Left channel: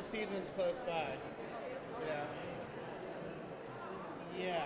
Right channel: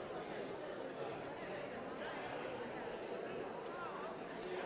the season's close by. Yeah.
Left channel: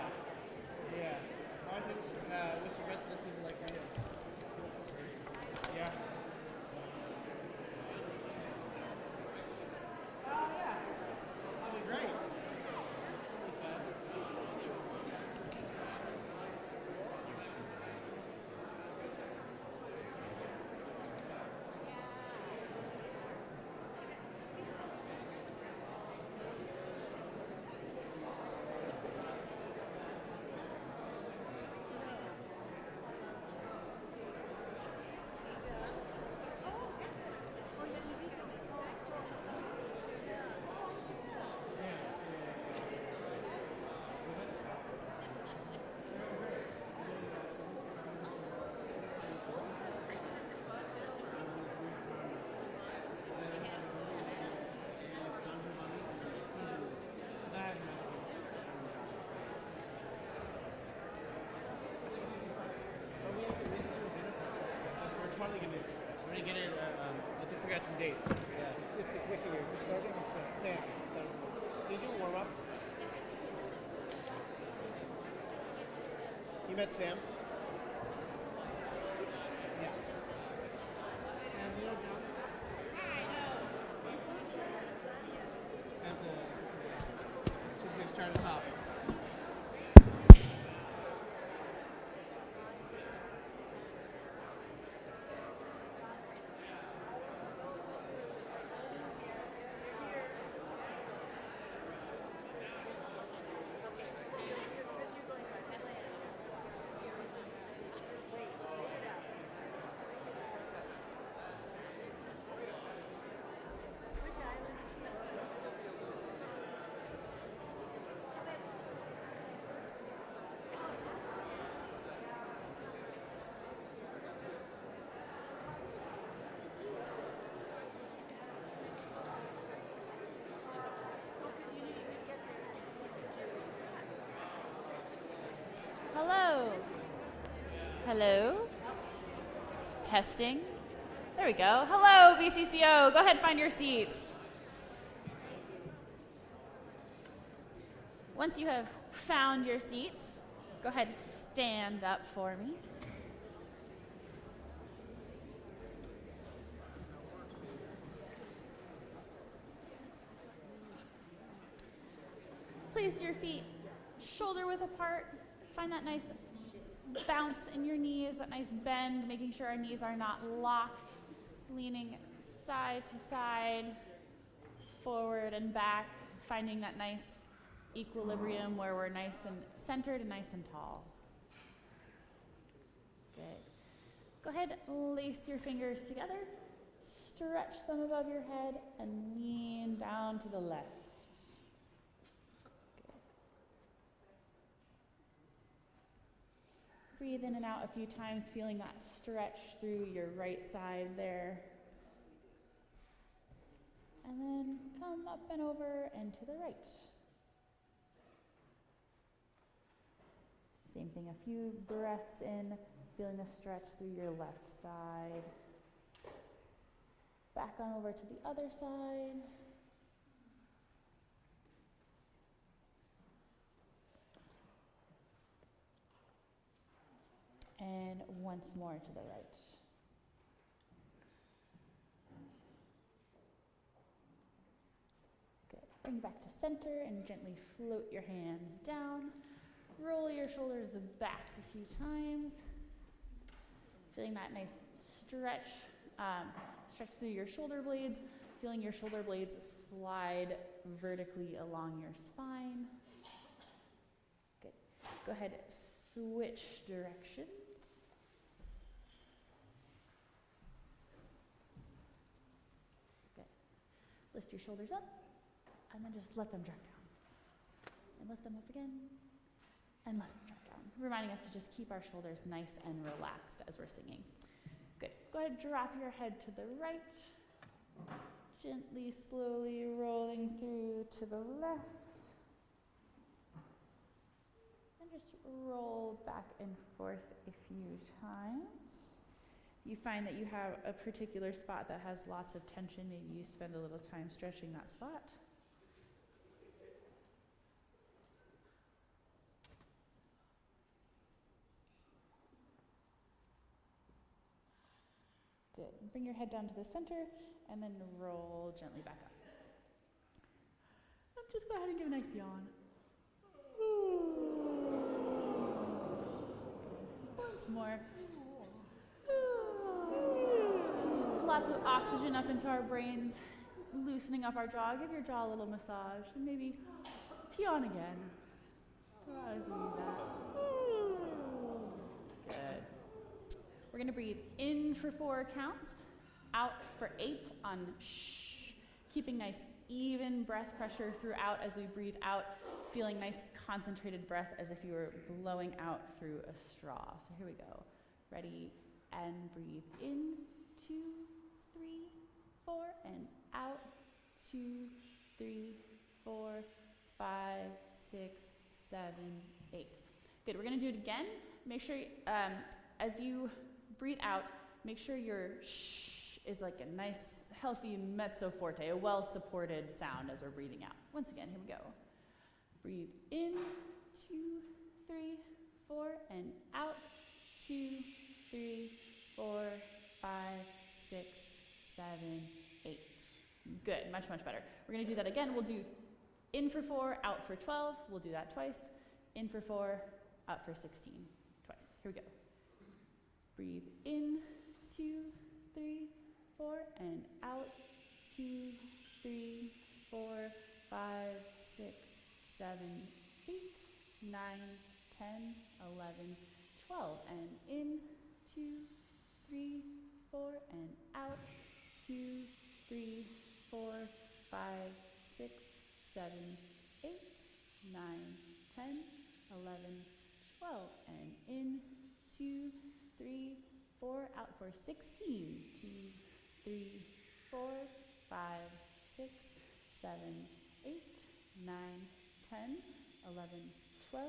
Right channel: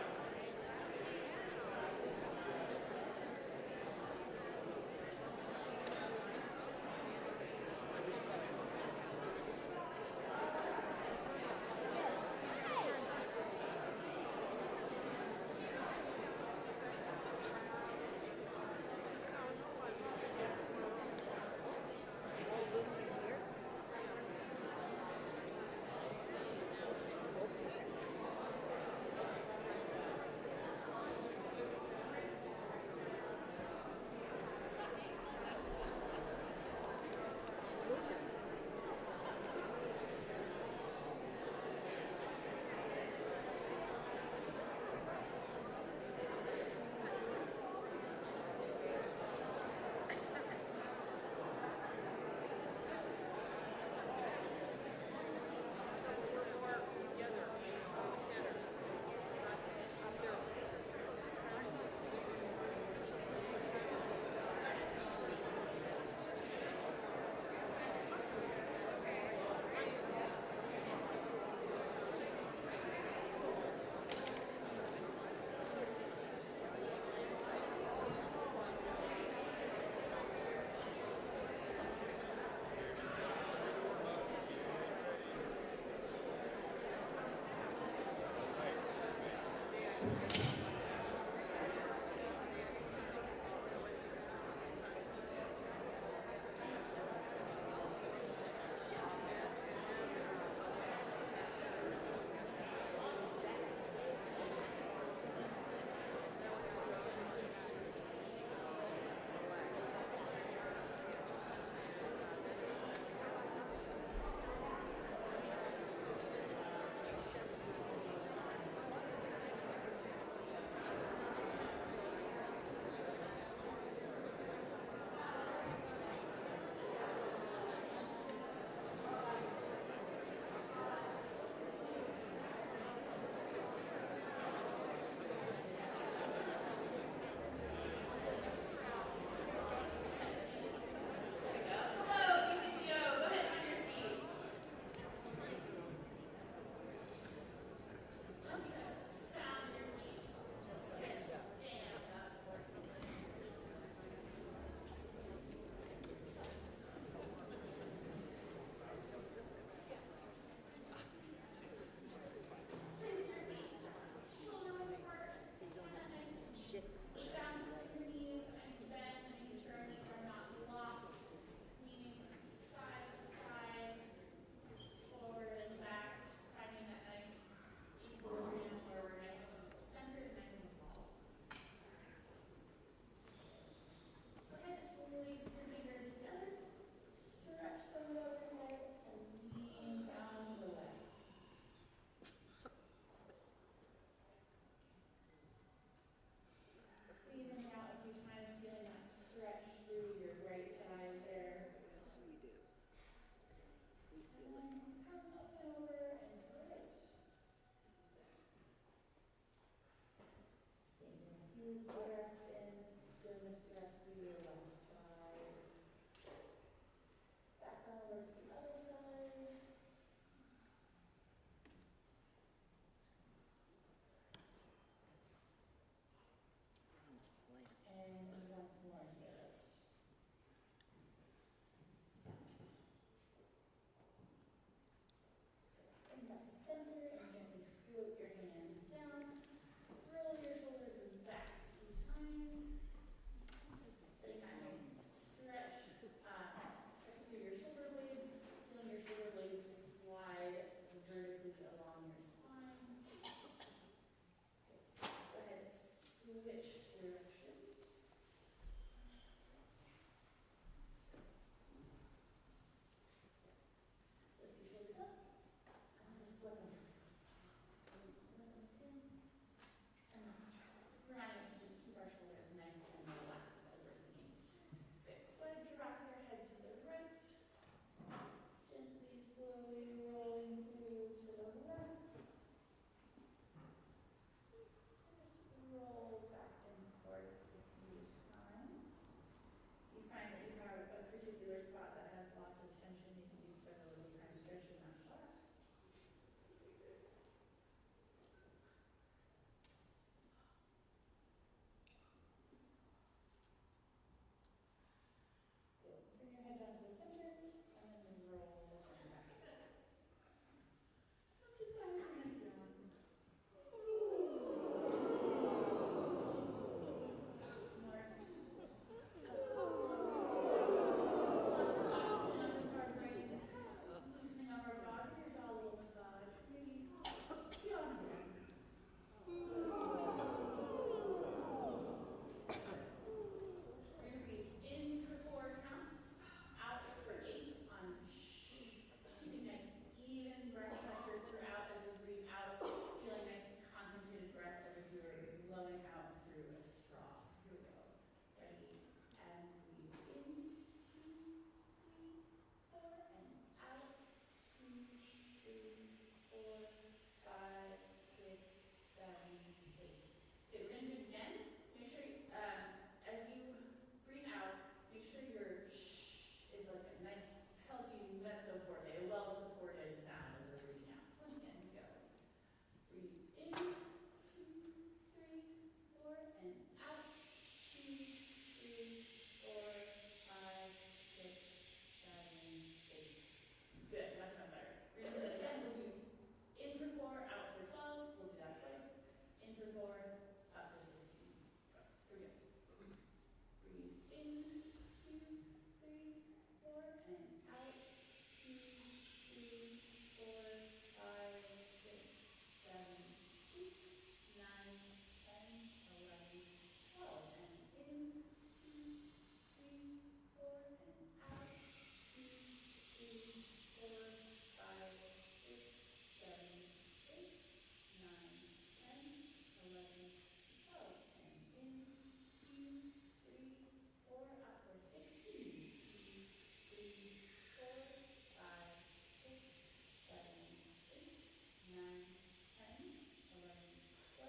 You met Sam? Hello. Testing. There we go. Hello, BCCO. Go ahead and find your seats. Once you have found your seats, go ahead and stand up for me. Place your feet shoulder width apart. Find that nice bounce in your knees, that nice bend, making sure our knees are not locked, leaning side to side, forward and back, finding that nice equilibrium where we're nice and centered and nice and tall. Good. Go ahead, lace your fingers together, stretch them above your head, and lean down to the left. Breathe in and out a few times, feeling that stretch through your right side there. And then come up and over and to the right. Same thing, a few breaths in, feeling a stretch through your left side. Back on over to the other side. And once more to the right. Good. Bring back to center and gently float your hands down. Roll your shoulders back a few times. Feeling that nice stretch, stretch through your shoulder blades. Feeling your shoulder blades slide vertically along your spine. Good. Go ahead, switch directions. Lift your shoulders up, and then just let them drop down. And lift them up again, and let them drop down. Reminding us to just keep our shoulders nice and relaxed as we're singing. Good. Go ahead, drop your head to the right. Gently, slowly rolling through to the left. And just roll back and forth a few times. you find that you have a particular spot that has lots of tension, maybe you spend a little time stretching that spot. Good. Bring your head down to the center and then roll gently back up. Just go ahead and give a nice yawn. Once more. Lots of oxygen up into our brains, loosening up our jaw. Give your jaw a little massage. And maybe yawn again. Good. We're going to breathe in for 4 counts, out for 8 on shh, keeping nice even breath pressure throughout as we breathe out, feeling nice concentrated breath as if you were blowing out through a straw. So here we go. Ready, and breathe in, 2, 3, 4, and out, 2, 3, 4, 5, 6, 7, 8. Good, we're going to do it again. Make sure, as you breathe out, make sure your shh is like a nice, healthy mezzo forte, a well-supported sound as we're breathing out. Once again, here we go. Breathe in, 2, 3, 4, and out, 2, 3, 4, 5, 6, 7, 8. Good, much, much better. We're going to do that again. We'll do in for 4, out for 12. We'll do that twice. In for 4, out for 16. Twice. Here we go. Breathe in, 2, 3, 4, and out, 2, 3, 4, 5, 6, 7, 8, 9, 10, 11, 12, and in, 2, 3, 4, and out, 2, 3, 4, 5, 6, 7, 8, 9, 10, 11, 12, and in, 2, 3, 4, out for 16, 2, 3, 4, 5, 6, 7, 8, 9, 10, 11, 12,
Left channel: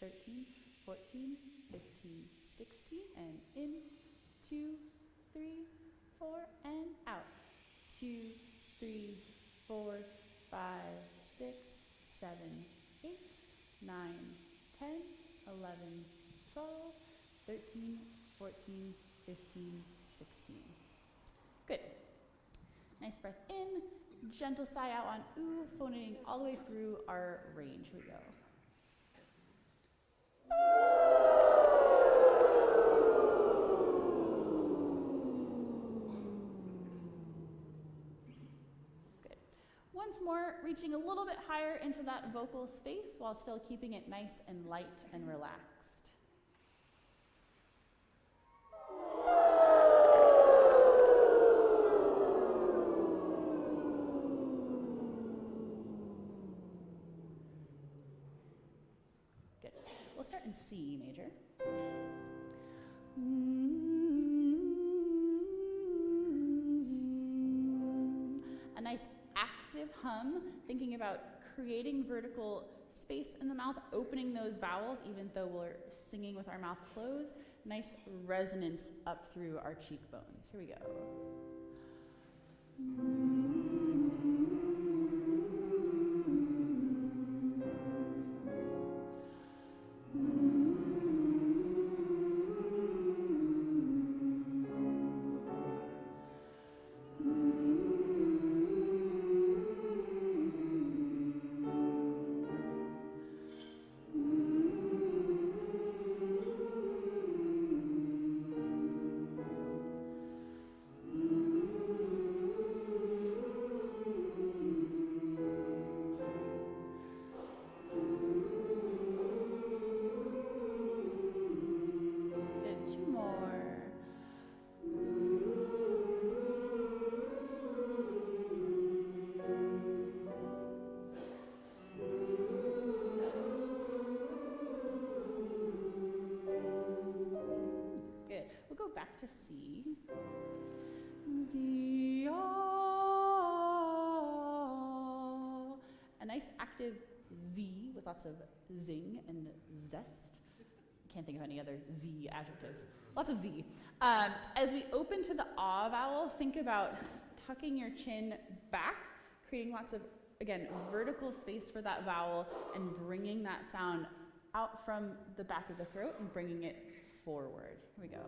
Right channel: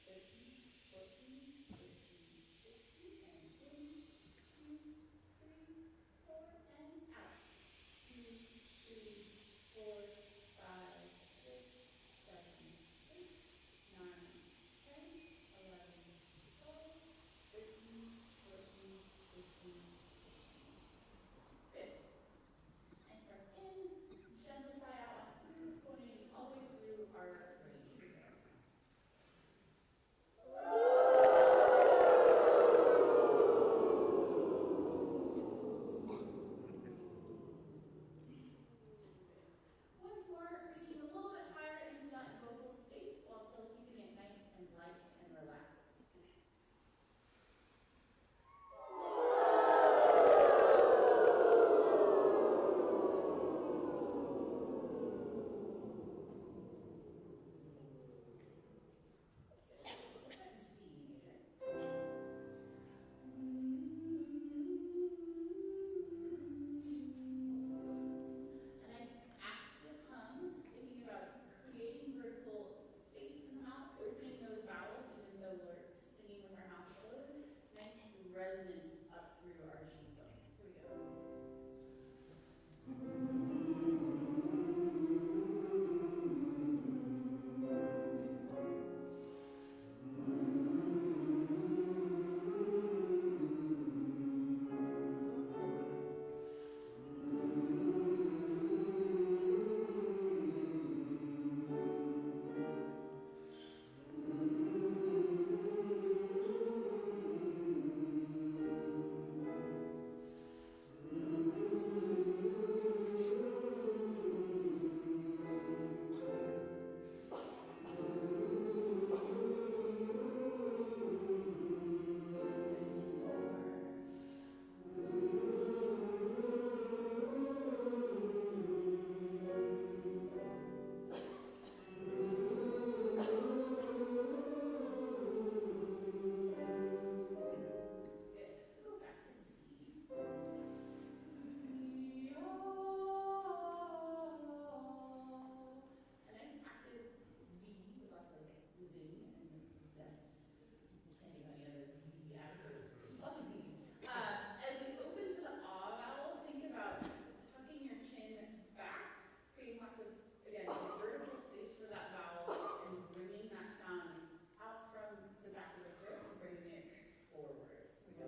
13, 14, 15, 16, and in, 2, 3, 4, and out, 2, 3, 4, 5, 6, 7, 8, 9, 10, 11, 12, 13, 14, 15, 16. Good. Nice breath in, gentle sigh out on ooh, phoning all the way through our range. Here we go. Good. Once more, reaching a little bit higher into that vocal space while still keeping it nice and light and relaxed. C major. A nice active hum, thinking about creating vertical space in the mouth, opening those vowels even though we're singing with our mouth closed. Nice resonance up through our cheekbones. Here we go. Lots of zing and zest. Can't think of any other Z adjectives. Lots of Z. As we open to the ah vowel, think about tucking your chin back, creating lots of, again, vertical space for that vowel, and bringing that sound out from the back of the throat and bringing it forward. Here we go.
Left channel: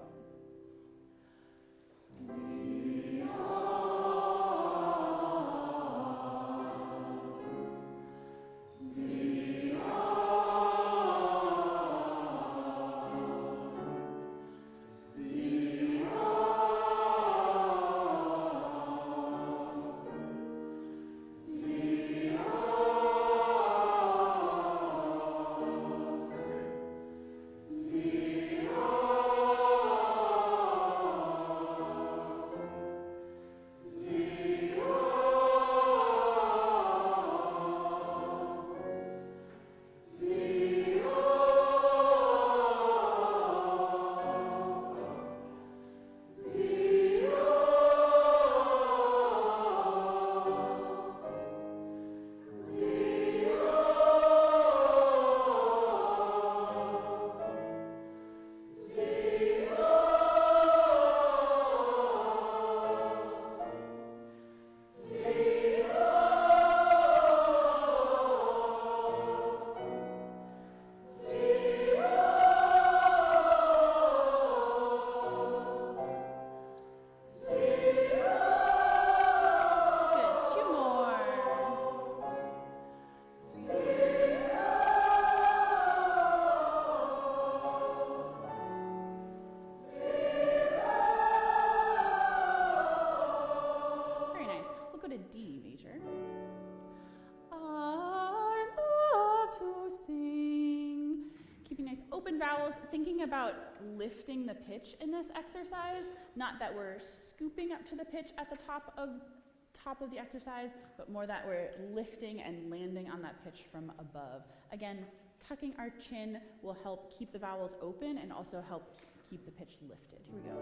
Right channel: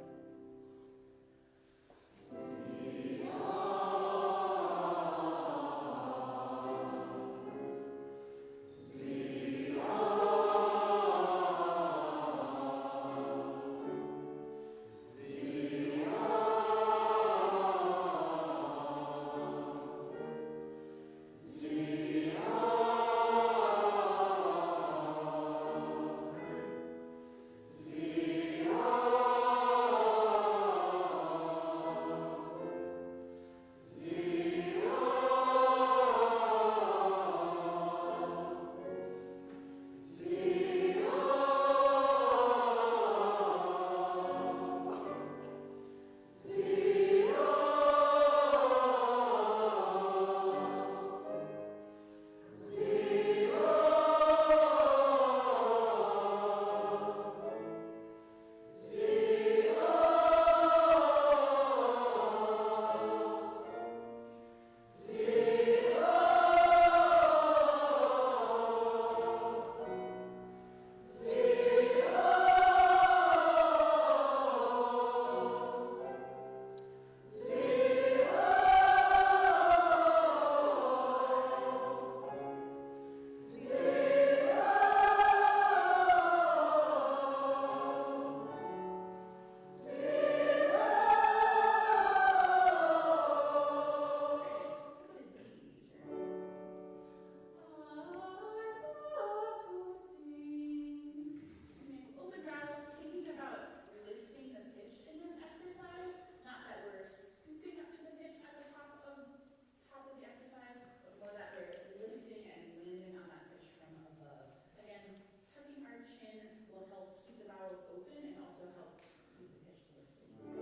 Lifting the pitch in this exercise, not that we're scooping up to the pitch at the top of the exercise, but more that we're lifting and landing on that pitch from above. Again, tucking our chin will help keep the vowels open and also help keep the pitch lifted. Here we go.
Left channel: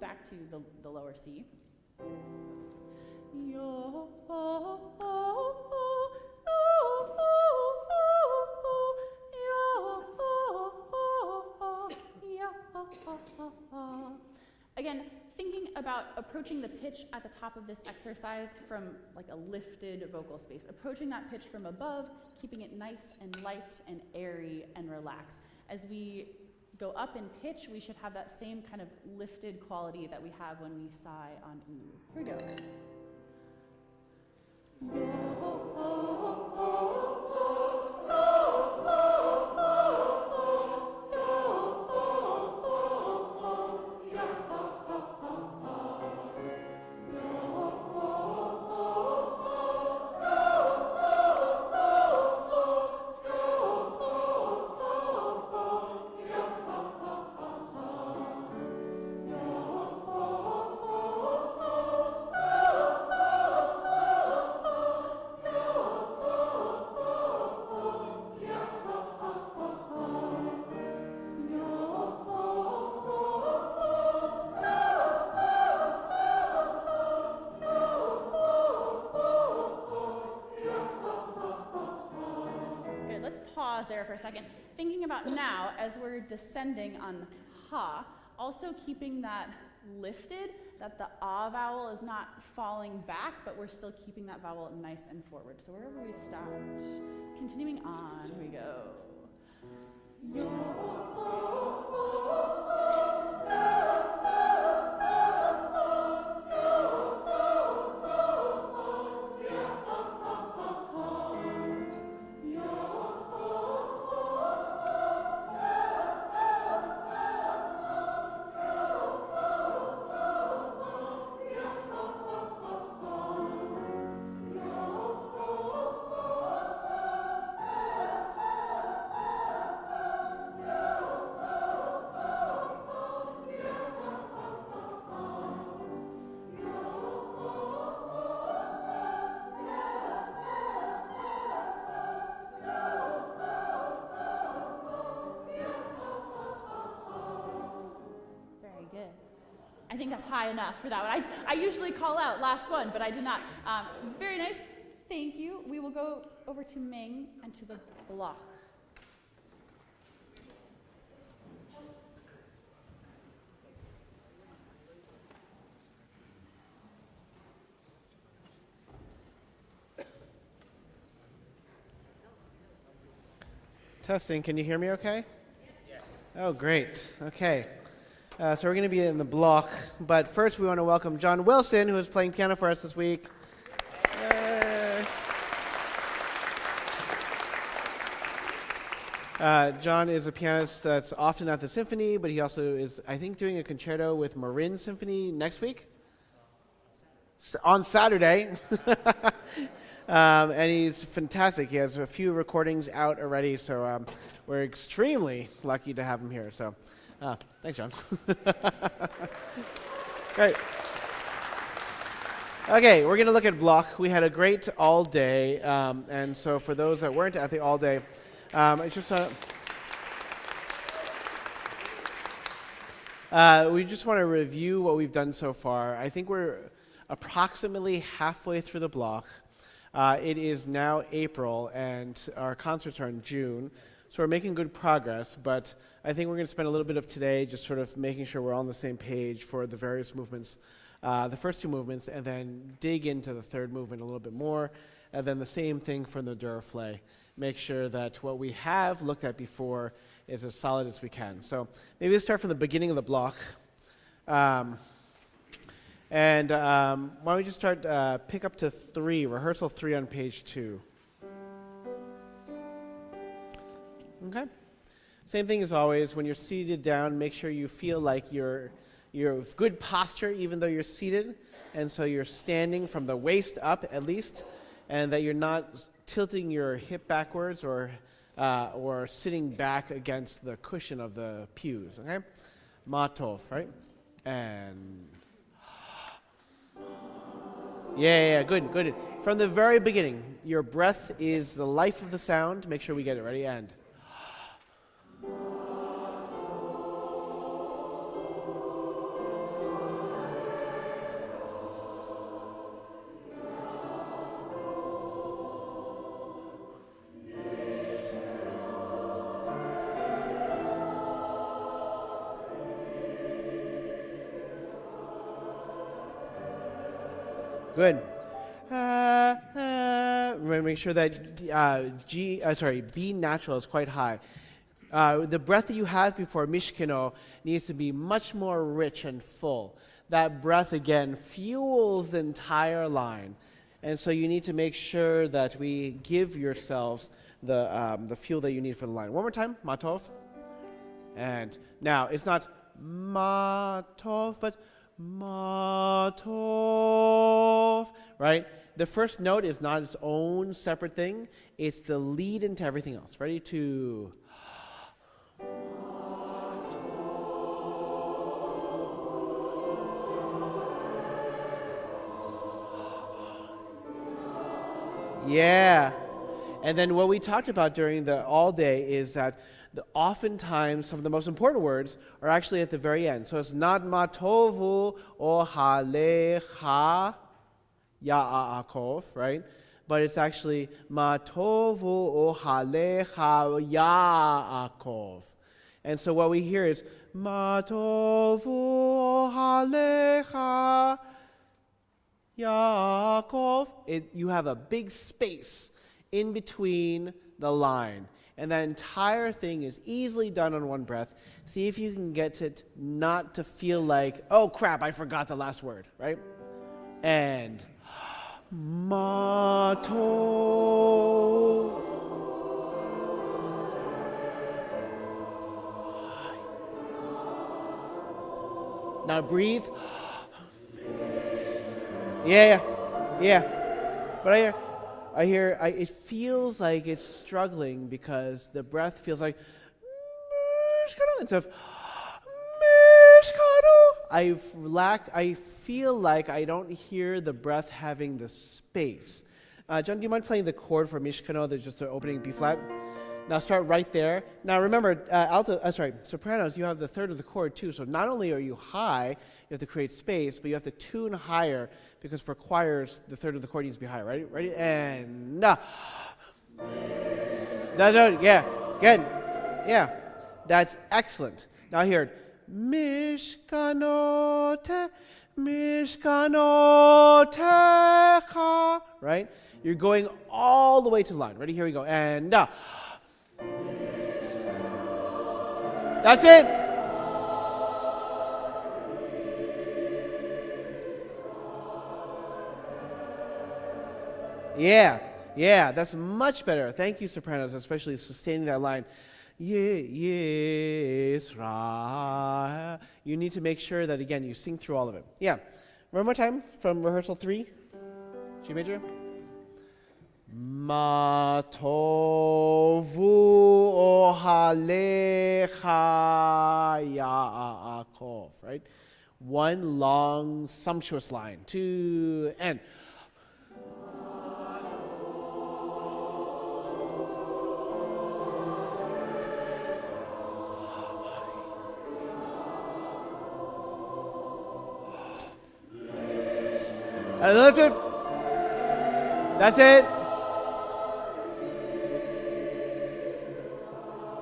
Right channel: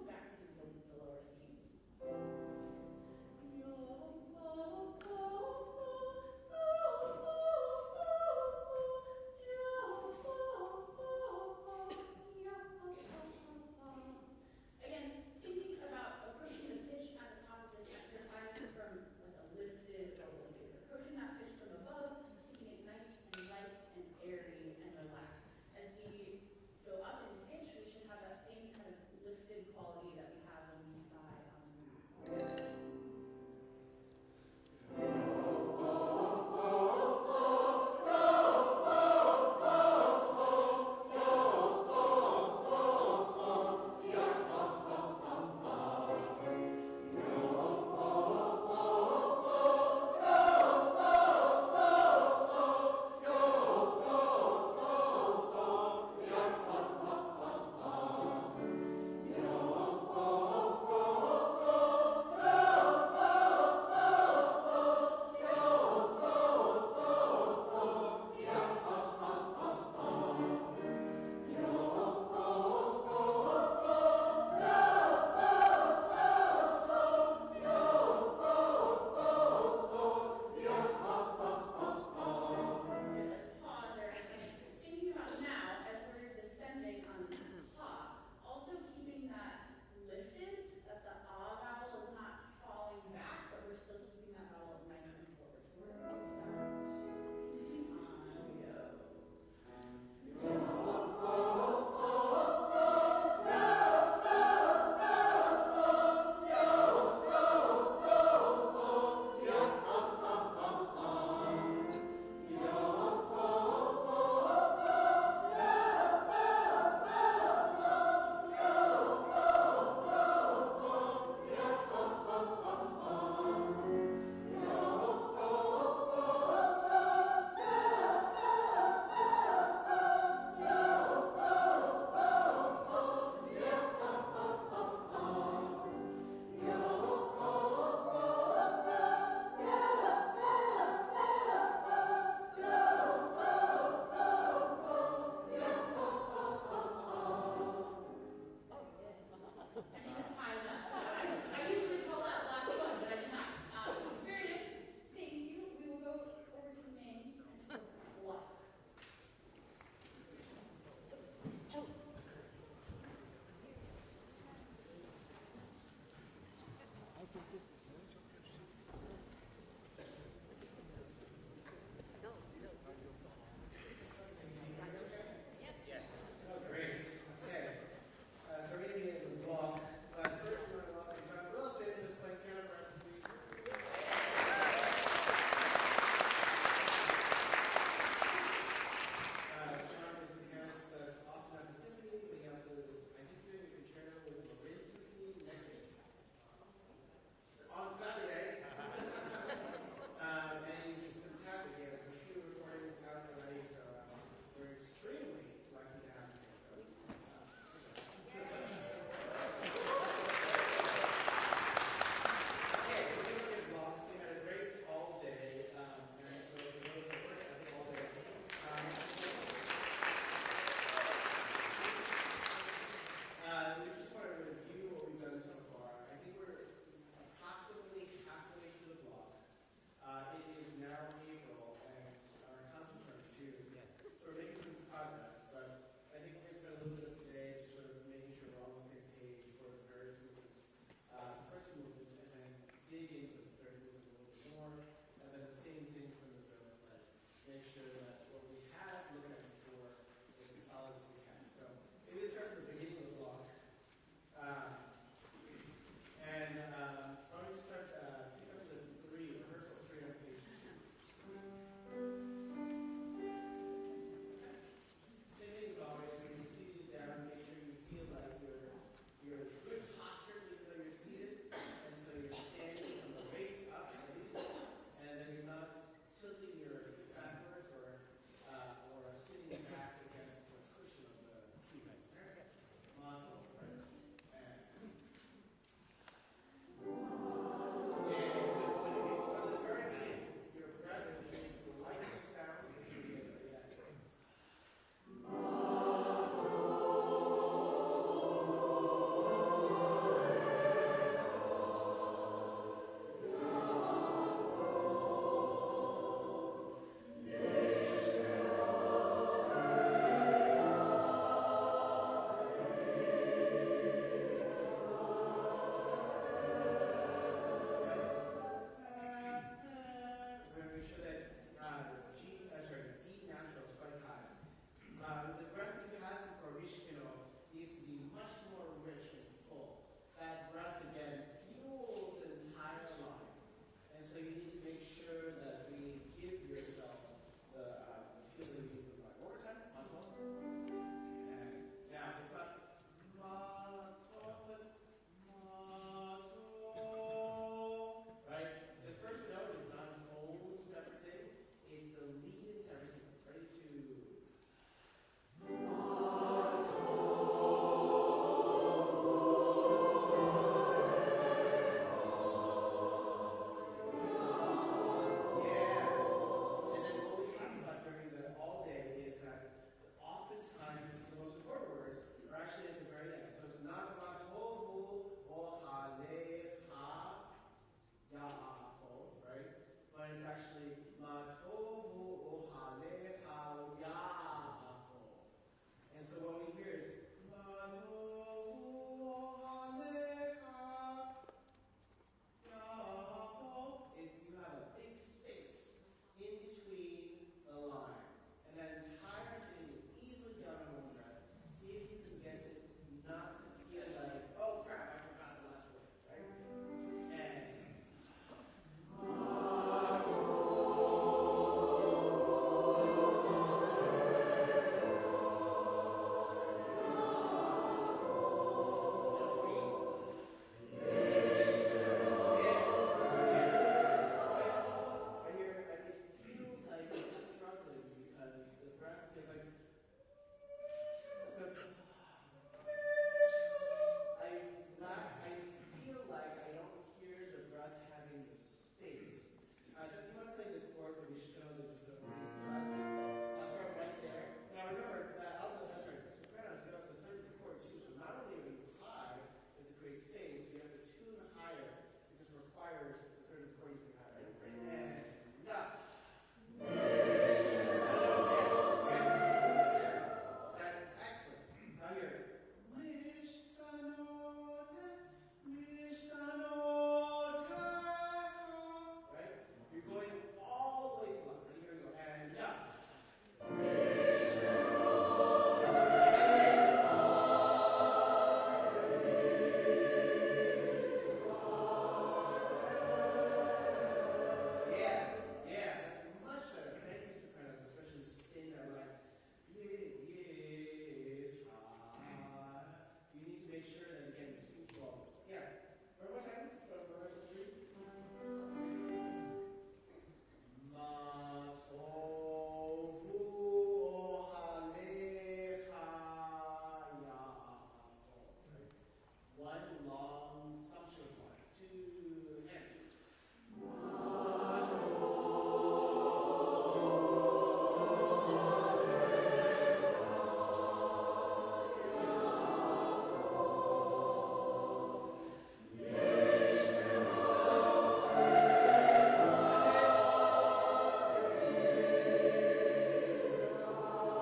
Back to the lower C. Again, thinking about approaching the pitch at the top of this exercise from like a lifted vocal space, approaching that pitch from above, keeping it nice and light and airy and relaxed. As we go up in pitch, we should have that same kind of lifted quality that we have when we sigh on E. Here we go. Now, as we're descending on ha, also keeping that lifted, that the ah vowel is not falling back, but we're still keeping that vowel nice and forward. So wherever we stopped, continuing on, here we go. high enough for that one. I usually call out last one, but I did not. Very nice. Thank you. We will go over to Ming and to the block. Testing, can you hear me okay? Yes. Oh, great. Okay. So we're going to be in the block, but first we want to welcome John Wilson, who is playing piano for us this week. John is a pianist that's often at the symphony, but he also is, I think, doing a concerto with Marin Symphony next week? On Saturday. And he's fantastic. He has a few recordings out already, so we're extremely lucky to have him here. So, thanks, John. Great. Okay, we're going to look at block. We had a great all day, and so for those that weren't at the all day, we just want to review what we've done so far. I think we're approximately halfway through the block. It is now April, and our concerts are in June, so we're making good progress, but I think we're going to spend a little bit of today just sort of making sure we're on the same page for the various movements, the first two movements, and then dig into the third movement a little bit more, and then the same thing for the Duraflay. Make sure that what we have looked at before is as solid as we can. So maybe let's start from the beginning of the block. And why don't we just start, pick up to 3, rehearsal 3 on page 2. Okay. Same thing as always, when you're seated down, make sure you feel like you're good posture even though you're seated. And so you're standing from the waist up at least, and that you're not tilting your hip backwards or sitting back against the cushion of the pews, okay? Matov, right? And yeah, good. From the very beginning, your breath is the life of the sound. Make sure we get it ready, and good. Make sure that B natural is quite high. The breath that you have before Mishkino needs to be much more rich and full. That breath, again, fuels the entire line. And so you need to make sure that we give yourselves the fuel that you need for the line. One more time, Matov. And now, it's not Matov, but Matov, right? The first note is not its own separate thing. It's the lead into everything else. Ready? To yeah. And then what we talked about during the all day is that oftentimes some of the most important words are actually at the very end. So it's not matovu or halecha ya'akov, right? But it's actually matovu or halecha ya'akov. And so what we hear is matovu or halecha Yaakov. You have a big space in between the line. And that entire thing is easily done on one breath. See if you can get it not to feel like, oh crap, I forgot the last word, right? And Mato. Now breathe. Yeah. But I hear, it feels like it's struggling because the breath feels like instead of I feel like I don't hear the breath having the space. John, do you mind playing the chord for Mishkano, that's just the opening B flat? Now start right there. Now remember, sopranos, you have the third of the chord too, so not only are you high, have to create space, but you have to tune higher because for choirs, the third of the chord needs to be higher. Ready? And yeah, good. Yeah, that's excellent. Now here, Mishkanote, Mishkanotecha, right? You're going all the way to the line. Ready? Here we go. And that's it. Yeah, that's much better. Thank you, sopranos, especially sustaining that line. Yes, ra. You need to make sure that, again, you sing through all of it. Yeah. One more time from rehearsal 3, G major. Ma tovu ohalecha Yaakov, right? One long, sumptuous line. 2, and. And lift it. That's it.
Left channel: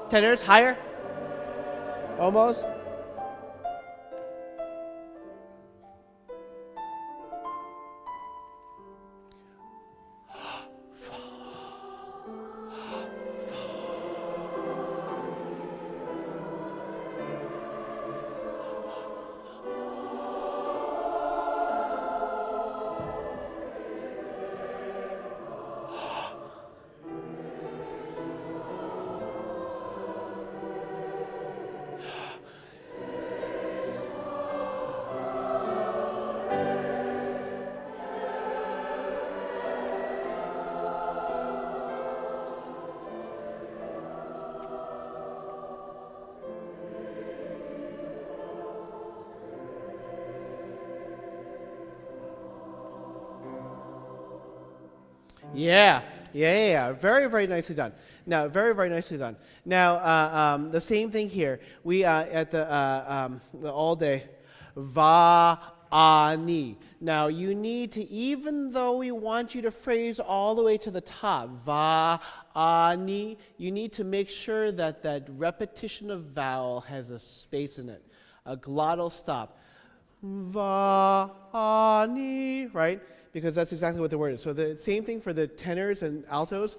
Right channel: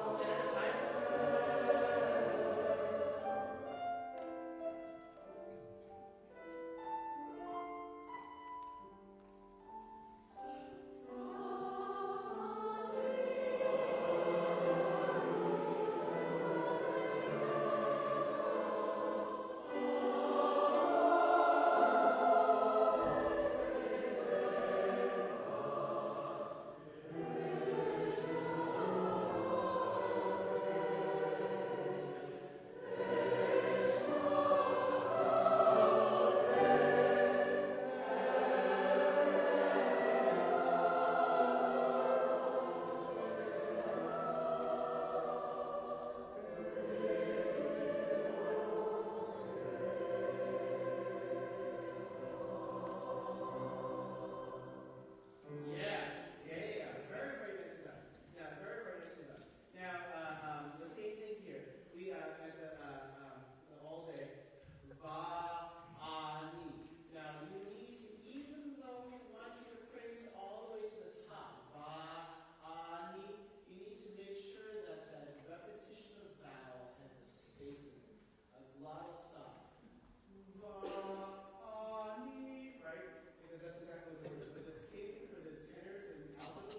Tenors, higher. Almost. Yeah. Very, very nicely done. Now, very nicely done. Now, the same thing here. We at the all day, va-ani. Now, you need to, even though we want you to phrase all the way to the top, va-ani, you need to make sure that that repetition of vowel has a space in it, a glottal stop. Va-ani, right? Because that's exactly what the word is. So the same thing for the tenors and altos,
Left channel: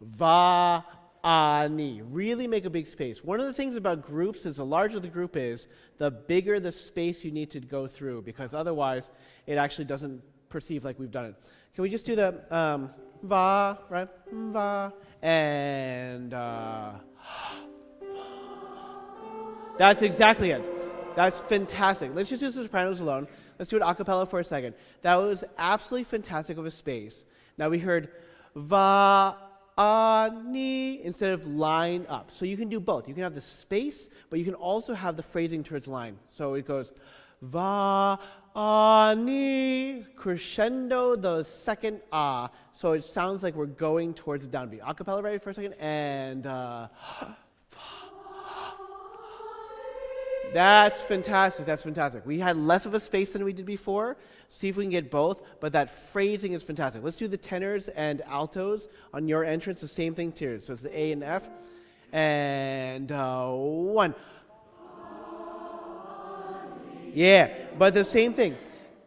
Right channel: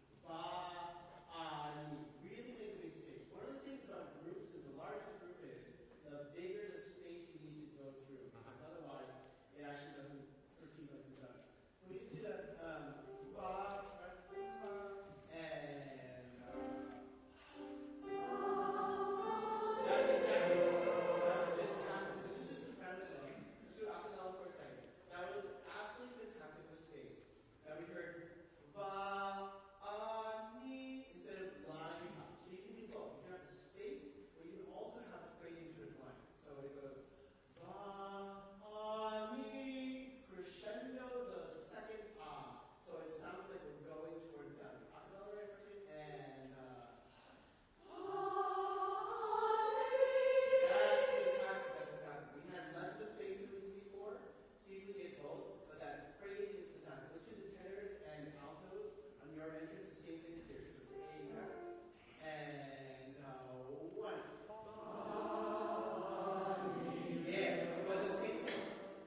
va-ani. Really make a big space. One of the things about groups is the larger the group is, the bigger the space you need to go through, because otherwise it actually doesn't perceive like we've done it. Can we just do the va, right? Va, and that's exactly it. That's fantastic. Let's just do the sopranos alone. Let's do it a cappella for a second. That was absolutely fantastic of a space. Now we heard va-ani instead of line up. So you can do both. You can have the space, but you can also have the phrasing towards line. So it goes va-ani, crescendo the second ah. So it sounds like we're going towards the downbeat. A cappella, ready for a second? And that's fantastic. That's fantastic. We had less of a space than we did before. See if we can get both, but that phrasing is fantastic. Let's do the tenors and altos on your entrance, the same thing too. So it's the A and F. And 1. Yeah, but the same thing.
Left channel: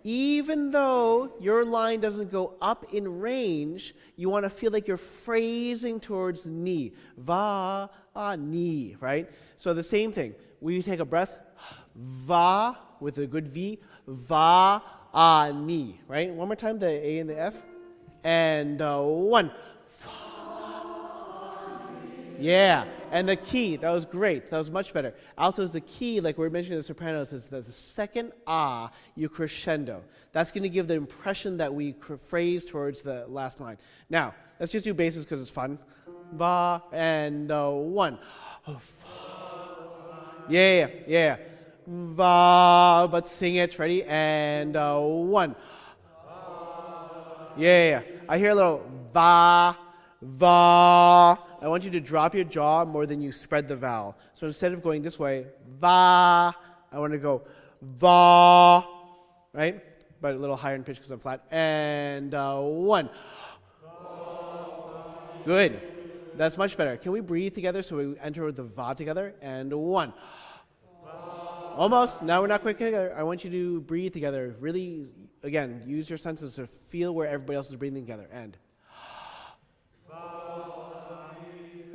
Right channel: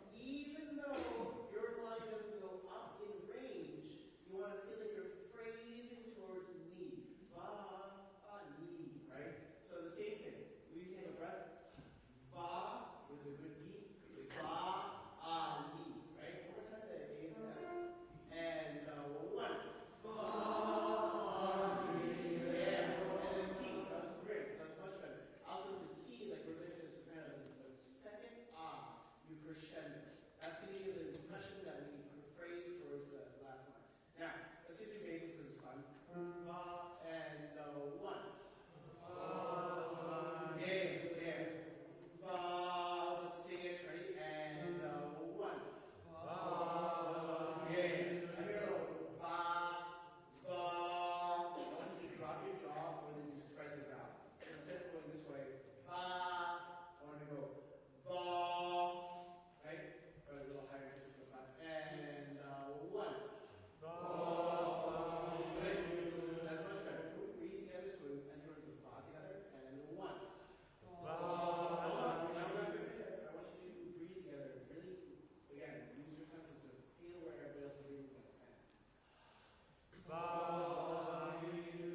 Even though your line doesn't go up in range, you want to feel like you're phrasing towards ni. Va, ni, right? So the same thing. We take a breath, va, with a good V, va, ni, right? One more time, the A and the F. And 1. Yeah, and the key, that was great. That was much better. Alto's the key, like we're mentioning the sopranos, is the second ah, you crescendo. That's going to give the impression that we phrase towards the last line. Now, let's just do basses because it's fun. Va, and 1. Yeah. Va, but sing it. Ready? And 1. Yeah. I hear a little va. I want you to drop your jaw more than you spread the vowel. So instead of going this way, va, I want to go Va, right? But a little higher in pitch because I'm flat. And 1. Good. That's much better. Can we breathe together so we enter with the va together? And 1. Almost. Now we're not quite together. I want you to breathe together. Really, again, use your senses to feel where everybody else is breathing together. And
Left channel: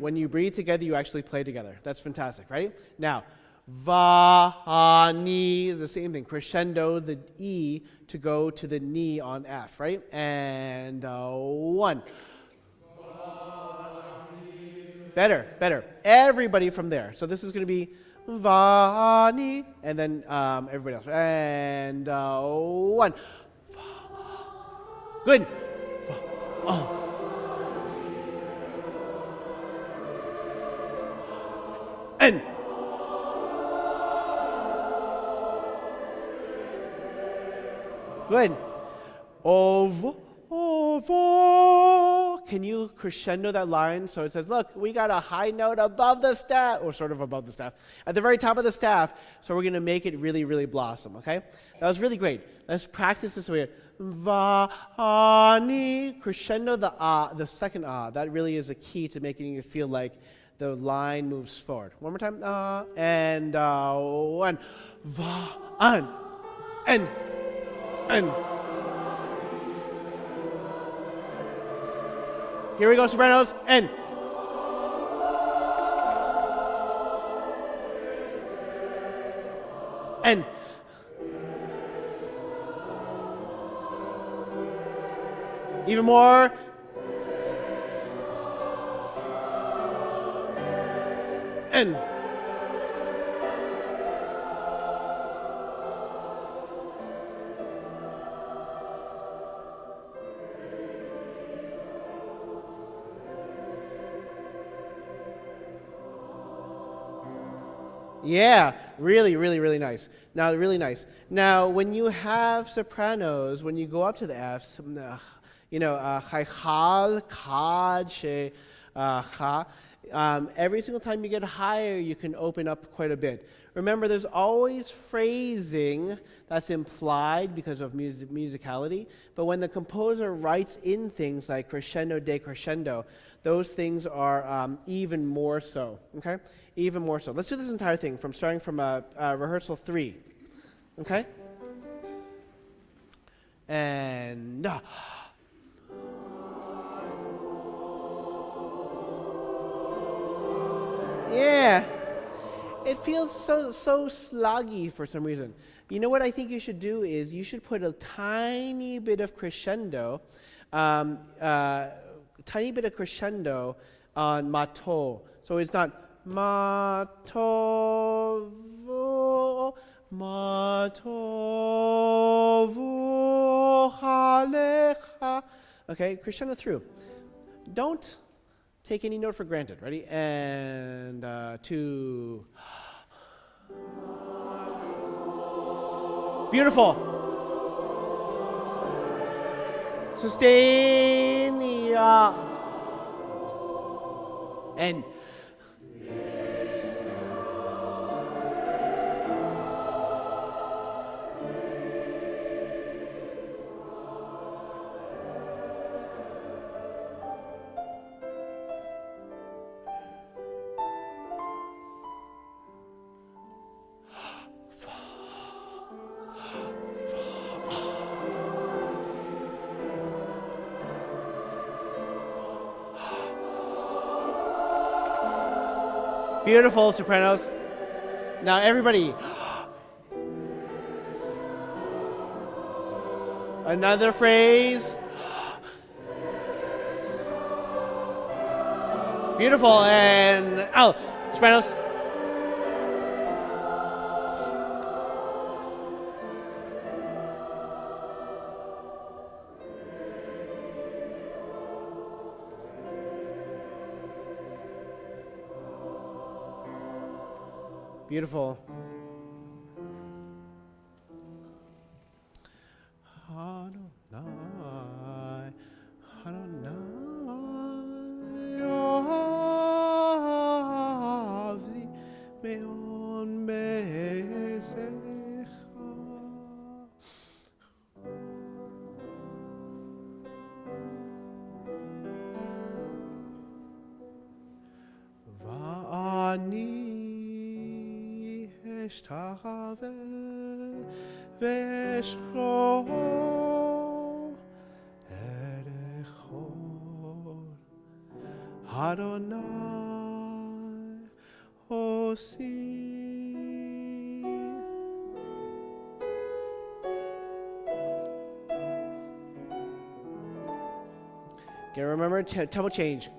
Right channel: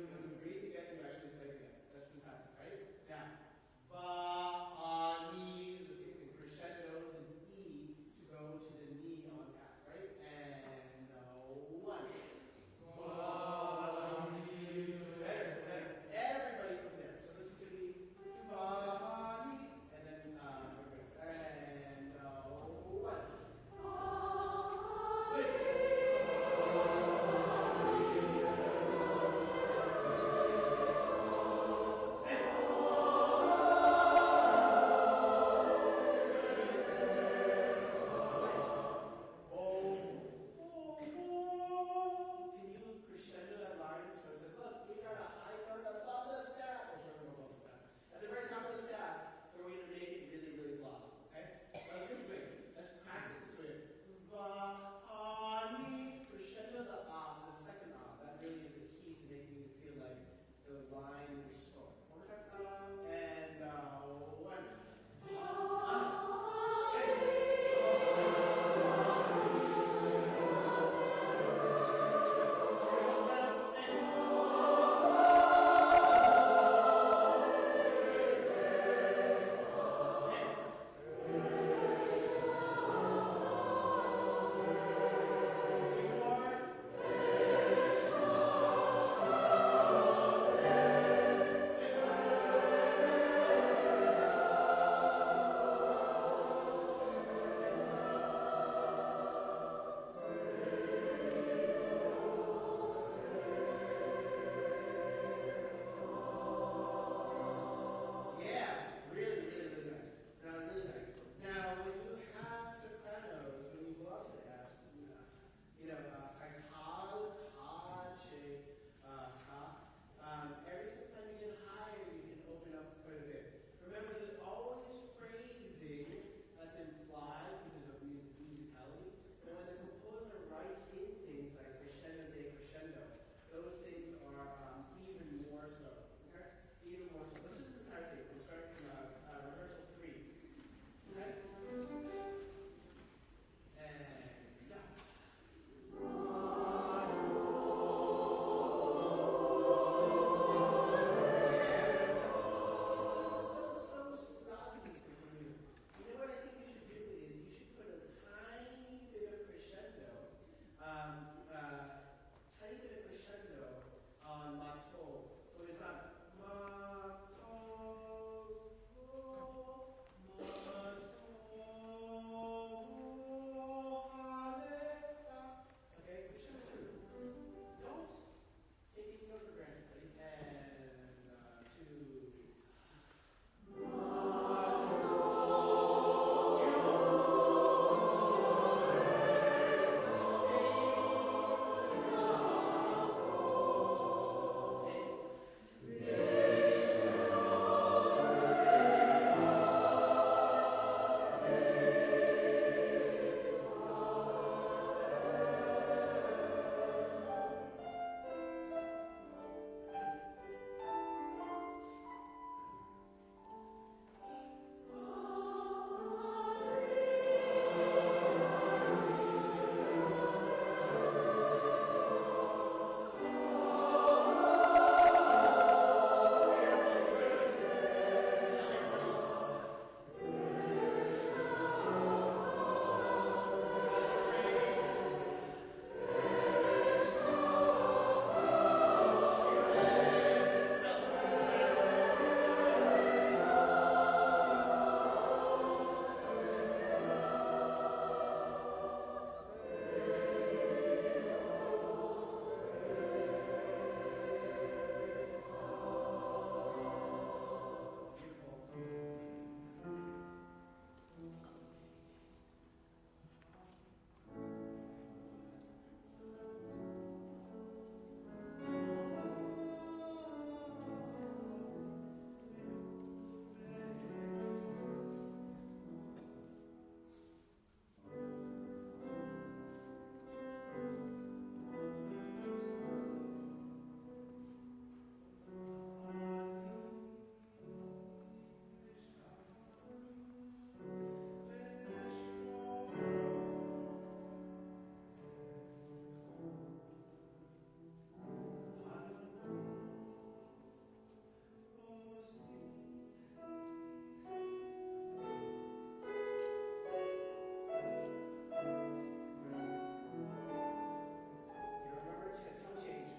when you breathe together, you actually play together. That's fantastic, right? Now, va, ni, the same thing. Crescendo the E to go to the ni on F, right? And 1. Better, better. Everybody from there. So this is going to be va, ni, and then everybody else. And 1. Good. And good. Can you crescendo that line so it says, look, we got a high note above the staff, or sort of above the staff, at the very top of the staff, so we're going to make it really, really blossom, okay? That was really great. Let's practice this way. Va, ni, crescendo the second that really is a key to making you feel like the line moves forward. One more time. And 1. Va, and. Here we go, sopranos. And. Even more. And. Yeah, really, really, really nice. Now, really nice. Now, when you have sopranos, when you go up to the Fs, chai, kad, she, cha, every single time you get higher, you can open up quite a bit. Remember, there's always phrasing that's implied because of musicality, but when the composer writes in things like crescendo, decrescendo, those things are even more so, okay? Even more so. Let's do this entire thing starting from rehearsal 3, okay? And yeah, it feels so sloggy for some reason. You know what I think you should do is you should put a tiny bit of crescendo, on mato. So it's not mato, halecha. Okay, crescendo through. Don't take any note for granted. Ready? And 2. Beautiful. Sustain. And beautiful, sopranos. Now everybody. Another phrase. Beautiful, and sopranos. Beautiful. משתחווה ואשכור ארחור אדוני עושי. Okay, remember tempo change.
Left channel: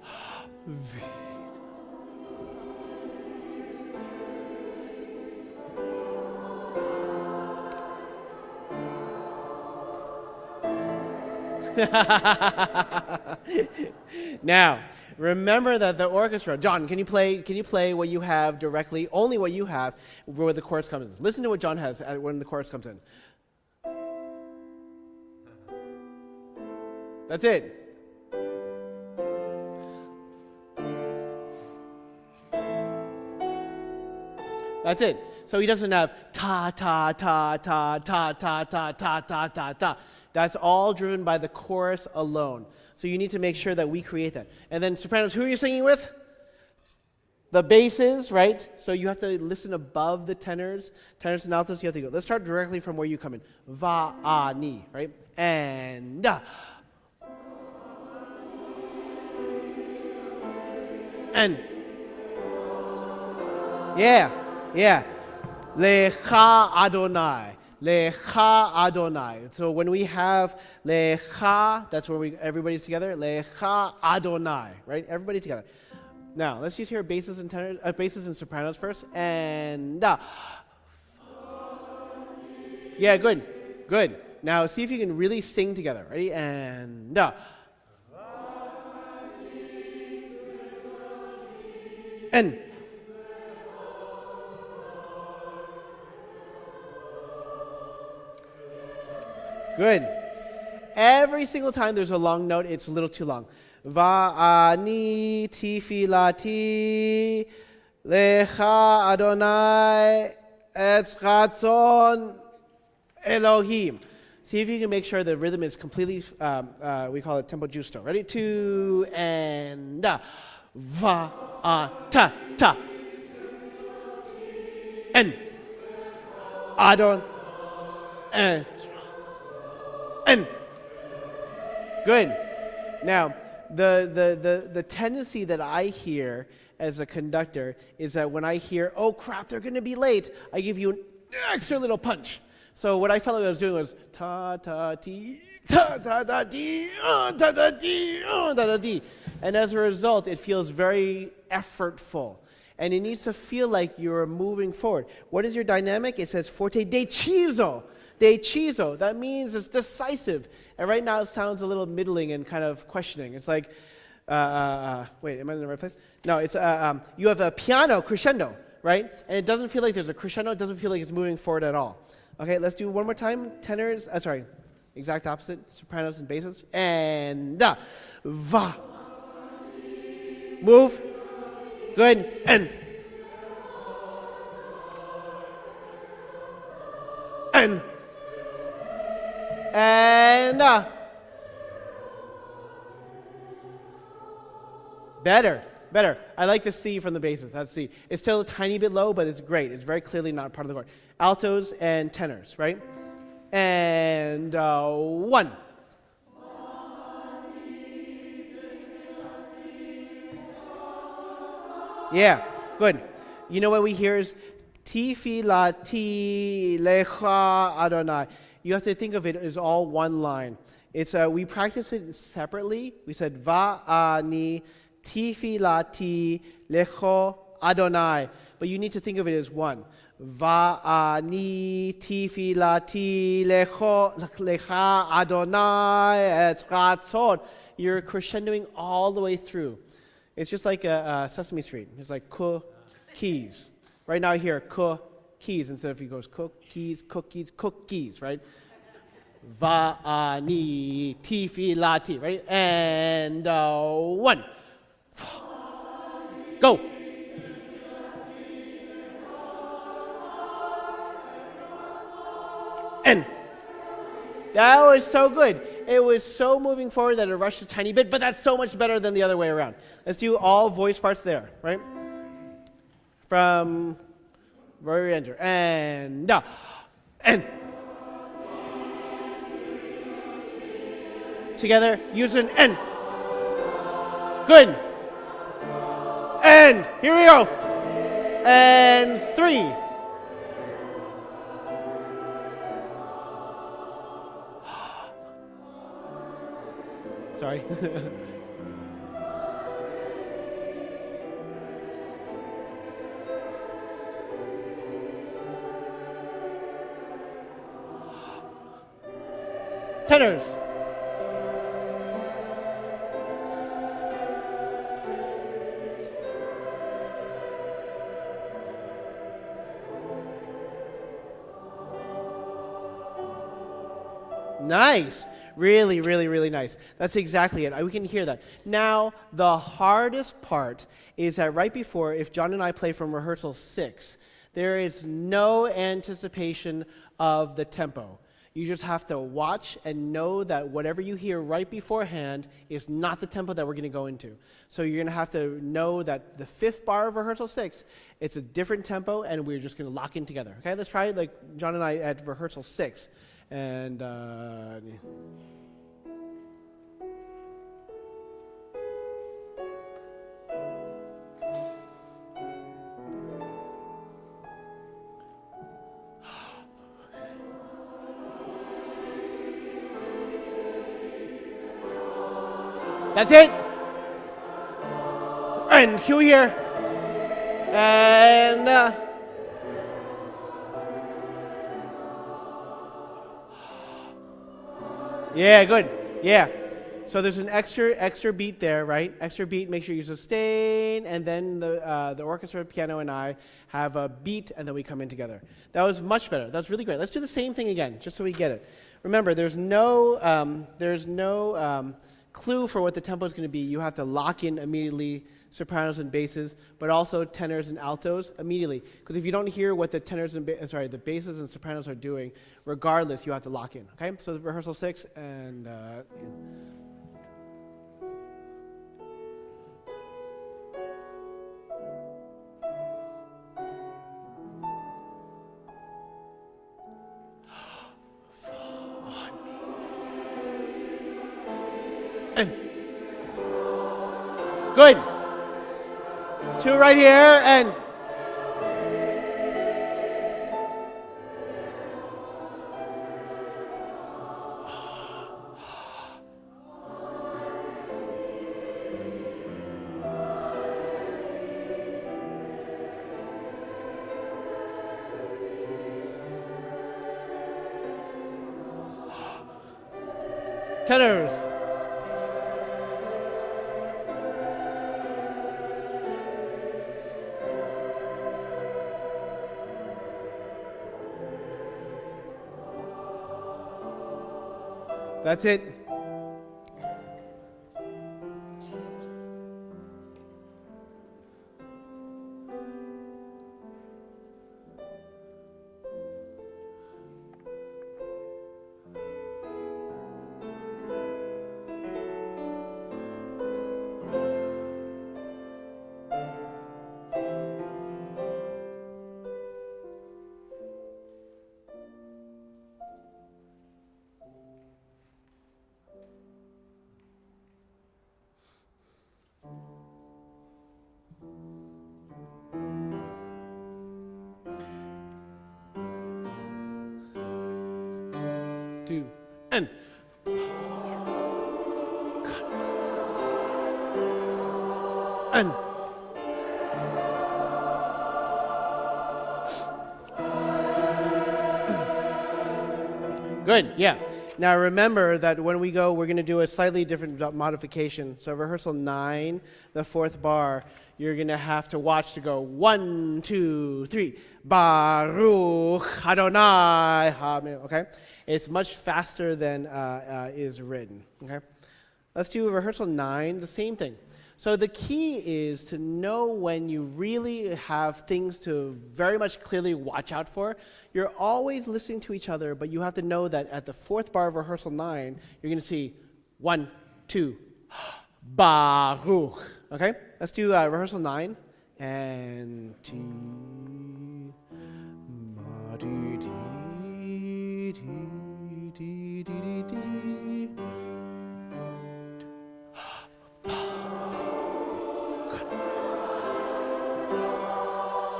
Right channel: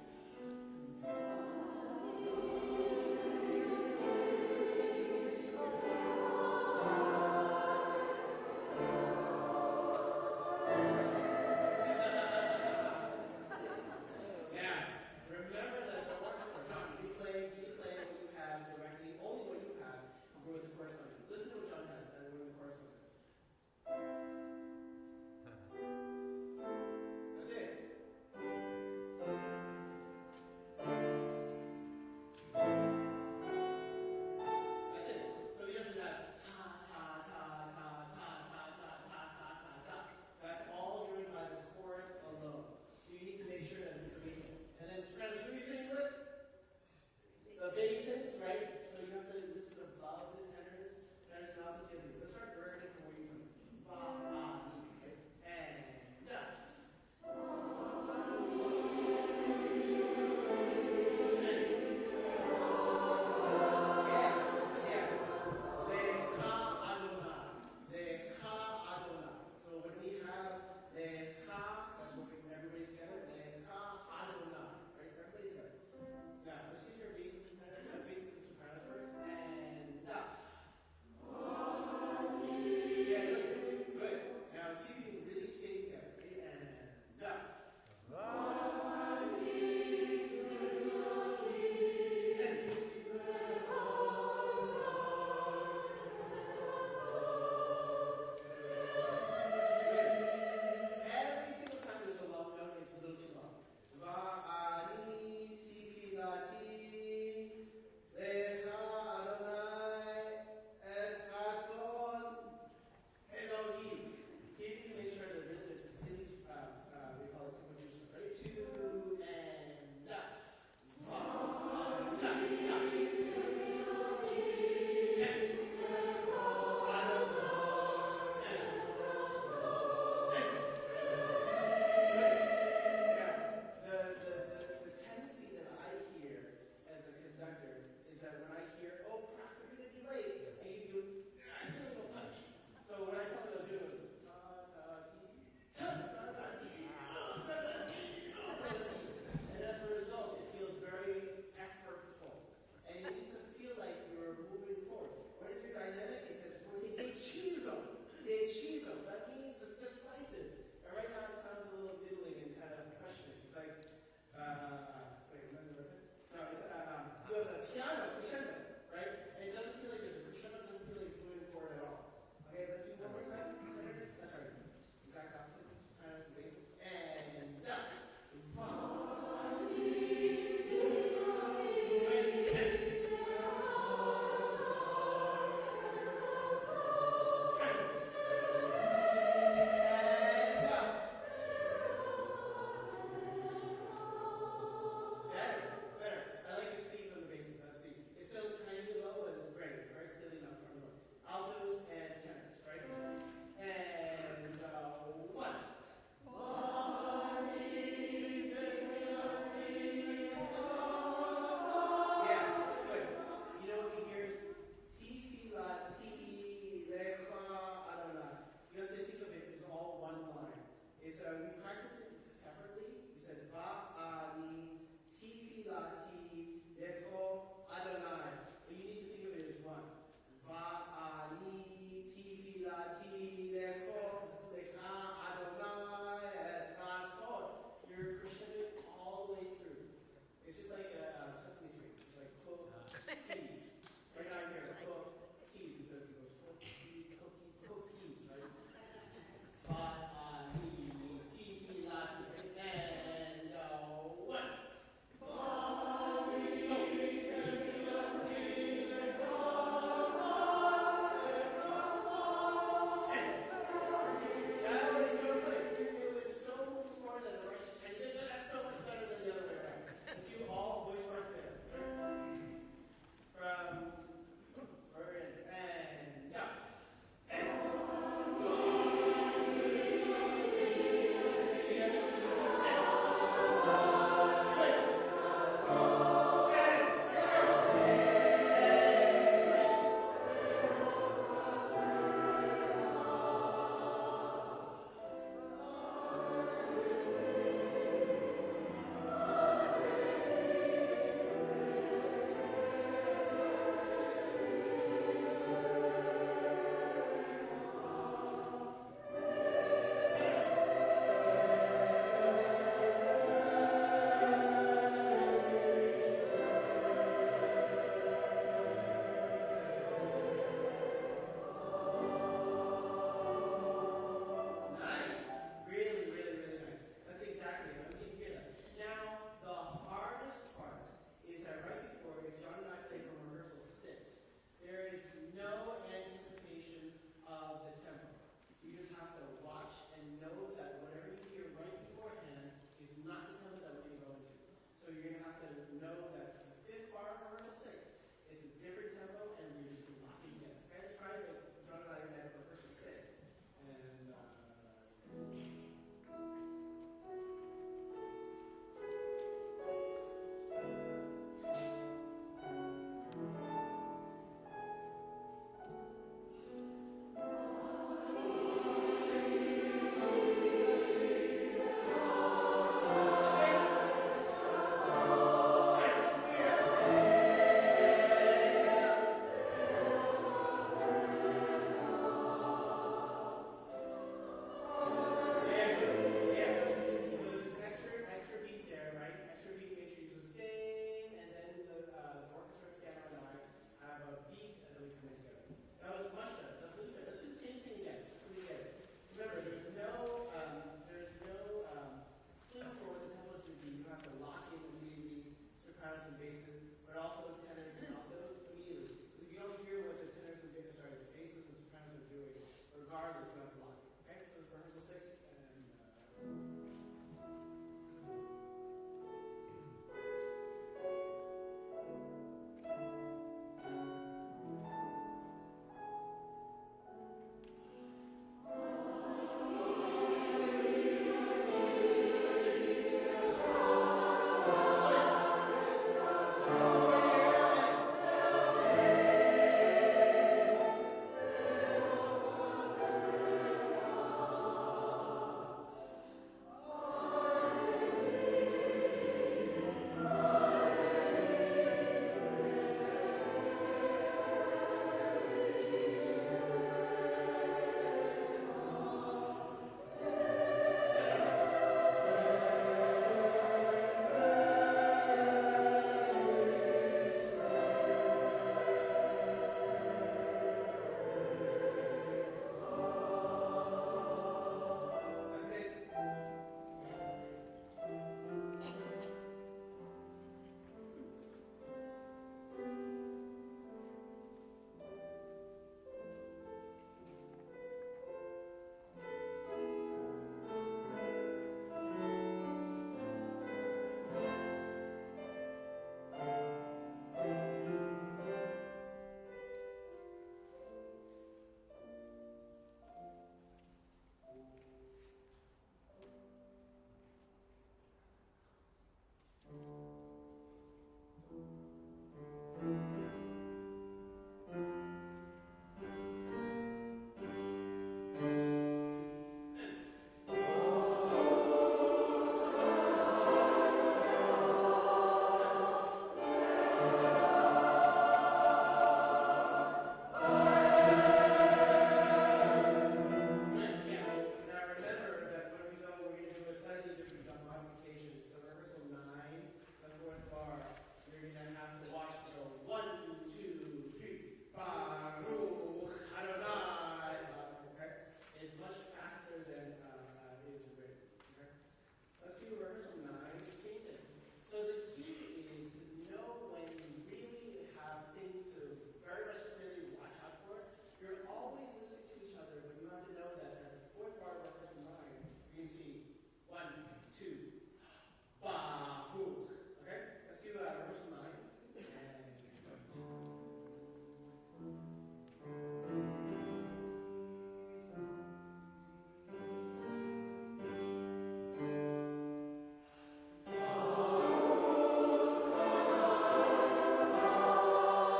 Now, remember that the orchestra. John, can you play what you have directly? Only what you have where the chorus comes in. Listen to what John has when the chorus comes in. That's it. That's it. So he doesn't have ta ta ta ta ta ta ta ta ta ta ta. That's all driven by the chorus alone. So you need to make sure that we create that. And then sopranos, who are you singing with? The basses, right? So you have to listen above the tenors. Tenors and altos, you have to go. Let's start directly from where you come in. Va, a, ni, right? And da. And. Yeah. Yeah. Lecha Adonai. Lecha Adonai. So when we have Lecha, that's where everybody's together. Lecha Adonai, right? Everybody together. Now let's just hear basses and tenors, basses and sopranos first. And yeah, good, good. Now see if you can really sing together. Ready? And and. Good. Every single time there's a long note, it's a little too long. Va'ani tifilati lecha Adonai etz ratzon Elohim. See if you can make sure the rhythm is completely, we call it tempo giusto. Ready? 2 and va-a-ta, ta. And Adon and good. Now, the tendency that I hear as a conductor is that when I hear, oh crap, they're going to be late, I give you an extra little punch. So what I felt like I was doing was ta ta ti ta ta ta ti ta ta ti ta ta ti, and as a result, it feels very effortful, and it needs to feel like you're moving forward. What is your dynamic? It says forte deciso. Deciso. That means it's decisive. And right now it sounds a little middling and kind of questioning. It's like, wait, am I in the right place? No, it's you have a piano crescendo, right? And it doesn't feel like there's a crescendo. It doesn't feel like it's moving forward at all. Okay, let's do one more time. Tenors, sorry, exact opposite. Sopranos and basses. And va. Move. Good. And better. I like the C from the basses. That's C. It's still a tiny bit low, but it's great. It's very clearly not part of the chord. Altos and tenors, right? And 1. Yeah, good. You know what we hear is Tifilati lecha Adonai. You have to think of it as all one line. It's we practice it separately. We said Va'ani Tifilati lecho Adonai, but you need to think of it as one. Va'ani Tifilati lecha Adonai et ratzon. You're crescendoing all the way through. It's just like a Sesame Street. It's like cookies. Right now I hear cookies instead of he goes cookies, right? Va'ani tifilati, right? And 1. Go. And that was so good. It was so moving forward that it rushed a tiny bit, but that's so much better than the other way around. Let's do all voice parts there, right? From re-enter, and together, use an and. Good. And here we go. And 3. Sorry. Tenors. Nice. Really, really, really nice. That's exactly it. We can hear that. Now, the hardest part is that right before, if John and I play from rehearsal 6, there is no anticipation of the tempo. You just have to watch and know that whatever you hear right beforehand is not the tempo that we're going to go into. So you're going to have to know that the 5th bar of rehearsal 6, it's a different tempo, and we're just going to lock in together. Okay, let's try like John and I at rehearsal 6. And that's it. And cue here. And yeah, good. Yeah. So there's an extra beat there, right? Extra beat. Make sure you sustain, and then the orchestra, piano, and I have a beat, and then we come in together. That was much better. That was really great. Let's do the same thing again, just so we get it. Remember, there's no clue for what the tempo is going to be. You have to lock in immediately sopranos and basses, but also tenors and altos immediately. Because if you don't hear what the tenors and the basses and sopranos are doing, regardless, you have to lock in. Okay, so rehearsal 6 and. Good. 2 right here, and tenors. That's it. And good, yeah. Now remember that when we go, we're going to do a slightly different modification. So rehearsal 9, the 4th bar, you're going to have to watch to go 1, 2, 3. Baruch Adonai Hamed. Okay? It's much faster than is written. Okay? Let's do rehearsal 9, the same thing. So the key is to know when you really have things to very much clearly watch out for. You're always listening to each other, but you have to know that at the 4th bar of rehearsal 9, you're going to see 1, 2, Baruch. Okay? Let's do rehearsal 9, and 2.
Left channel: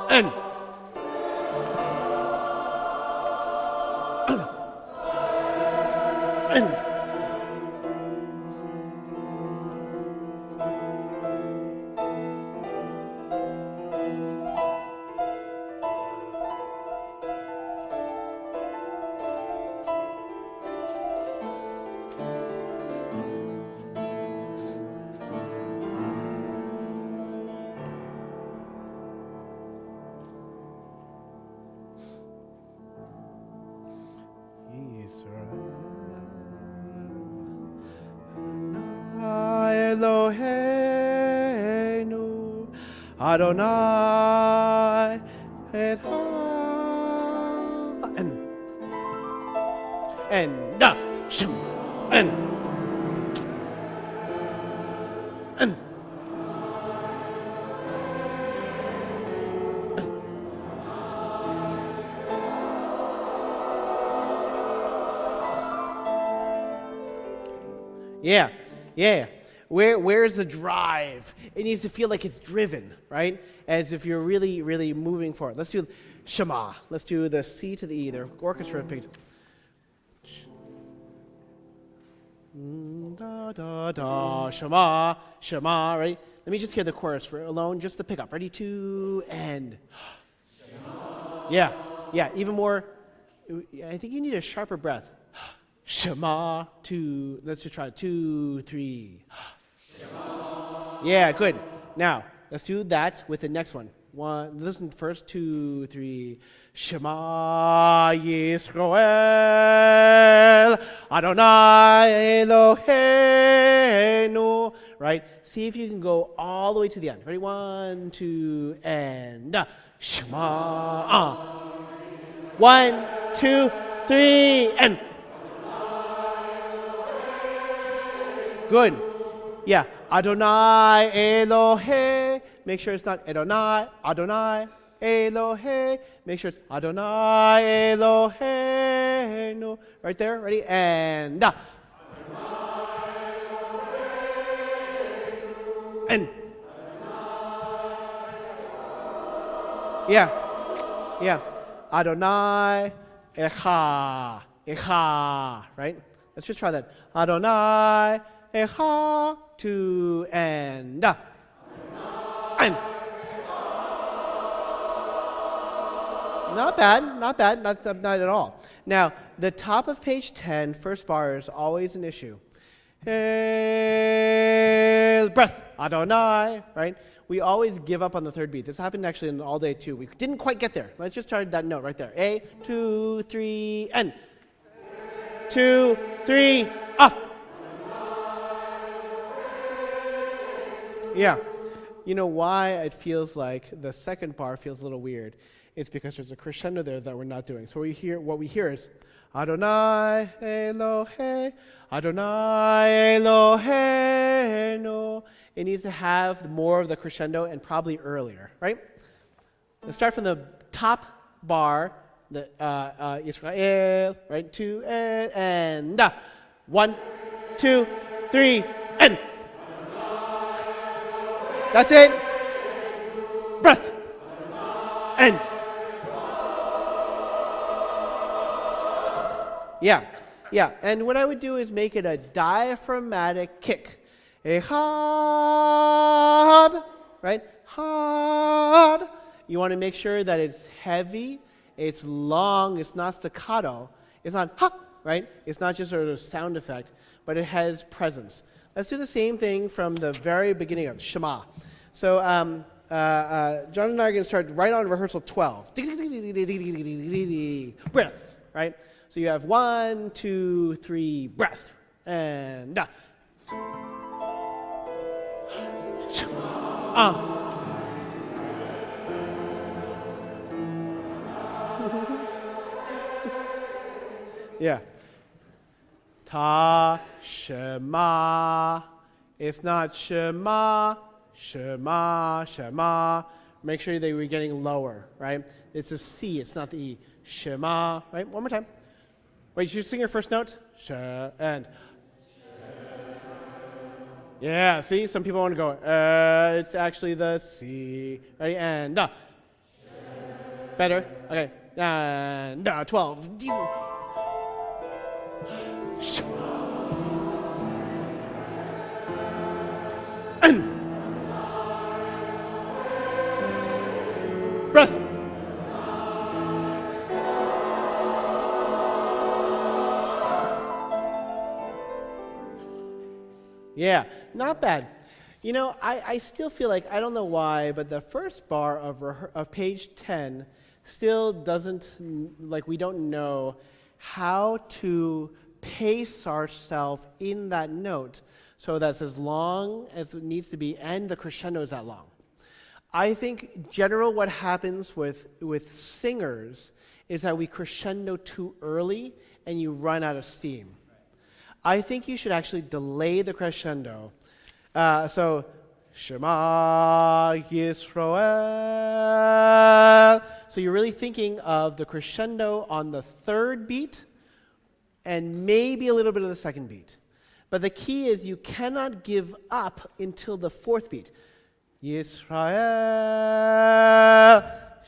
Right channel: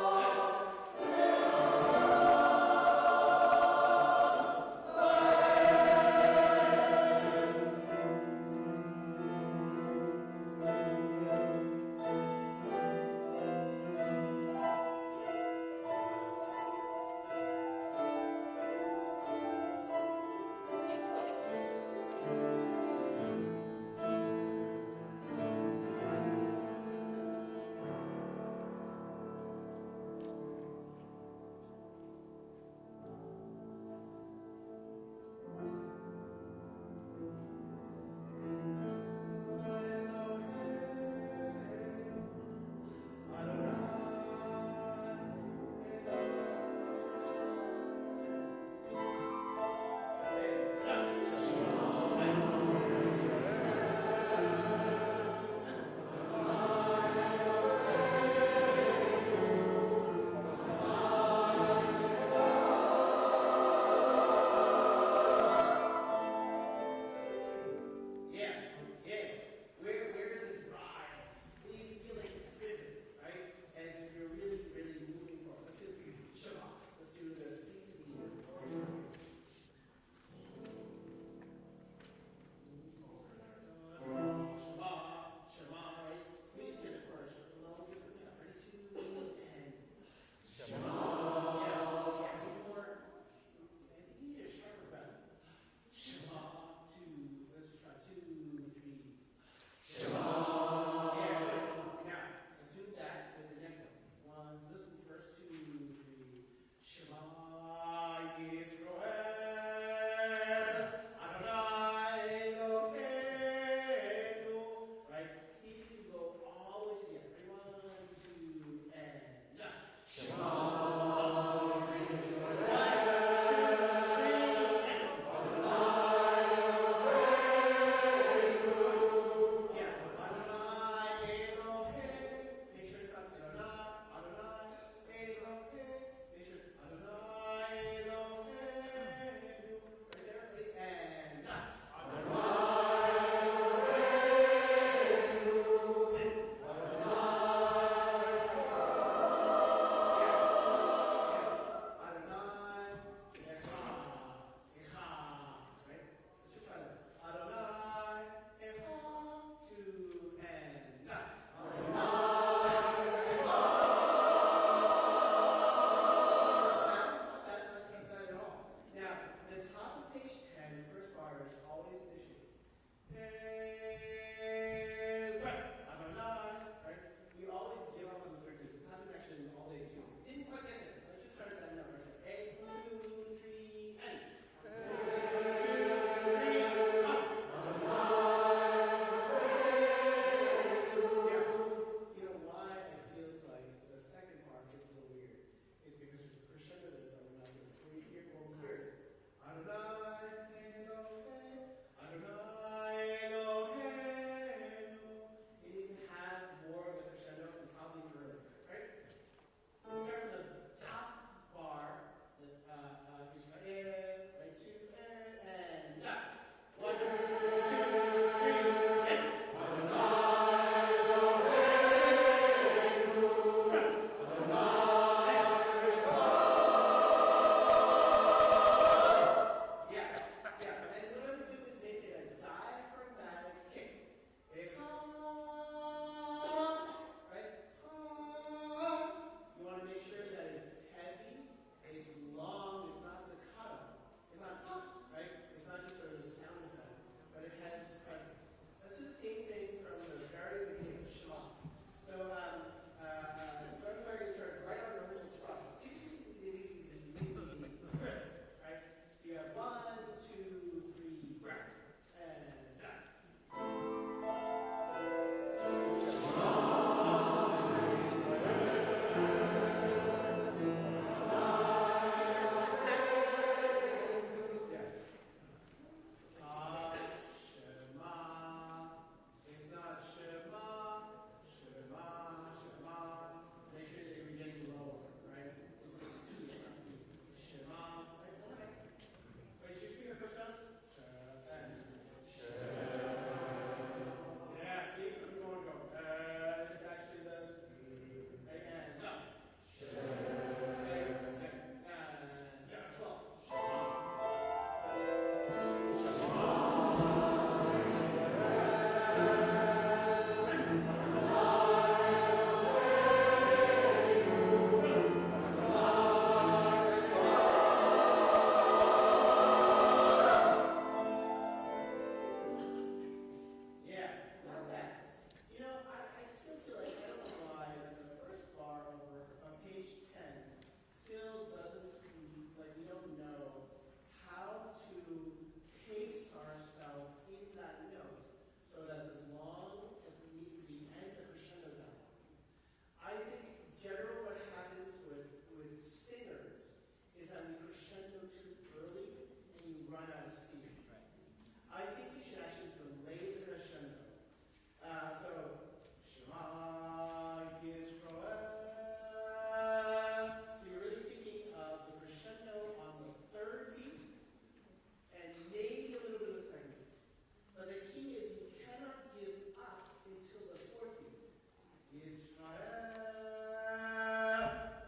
and Eloheinu Adonai and da shum and yeah, yeah. Where's the drive? It needs to feel like it's driven, right? As if you're really, really moving forward. Let's do Shema. Let's do the C to the E. The orchestra picked. Da da da. Shema, Shema. Right? Let me just hear the chorus for alone. Just the pickup. Ready? 2 and. Shema. Yeah, yeah. Even more. I think you need a sharper breath. Shema, 2, let's just try 2, 3. Shema. Yeah, good. Now, let's do that with the next one. Listen first, 2, 3. Shema Yisrael, Adonai Eloheinu. Right? See if you can go all the way to the end. Ready? 1, 2, and Shema. 1, 2, 3, and. Good. Yeah. Adonai Elohe. Make sure it's not Adonai. Adonai Elohe. Make sure it's Adonai Eloheinu. Right there. Ready? And. Adonai Eloheinu. And. Yeah. Yeah. Adonai Echa. Echa. Right? Let's just try that. Adonai Echa, 2 and and not bad, not bad, not at all. Now, the top of page 10, first bar is always an issue. Breath, Adonai, right? We always give up on the third beat. This happened actually in all day too. We didn't quite get there. Let's just try that note right there. A, 2, 3, and 2, 3, off. Yeah. You know why it feels like the second bar feels a little weird? It's because there's a crescendo there that we're not doing. So what we hear is Adonai Elohe, Adonai Eloheinu. It needs to have more of the crescendo and probably earlier, right? Let's start from the top bar, the Israel, right? 2 and 1, 2, 3, and. That's it. Breath. And. Yeah, yeah. And what I would do is make it a diaphragmatic kick. Echad, right? Had. You want to make sure that it's heavy, it's long, it's not staccato, it's not ha, right? It's not just sort of sound effect, but it has presence. Let's do the same thing from the very beginning of Shema. So John and I are going to start right on rehearsal 12. Breath, right? So you have 1, 2, 3, breath, and yeah. Ta, Shema. It's not Shema, Shema, Shema. Make sure that we're getting lower, right? It's a C, it's not the E. Shema, right? One more time. Wait, you sing your first note? And. Yeah, see, some people want to go, it's actually the C. Ready? And. Better? Okay. And 12. Breath. Yeah, not bad. You know, I still feel like, I don't know why, but the first bar of page 10 still doesn't, like, we don't know how to pace ourselves in that note so that's as long as it needs to be and the crescendo is that long. I think general what happens with singers is that we crescendo too early and you run out of steam. I think you should actually delay the crescendo. So, Shema Yisrael. So you're really thinking of the crescendo on the third beat and maybe a little bit of the second beat. But the key is you cannot give up until the fourth beat. Yisrael,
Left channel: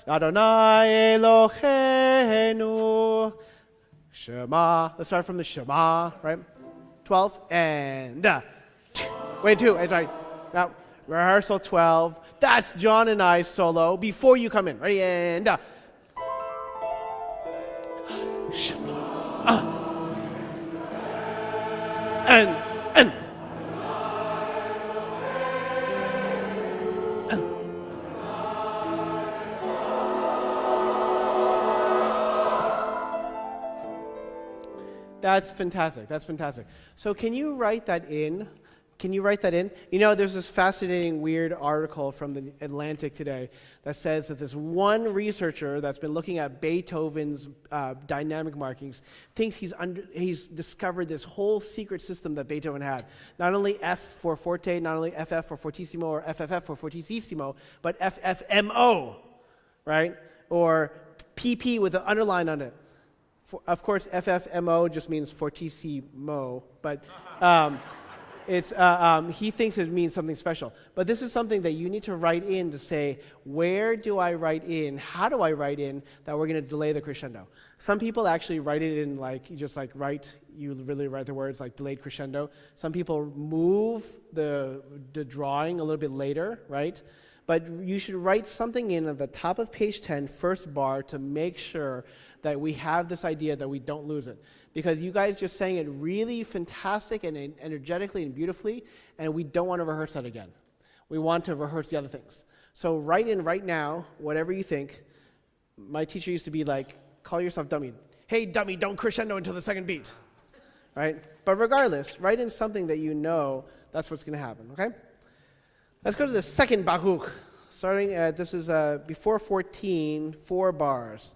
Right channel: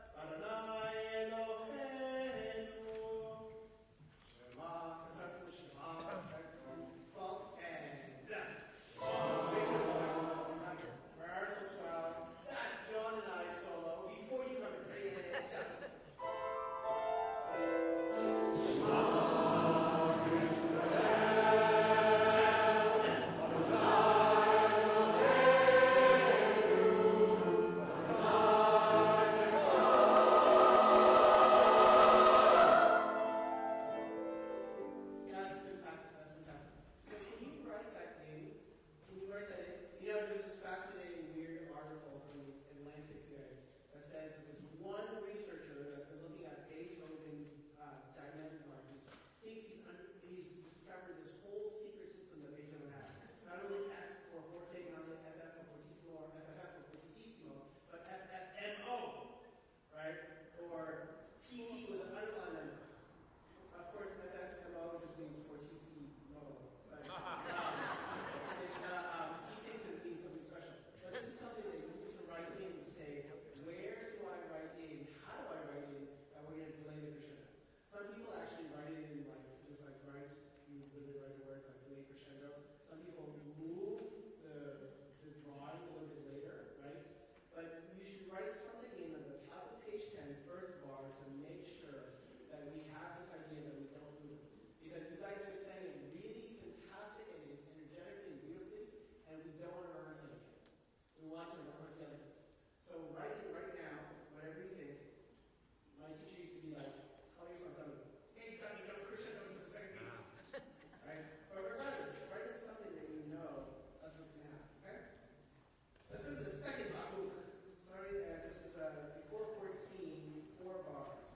Adonai Eloheinu, Shema. Let's start from the Shema, right? 12 and wait, 2. Sorry. Now, rehearsal 12. That's John and I solo before you come in. Ready? And Shema. And That's fantastic. That's fantastic. So can you write that in? Can you write that in? You know, there's this fascinating, weird article from the Atlantic today that says that this one researcher that's been looking at Beethoven's dynamic markings thinks he's discovered this whole secret system that Beethoven had. Not only F for forte, not only FF for fortissimo or FFF for fortissimo, but FFMO, right? Or PP with an underline on it. Of course, FFMO just means fortissimo, but he thinks it means something special. But this is something that you need to write in to say, where do I write in, how do I write in that we're going to delay the crescendo? Some people actually write it in you really write the words like delayed crescendo. Some people move the drawing a little bit later, right? But you should write something in at the top of page 10, first bar, to make sure that we have this idea that we don't lose it. Because you guys just sang it really fantastic and energetically and beautifully, and we don't want to rehearse that again. We want to rehearse the other things. So write in right now, whatever you think. My teacher used to be like, call yourself dummy. Hey, dummy, don't crescendo until the second beat. Right? But regardless, write in something that you know that's what's going to happen, okay? Let's go to the second Baruch. Starting at, this is before 14, 4 bars.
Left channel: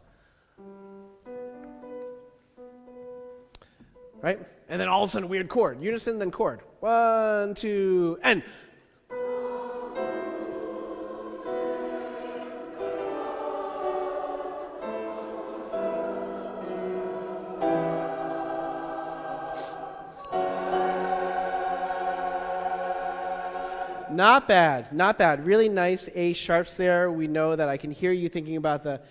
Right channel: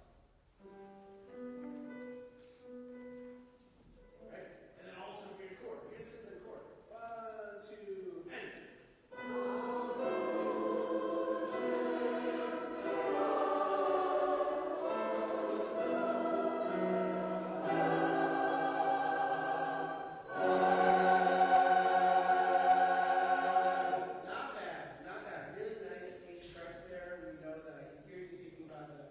Right? And then all of a sudden, weird chord. Unison, then chord. 1, 2, and. Not bad, not bad. Really nice A sharps there. We know that I can hear you thinking about the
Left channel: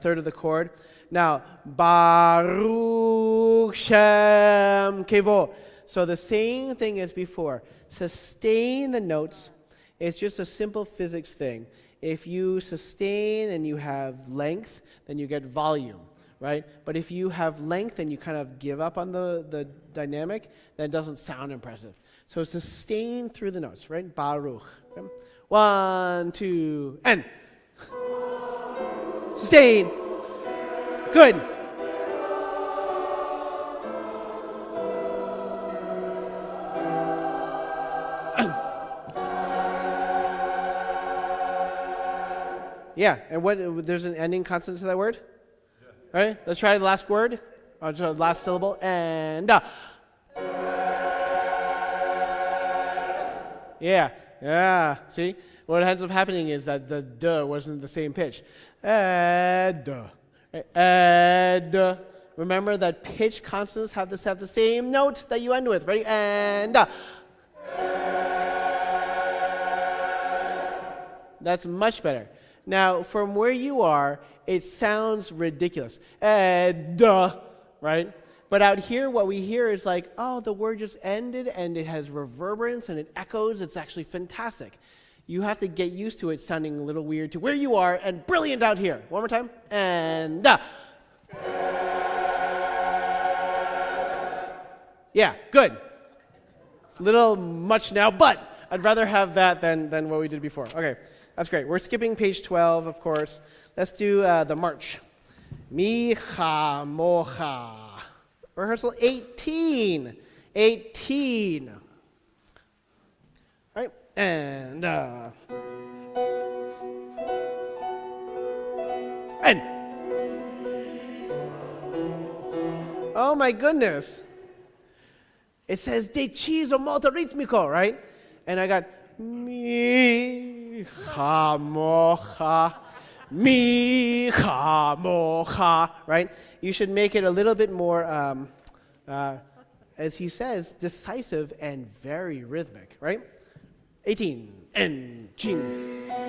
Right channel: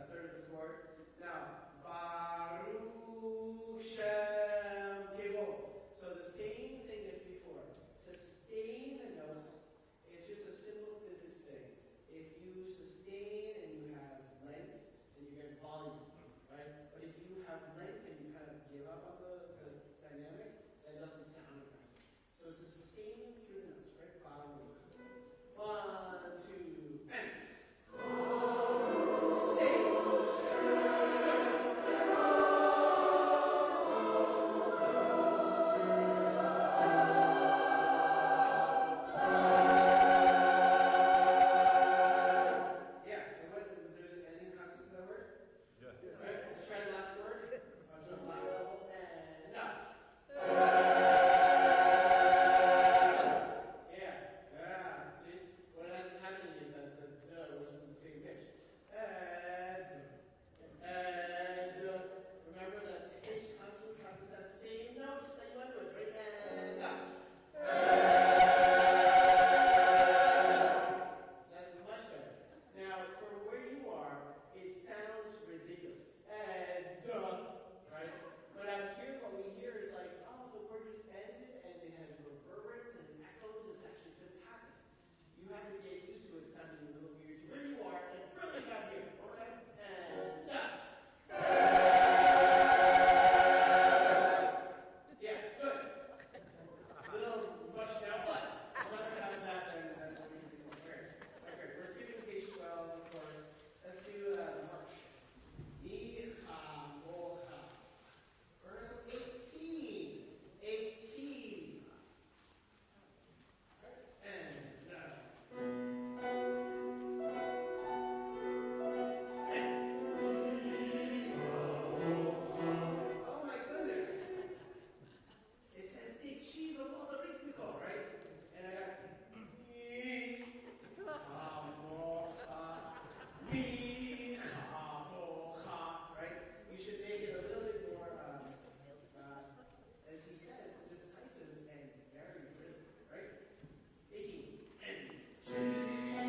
third of the chord. Now, Baruch Shem Kevo. So the same thing as before. Sustain the notes. It's just a simple physics thing. If you sustain and you have length, then you get volume, right? But if you have length and you kind of give up on the dynamic, then it doesn't sound impressive. So sustain through the notes, right? Baruch. Okay? 1, 2, and. Sustain. Good. Yeah, and there's an ending consonant to that word? Yeah. All right, let's try the last word, or the last syllable, and Yeah, see? What ends up happening is that the duh wasn't the same pitch. Remember that pitch consonants have to have the same note that you end with. Ready? And That's much better. Now, from where you are, it sounds ridiculous. Duh, right? But out here, what we hear is like, oh, the word just ended, and it has reverberance, and it echoes. It's actually fantastic. You have to get used to it sounding a little weird to where you are, and brilliant out here. One more time. And yeah, good. It's a little much now, but I'd rather have that than what we did before. Okay, that's great. We're skipping page 12, of course. Let's do the march. Mi, ha, mo, ha. Rehearsal 18. 18. Right? And. Oh my goodness. It says deciso molto ritmico, right? And I got mi, ha, mo, ha. Mi, ha, mo, ha, right? You should make it a little bit more, as he says, decisive and very rhythmic, right? 18, and ching.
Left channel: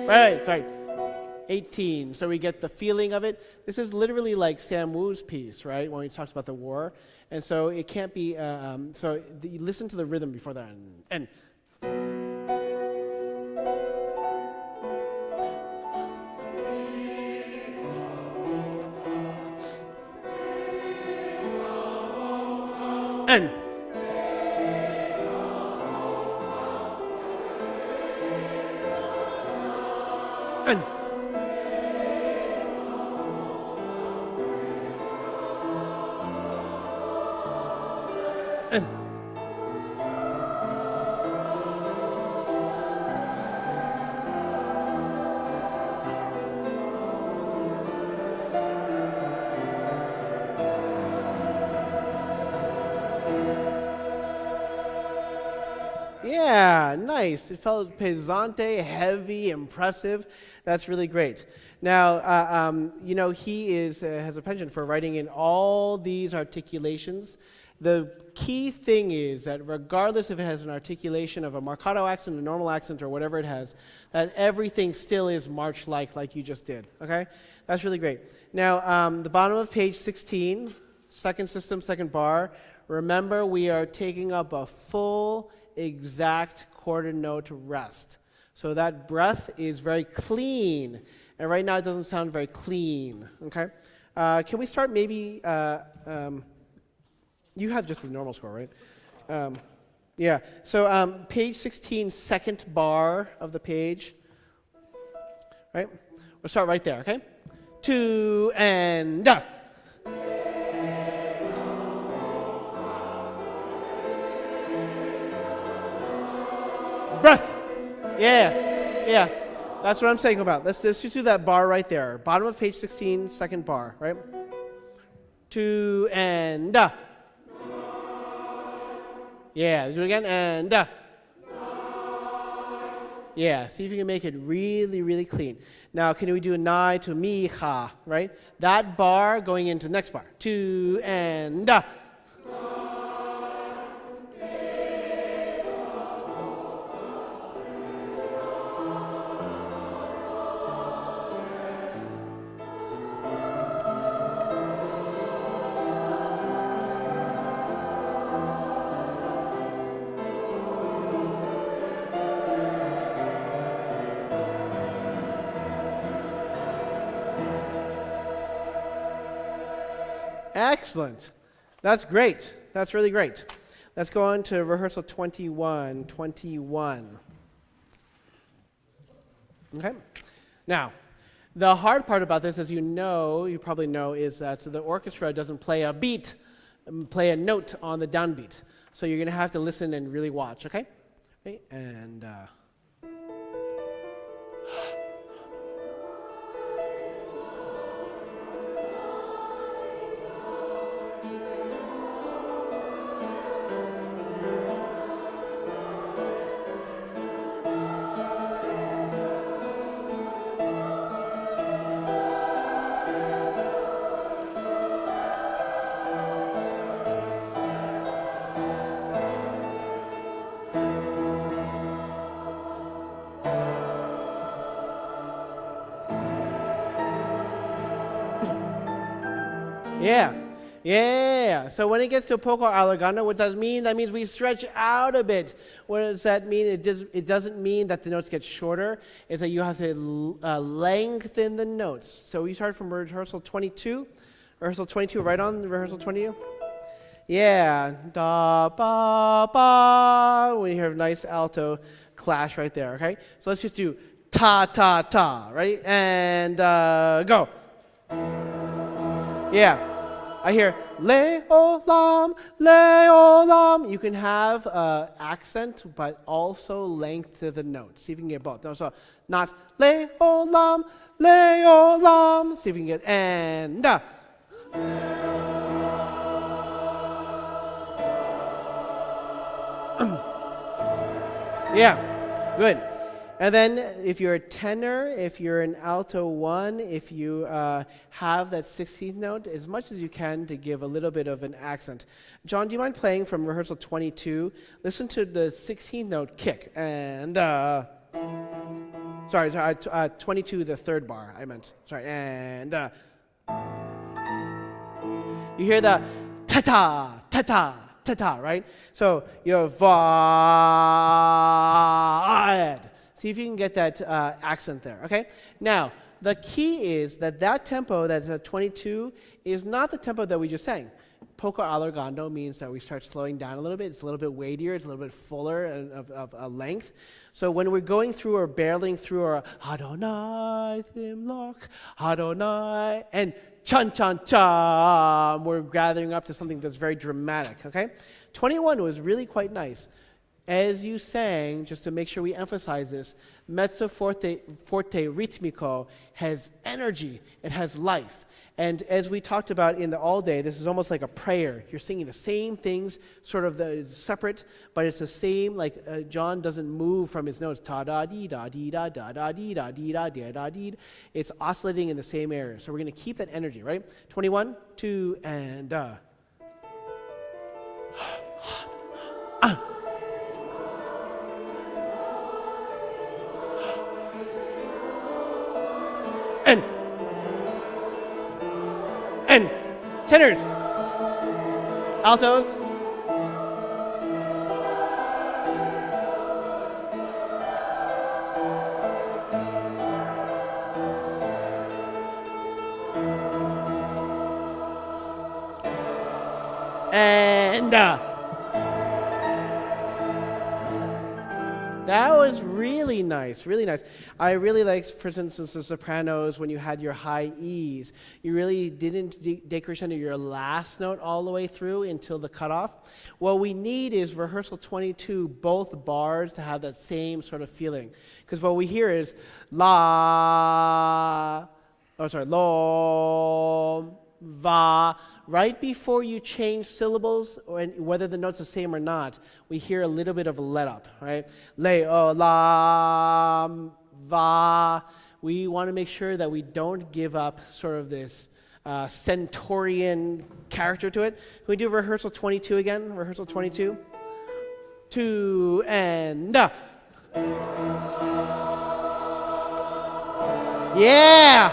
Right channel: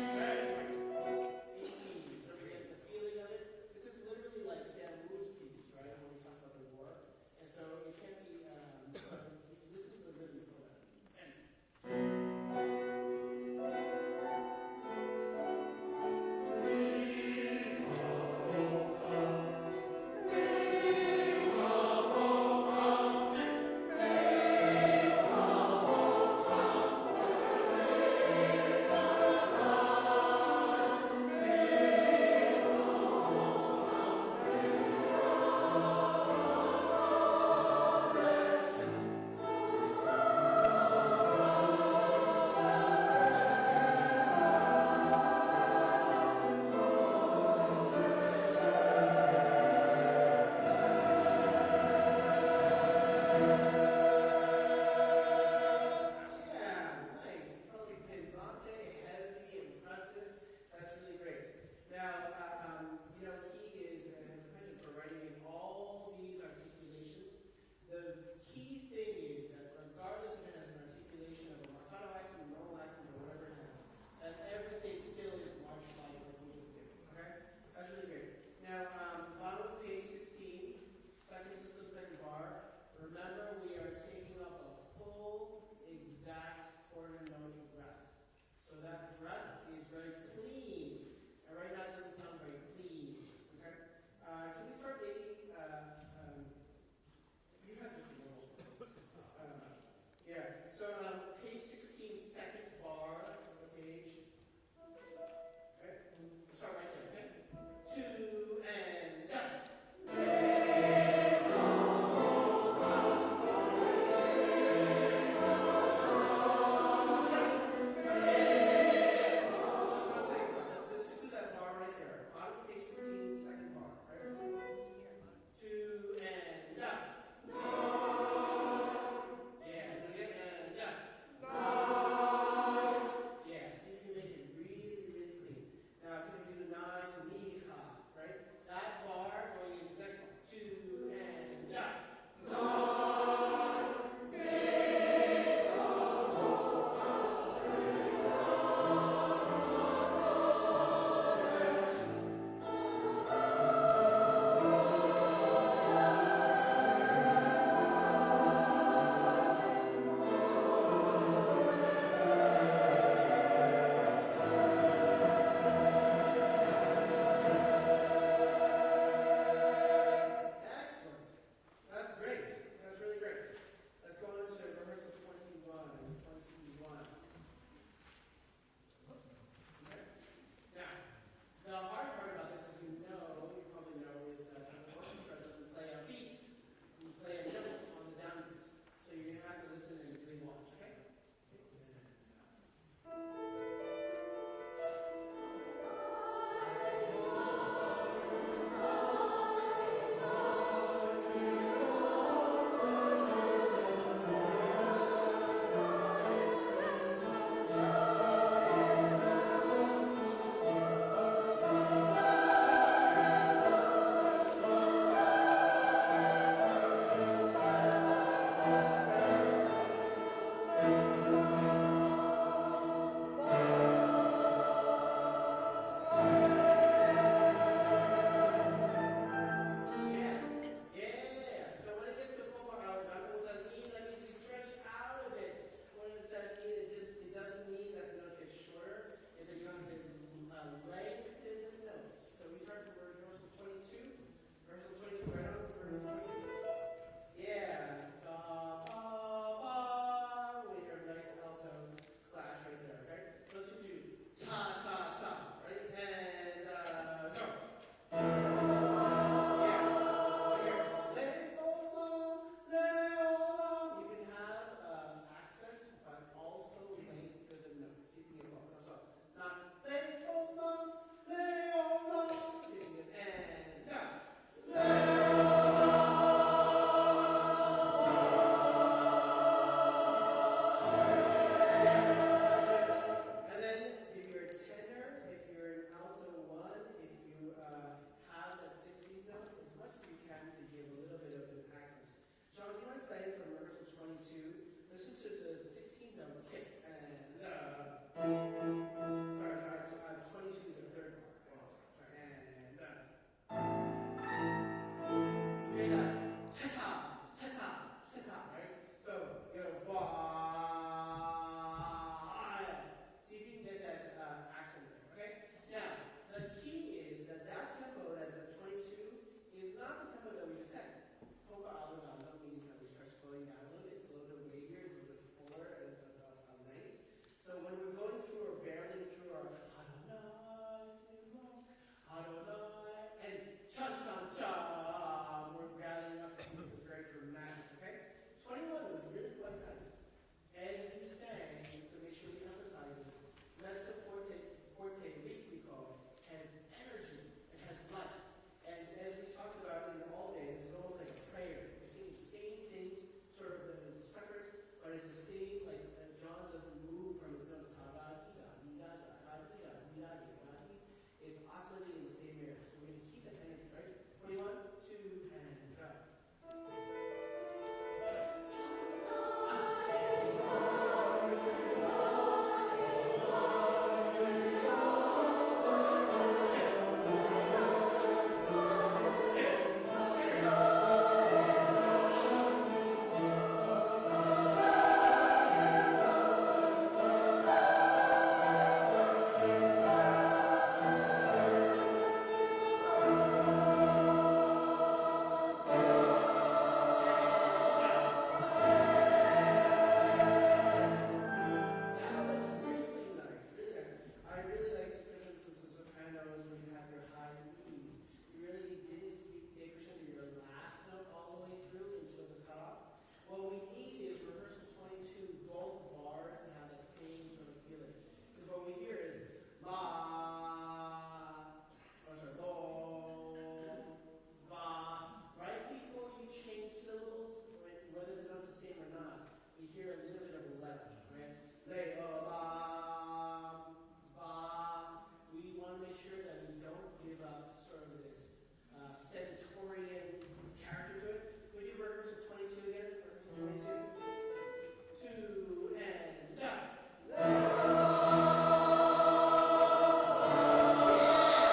Right, sorry. 18, so we get the feeling of it. This is literally like Sam Wu's piece, right, when he talks about the war. And so it can't be, you listen to the rhythm before that. And and yeah, nice. It felt pesante, heavy, impressive. That's really great. Now, he has a penchant for writing in all these articulations. The key thing is that regardless if it has an articulation of a marcato accent, a normal accent, or whatever it has, that everything still is march-like you just did, okay? That's really great. Now, the bottom of page 16, second system, second bar. Remember, we are taking up a full, exact quarter note rest. So that breath is very clean. And right now it doesn't sound very clean, okay? Can we start maybe, you have just a normal score, right? Yeah, so page 16, second bar of the page, right? We'll start right there, okay? 2 and breath. Yeah. That's what I'm saying about. Let's just do that bar right there. Bottom of page 16, second bar, right? 2 and Yeah, let's do it again, and yeah, see if you can make it really, really clean. Now, can we do a nai to mi, ha, right? That bar going into the next bar. 2 and Excellent. That's great. That's really great. Let's go on to rehearsal 21. 21. Okay? Now, the hard part about this, as you probably know, is that the orchestra doesn't play a beat, play a note on the downbeat. So you're going to have to listen and really watch, okay? Okay, and Yeah. Yeah. So when it gets to poco allegando, what does that mean? That means we stretch out a bit. What does that mean? It doesn't mean that the notes get shorter. It's that you have to lengthen the notes. So we start from rehearsal 22. Rehearsal 22, right on rehearsal 22? Yeah. Da, ba, ba. We hear a nice alto clash right there, okay? So let's just do ta, ta, ta, right? And go. Yeah. I hear leolam, leolam. You can have accent, but also length to the note. See if you can get both. No, so not leolam, leolam. See if you can get and. Yeah, good. And then if you're a tenor, if you're an alto 1, if you have that 16th note, as much as you can to give a little bit of an accent. John, do you mind playing from rehearsal 22? Listen to the 16th note kick. And, sorry, 22, the third bar, I meant. Sorry, and, you hear the ta-ta, ta-ta, ta-ta, right? So you have va. See if you can get that accent there, okay? Now, the key is that tempo that's at 22 is not the tempo that we just sang. Poco allargando means that we start slowing down a little bit. It's a little bit weightier. It's a little bit fuller of length. So when we're going through or barreling through our Adonai Timloch, Adonai, and chan chan chan, we're gathering up to something that's very dramatic, okay? 21 was really quite nice. As you sang, just to make sure we emphasize this, mezzo forte ritmico has energy, it has life. And as we talked about in the all day, this is almost like a prayer. You're singing the same things, sort of separate, but it's the same, like John doesn't move from his notes. Ta-da-dee-da-dee-da-da-da-dee-da-dee-da-dee-da-dee. It's oscillating in the same area. So we're going to keep that energy, right? 21, 2, and and tenors, altos, and that was really nice, really nice. I really liked, for instance, the sopranos when you had your high E's. You really didn't decrescendo your last note all the way through until the cutoff. What we need is rehearsal 22, both bars to have that same sort of feeling. Because what we hear is la, lo, va. Right before you change syllables, or whether the note's the same or not, we hear a little bit of a let-up, right? Le, o, la, va. We want to make sure that we don't give up sort of this stentorian character to it. Can we do rehearsal 22 again? Rehearsal 22. 2, and yeah!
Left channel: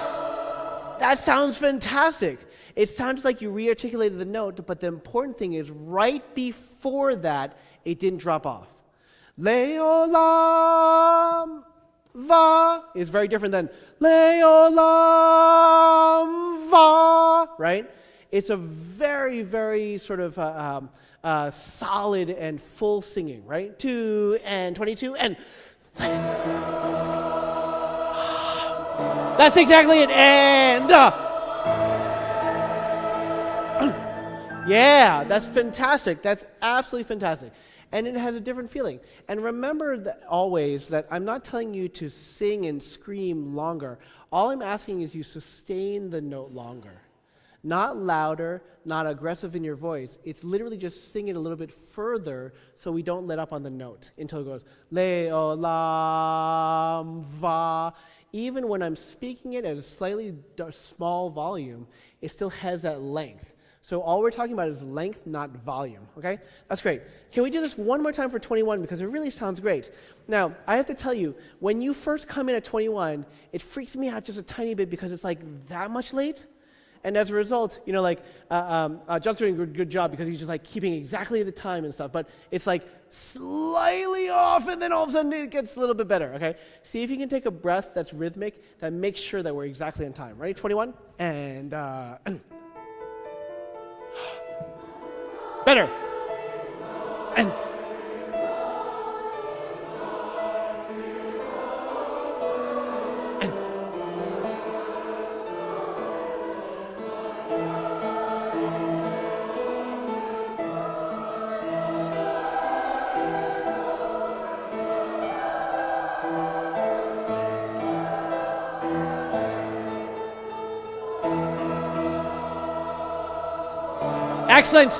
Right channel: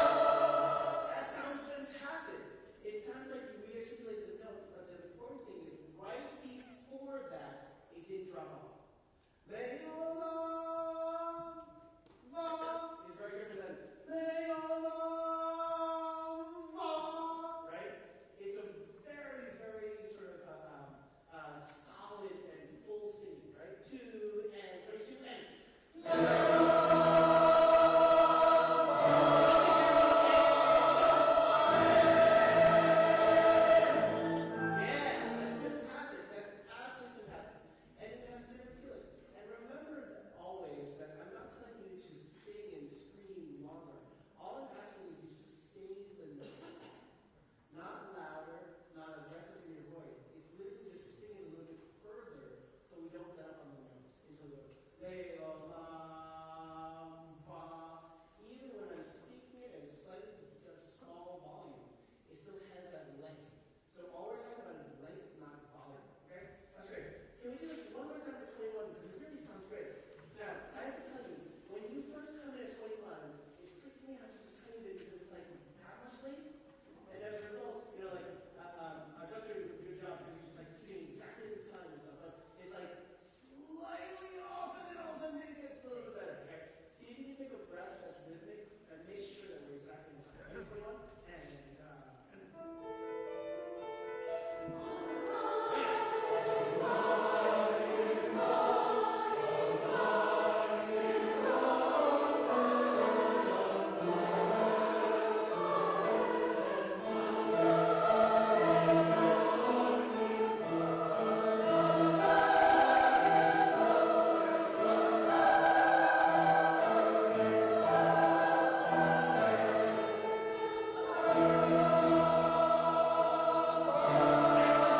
That sounds fantastic. It sounds like you re-articulated the note, but the important thing is right before that, it didn't drop off. Leolam va is very different than Leolam va, right? It's a very, very sort of solid and full singing, right? 2 and 22 and that's exactly it. And yeah, that's fantastic. That's absolutely fantastic. And it has a different feeling. And remember that always that I'm not telling you to sing and scream longer. All I'm asking is you sustain the note longer. Not louder, not aggressive in your voice. It's literally just sing it a little bit further so we don't let up on the note until it goes le-o-lam, va. Even when I'm speaking it at a slightly small volume, it still has that length. So all we're talking about is length, not volume, okay? That's great. Can we do this one more time for 21 because it really sounds great. Now, I have to tell you, when you first come in at 21, it freaks me out just a tiny bit because it's like that much late. And as a result, John's doing a good job because he's just like keeping exactly the time and stuff, but it's like slightly off and then all of a sudden it gets a little bit better, okay? See if you can take a breath that's rhythmic that makes sure that we're exactly on time. Ready? 21? And better. And excellent.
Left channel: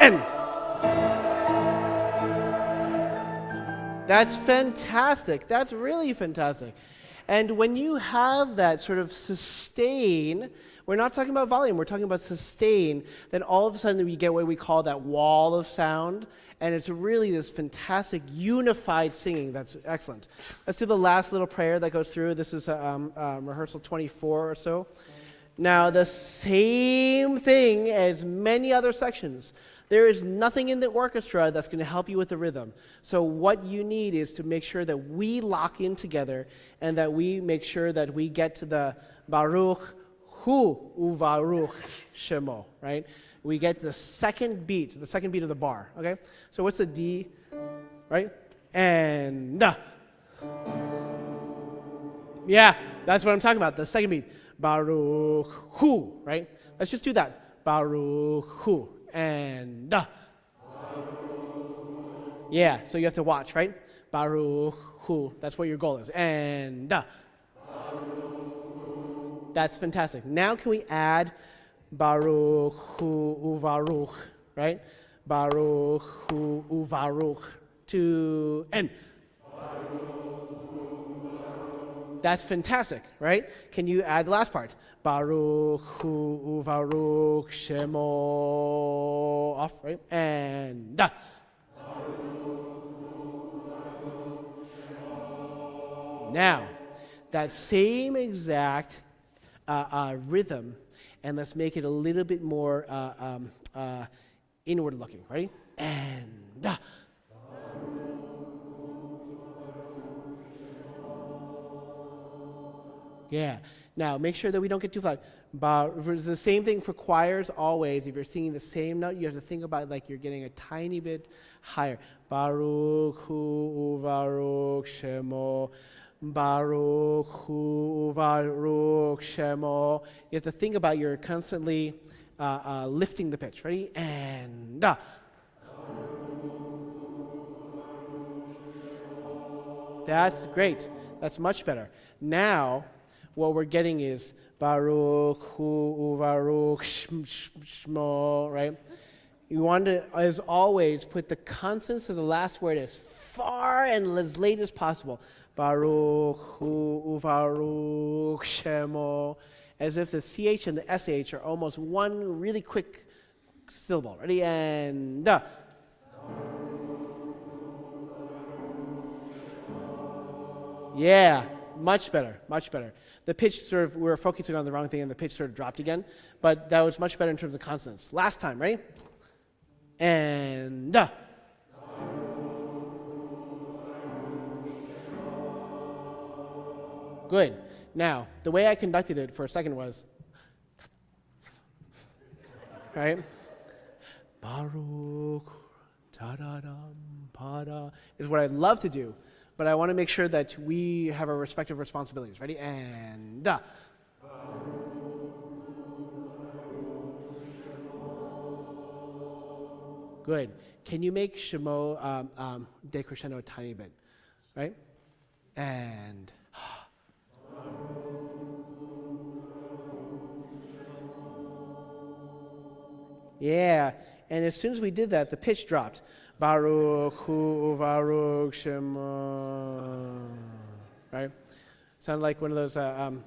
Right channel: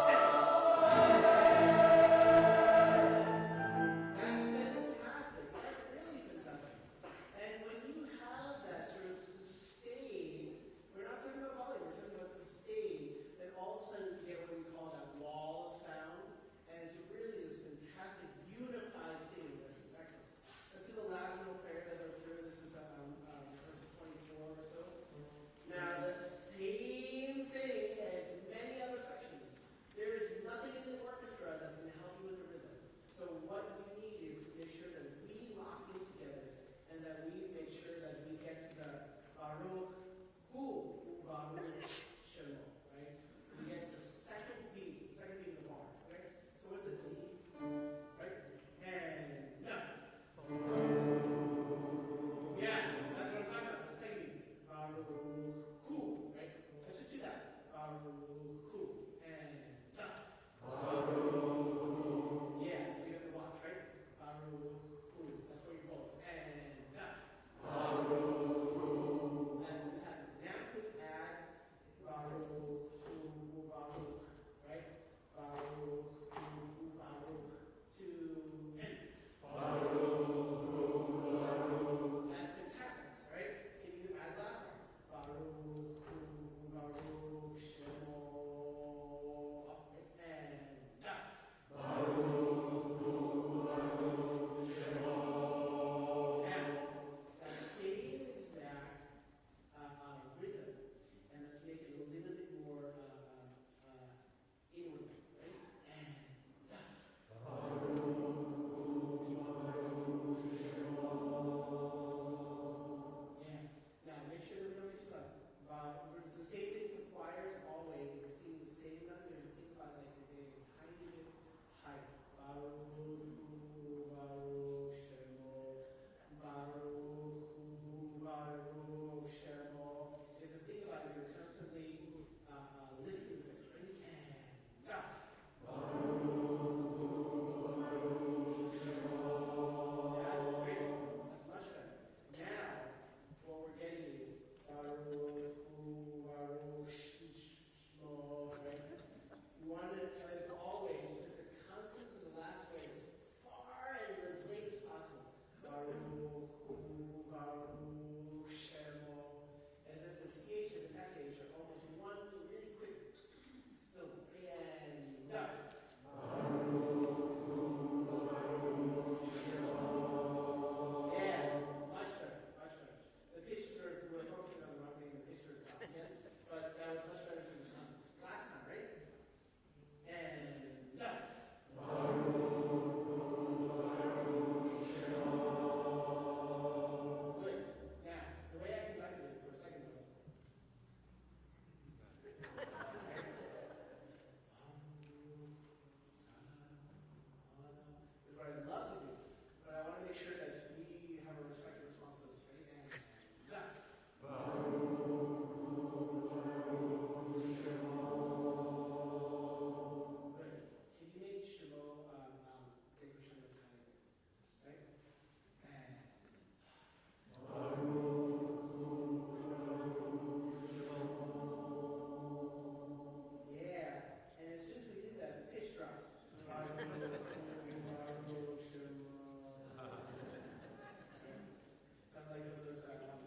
And that's fantastic. That's really fantastic. And when you have that sort of sustain, we're not talking about volume, we're talking about sustain, then all of a sudden we get what we call that wall of sound, and it's really this fantastic unified singing that's excellent. Let's do the last little prayer that goes through. This is rehearsal 24 or so. Now, the same thing as many other sections. There is nothing in the orchestra that's going to help you with the rhythm. So what you need is to make sure that we lock in together and that we make sure that we get to the Baruch Hu Uvaruch Shemo, right? We get the second beat of the bar, okay? So what's the D, right? And da. Yeah, that's what I'm talking about, the second beat. Baruch Hu, right? Let's just do that. Baruch Hu. And da. Yeah, so you have to watch, right? Baruch Hu. That's what your goal is. And da. That's fantastic. Now can we add Baruch Hu Uvaruch, right? Baruch Hu Uvaruch to N. That's fantastic, right? Can you add the last part? Baruch Hu Uvaruch Shemo off, right? And da. Now, that same exact rhythm, and let's make it a little bit more inward looking, ready? And da. Yeah. Now, make sure that we don't get too flat. It's the same thing for choirs always. If you're singing the same note, you have to think about it like you're getting a tiny bit higher. Baruch Hu Uvaruch Shemo. Baruch Hu Uvaruch Shemo. You have to think about you're constantly lifting the pitch. Ready? And da. That's great. That's much better. Now, what we're getting is Baruch Hu Uvaruch Shmo, right? You want to, as always, put the consonants of the last word as far and as late as possible. Baruch Hu Uvaruch Shemo, as if the CH and the SH are almost one really quick syllable. Ready? And da. Yeah, much better, much better. The pitch sort of, we were focusing on the wrong thing and the pitch sort of dropped again, but that was much better in terms of consonants. Last time, ready? And da. Good. Now, the way I conducted it for a second was, right? Baruch, ta-da-dum, pa-da, is what I'd love to do, but I want to make sure that we have our respective responsibilities. Ready? And da. Good. Can you make Shemo decrescendo a tiny bit? Right? And yeah. And as soon as we did that, the pitch dropped. Baruch Hu Baruch Shema. Right? Sound like one of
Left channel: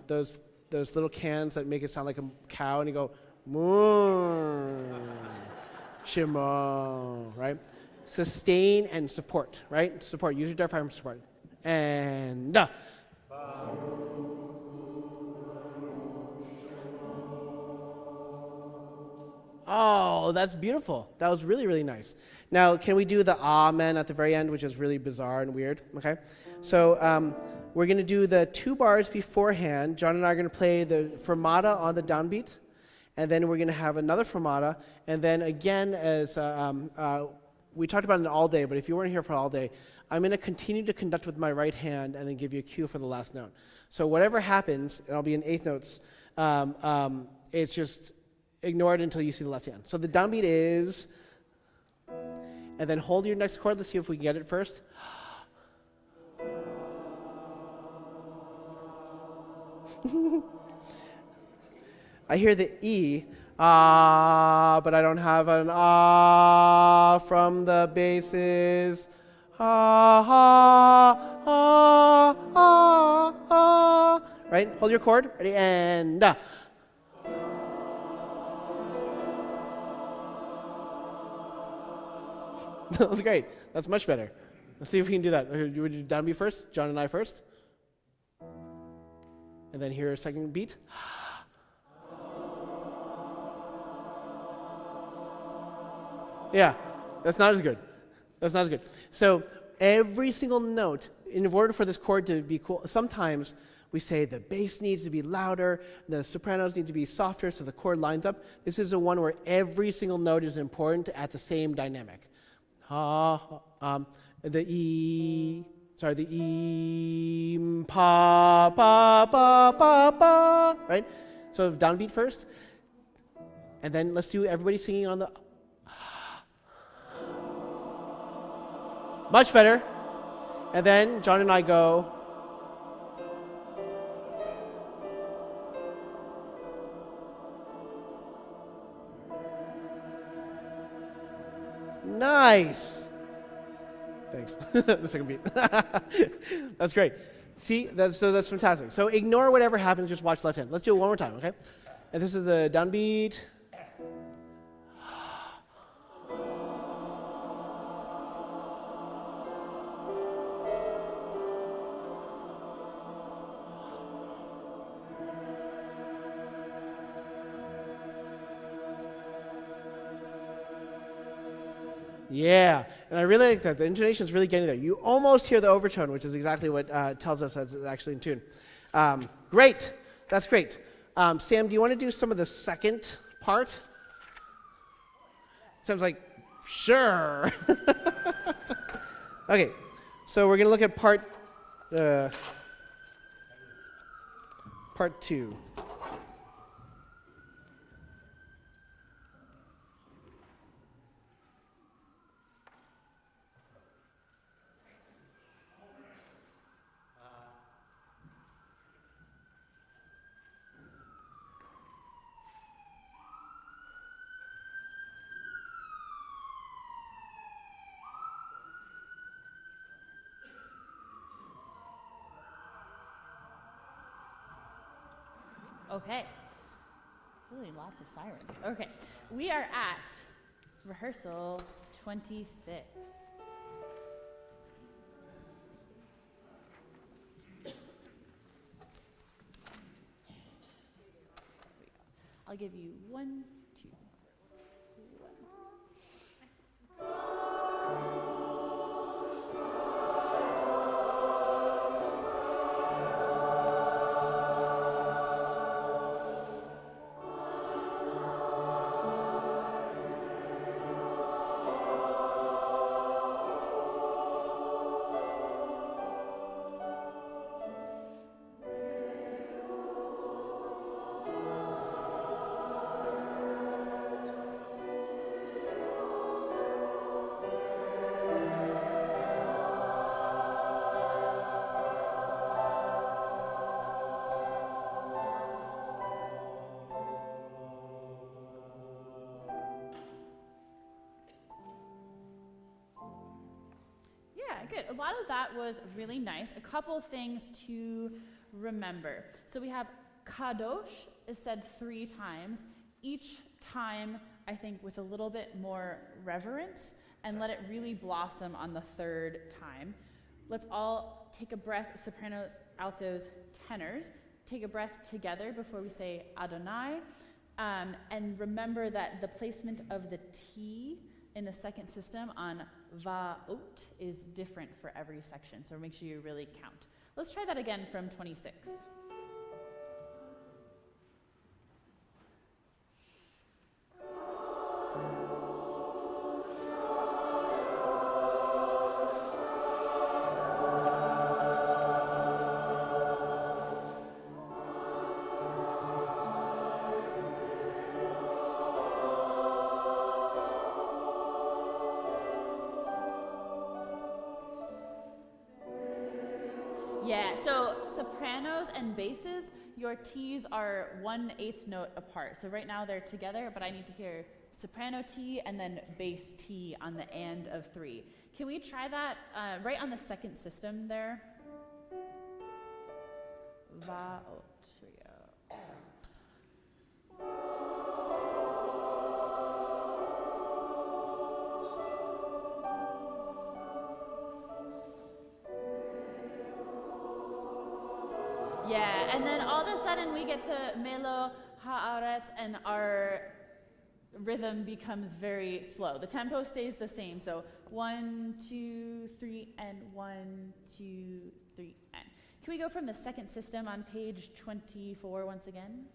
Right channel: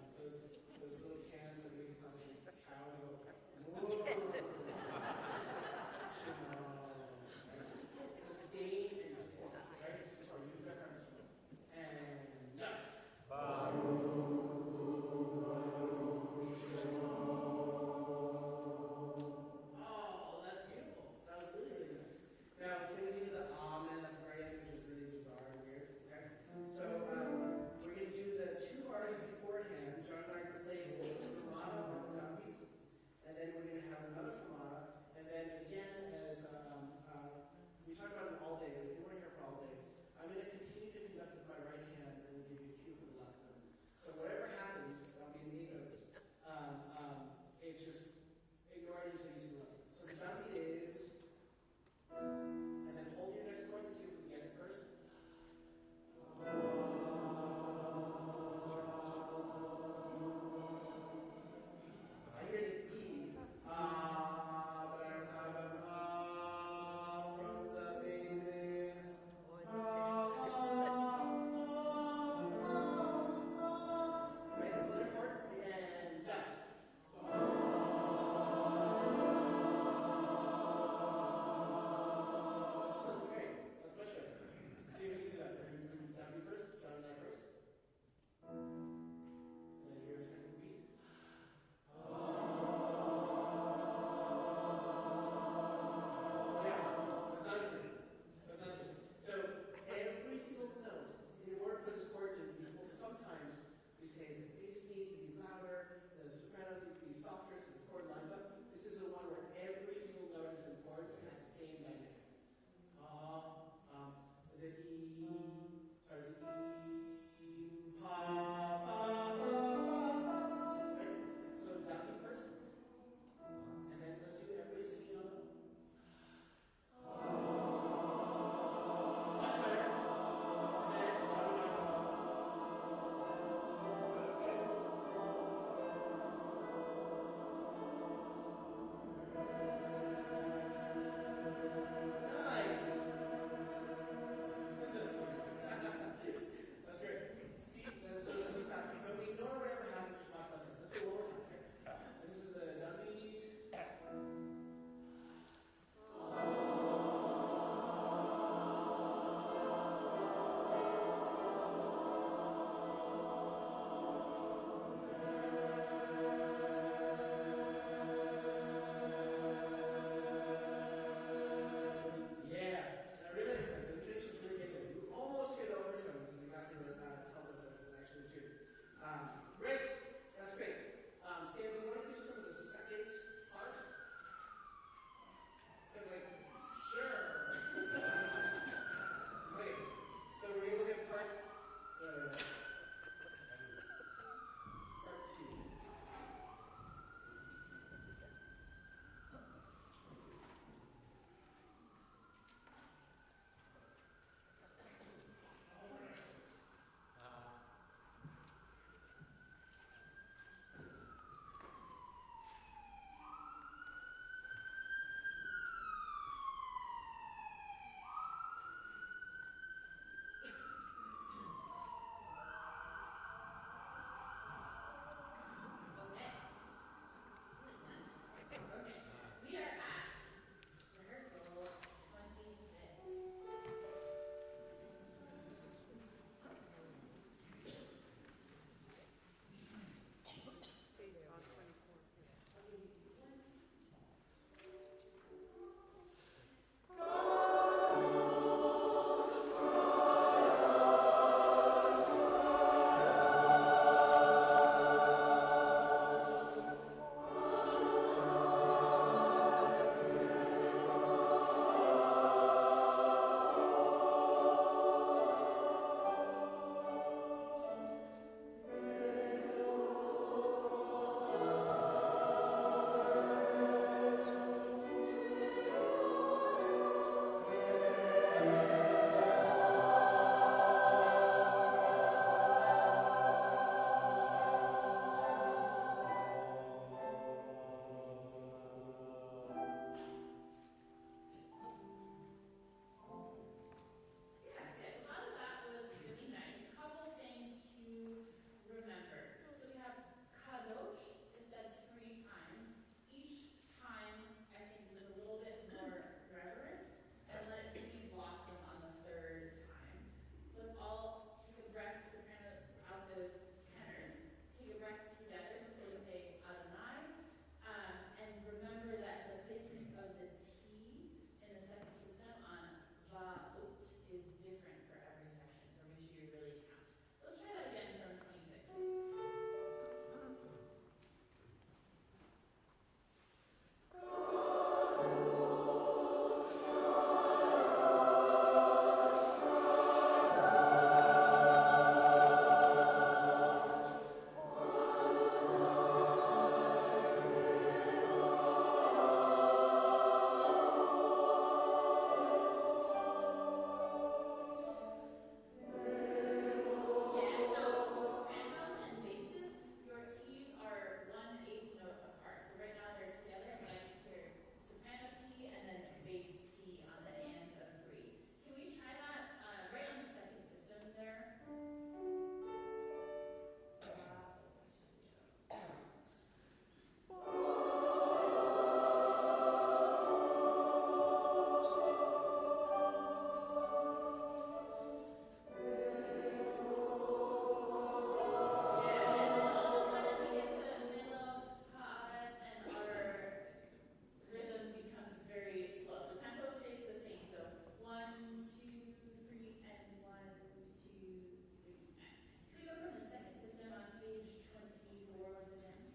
those little cans that make it sound like a cow, and you go moo. Shema. Right? Sustain and support. Right? Support. Use your diaphragm support. And da. Oh, that's beautiful. That was really, really nice. Now, can we do the amen at the very end, which is really bizarre and weird? Okay. So we're going to do the 2 bars beforehand. John and I are going to play the fermata on the downbeat, and then we're going to have another fermata, and then again, as we talked about it all day, but if you weren't here for all day, I'm going to continue to conduct with my right hand and then give you a cue for the last note. So whatever happens, and I'll be in 8th notes, it's just ignore it until you see the left hand. So the downbeat is, and then hold your next chord. Let's see if we can get it first. I hear the E, but I don't have an from the basses. Right? Hold your chord. Ready? And That was great. That's much better. Let's see if we can do that. Would you downbeat first? John and I first? And then here a second beat. Yeah, that's not as good. That's not as good. So every single note, in order for this chord to be cool, sometimes we say the bass needs to be louder, the sopranos need to be softer so the chord lines up. This is the one where every single note is important at the same dynamic. The E, pa, pa, pa, pa, pa, right? So downbeat first, and then let's do everybody singing on the, much better. And then John and I go, nice. Thanks. The second beat. That's great. See, that's fantastic. So ignore whatever happens, just watch left hand. Let's do it one more time, okay? And this is the downbeat. Yeah, and I really like that. The intonation is really getting there. You almost hear the overtone, which is exactly what tells us that it's actually in tune. Great. That's great. Sam, do you want to do some of the second part? Sam's like, sure. Okay, so we're going to look at part 2. Okay. Really lots of sirens. Okay. We are at rehearsal 26. I'll give you 1, 2. Good. A lot of that was really nice. A couple things to remember. So we have kadosh is said 3 times. Each time, I think, with a little bit more reverence, and let it really blossom on the 3rd time. Let's all take a breath, sopranos, altos, tenors. Take a breath together before we say Adonai. And remember that the placement of the T in the second system on va out is different for every section, so make sure you really count. Let's try that again from 26. Your T's are 1/8 note apart. So right now they're together, but I need to hear soprano T and then bass T on the and of 3. Can we try that right on the second system there? Va out. Here we go. Yeah, and then all of a sudden we get to melo haaretz and our rhythm becomes very slow. The tempo stays the same, so 1, 2, 3, and 1, 2, 3, and. Can we go from the second system on page 24 once again?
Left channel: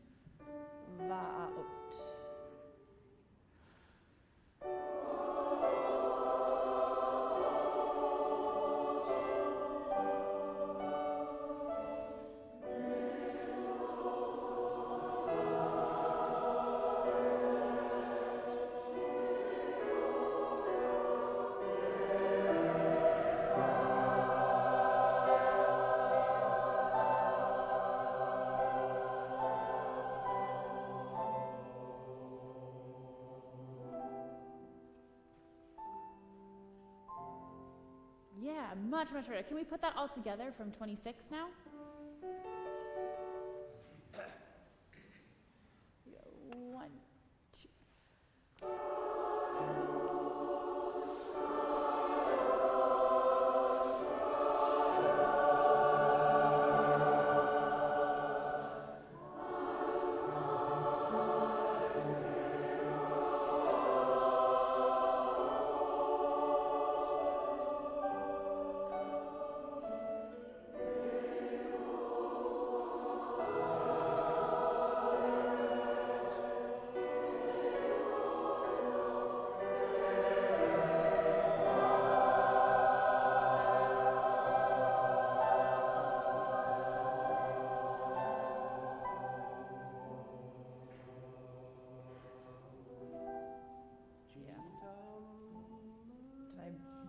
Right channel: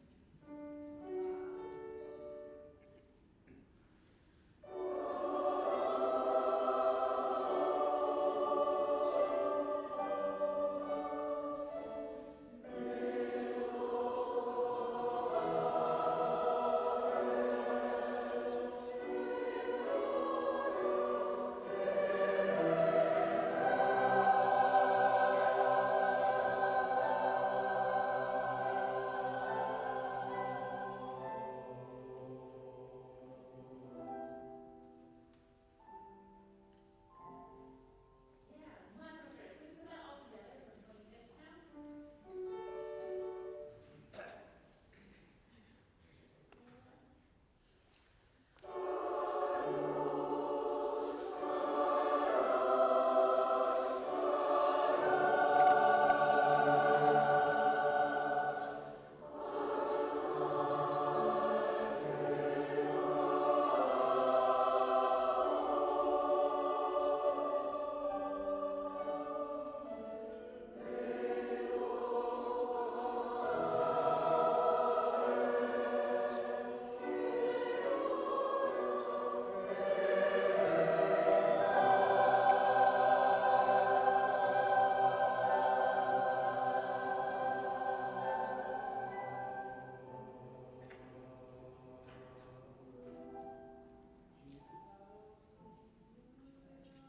Va out. Much better. Can we put that all together from 26 now? One, two.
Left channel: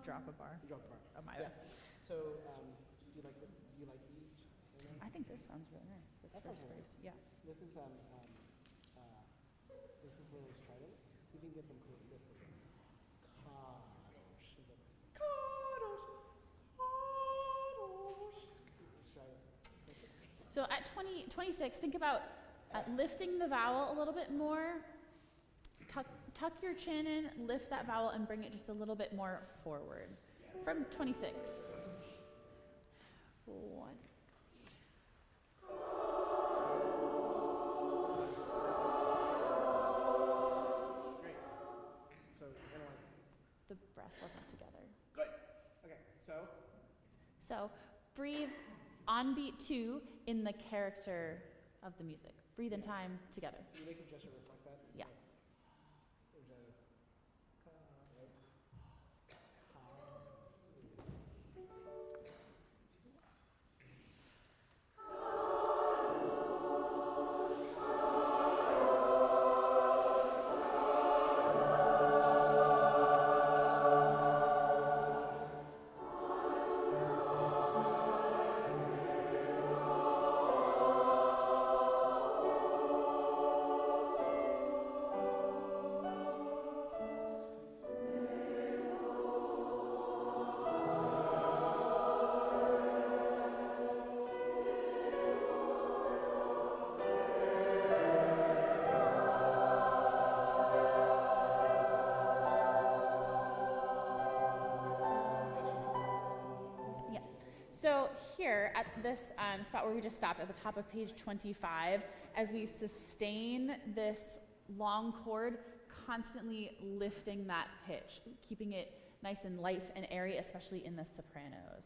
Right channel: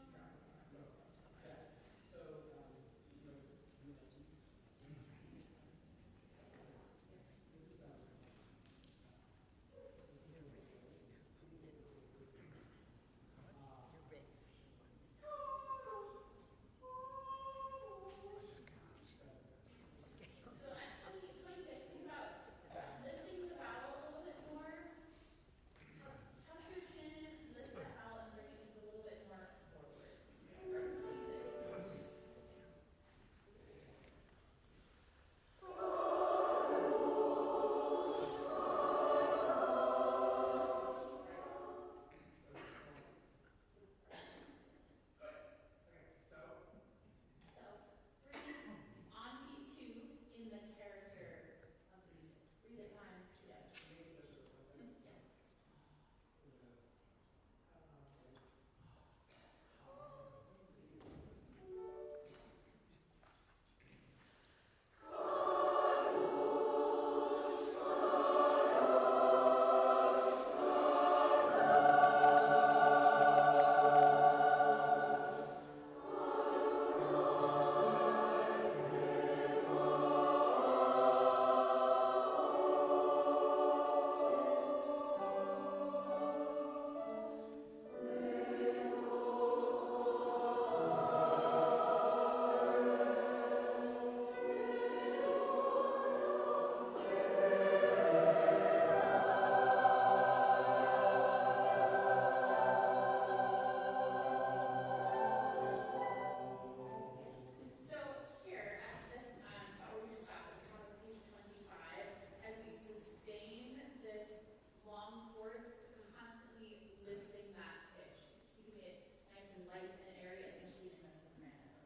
Drop a bar. Oh, my bad. So, you like each? I think this sounds really nice. This first verse. Yeah. This is Haley's title. You can get him. So at 26, think about lifting the vowel a little bit more. Tuck your chin in, lift that vowel, and bring it just a little bit more forward. From 26. 1. The breath wasn't together. Good. Okay, So breathe on beat 2 in the character of the music. Breathe in time together. You make a gesture like that? Yeah. this spot where we just stopped at the top of page 25 as we sustain this long chord, constantly lifting that pitch, keeping it nice and light and airy, especially in the sopranos.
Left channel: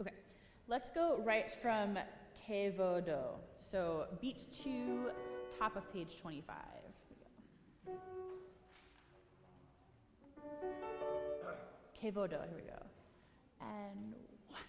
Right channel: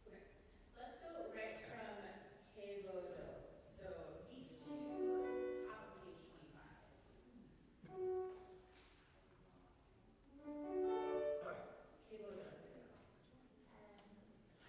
Okay, let's go right from che vodo. So beat 2, top of page 25. Che vodo, here we go. And 1.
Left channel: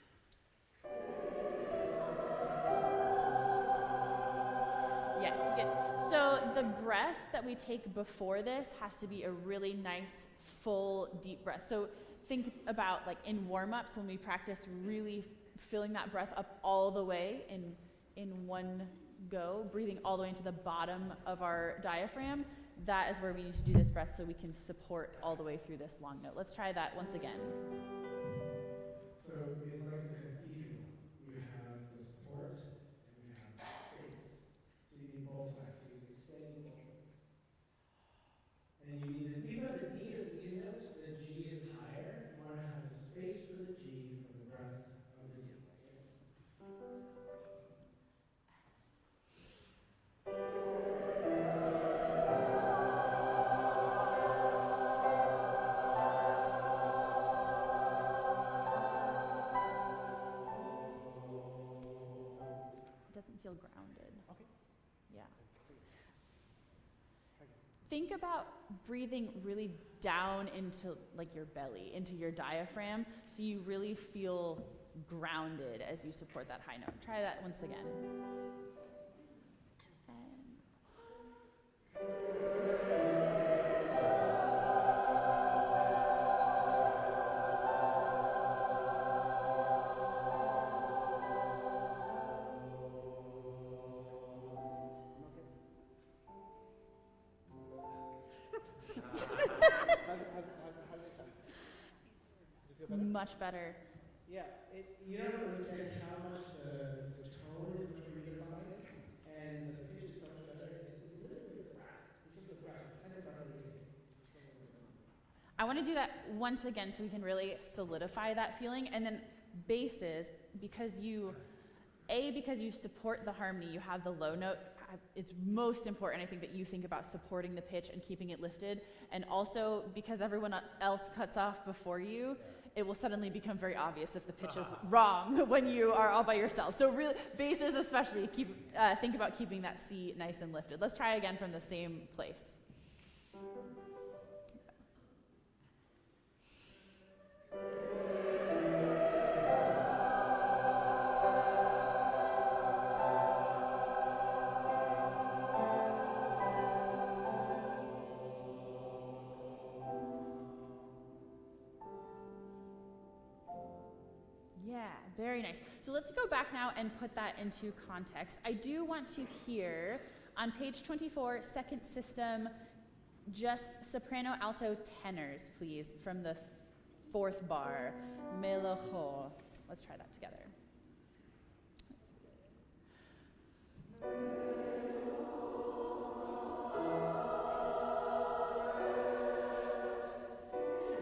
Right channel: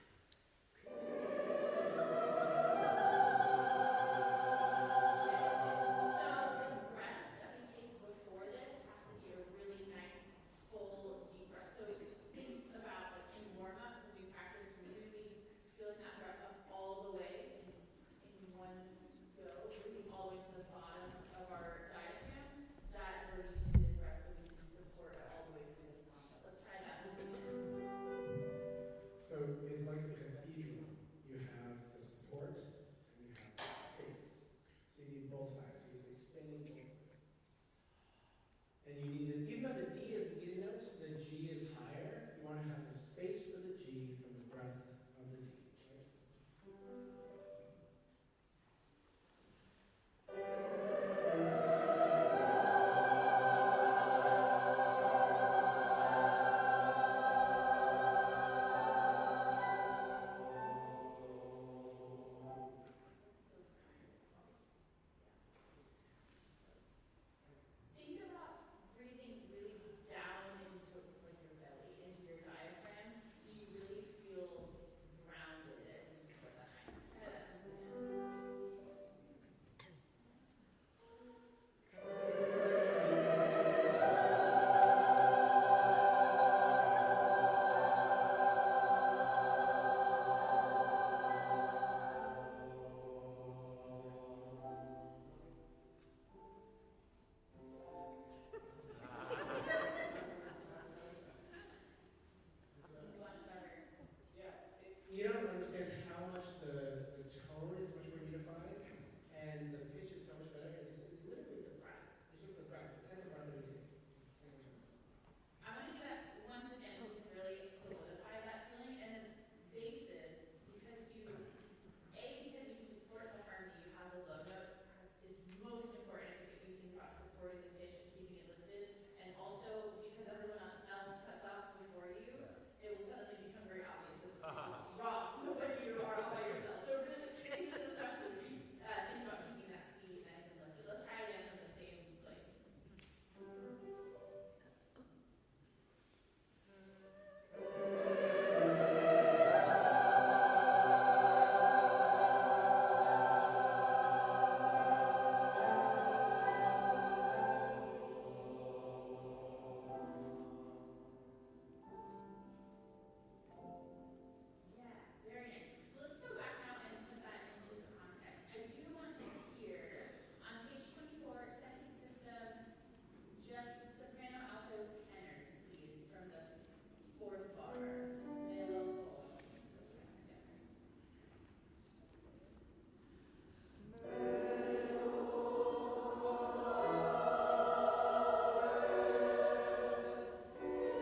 Yeah, good. So the breath that we take before this has to be a really nice, full, deep breath. So think about like in warm-ups when we practice really filling that breath up all the way in one go, breathing all the way into the bottom of our diaphragm. That is where we need to do this breath so we can support all the way through this long note. Let's try that once again. So it's like a cathedral. You have the support and you have the space. So you need both sides. So he's explaining both of this. And you need to, even though the D is an easy note, the G is higher. You want to have the space for the G from the breath of the D. Think about breathing really down into like your belly, into your diaphragm, so you really feel grounded as you support that high note. Try that once again. Much better. Yeah, you don't understand how much the tone is much more unified, and the pitch is so much better. It's literally the breath. It's just the breath. The type of breath that we take. I want to do that once again so we can really solidify that feeling. And then basses, because you support the harmony, you have the low note. It's most important, I think, that you think about supporting the pitch and keeping it lifted. And also, because everyone else cuts off before you, it will suddenly become very obvious if the pitch is wrong when you are all by yourself. So really, basses especially, think about keeping that C nice and lifted. Let's try again from the same place. Very nice. So let's go back now and put that into context. I do want to hear on page 24, second system, just soprano, alto, tenors, please, from the 4th bar. Melojo. Let's try that together.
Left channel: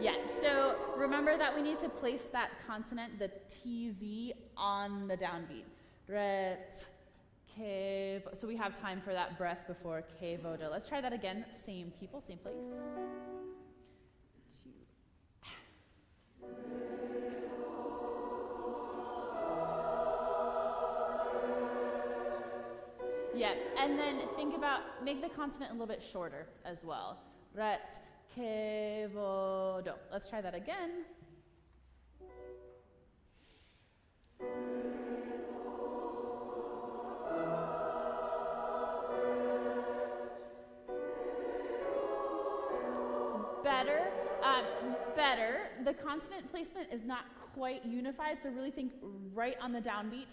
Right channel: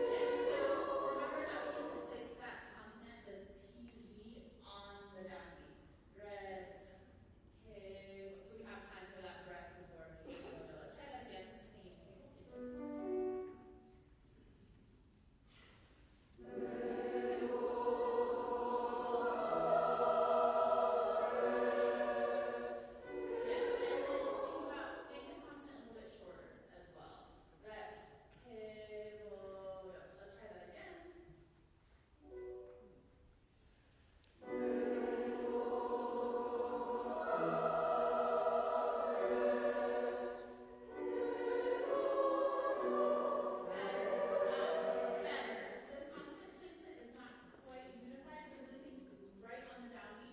Yeah, so remember that we need to place that consonant, the TZ, on the downbeat. Ret, ke, so we have time for that breath before ke vodo. Let's try that again. Same people, same place. Yeah, and then think about, make the consonant a little bit shorter as well. Ret, ke vodo. Let's try that again. Better. The consonant placement is not quite unified, so really think right on the downbeat.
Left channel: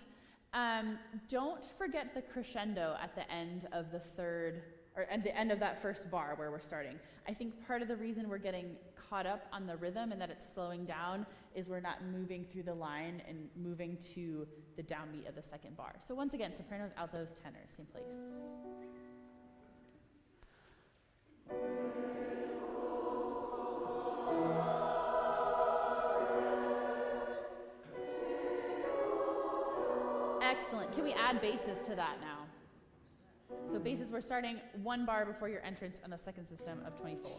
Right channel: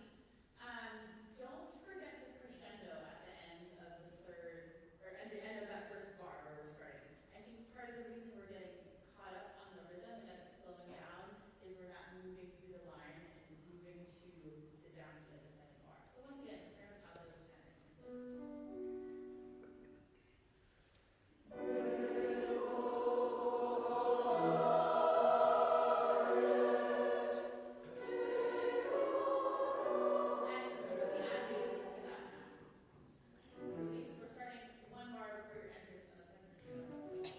Don't forget the crescendo at the end of the third, or at the end of that first bar where we're starting. I think part of the reason we're getting caught up on the rhythm and that it's slowing down is we're not moving through the line and moving to the downbeat of the second bar. So once again, sopranos, altos, tenors, same place. starting one bar before your entrance on the second system of 24.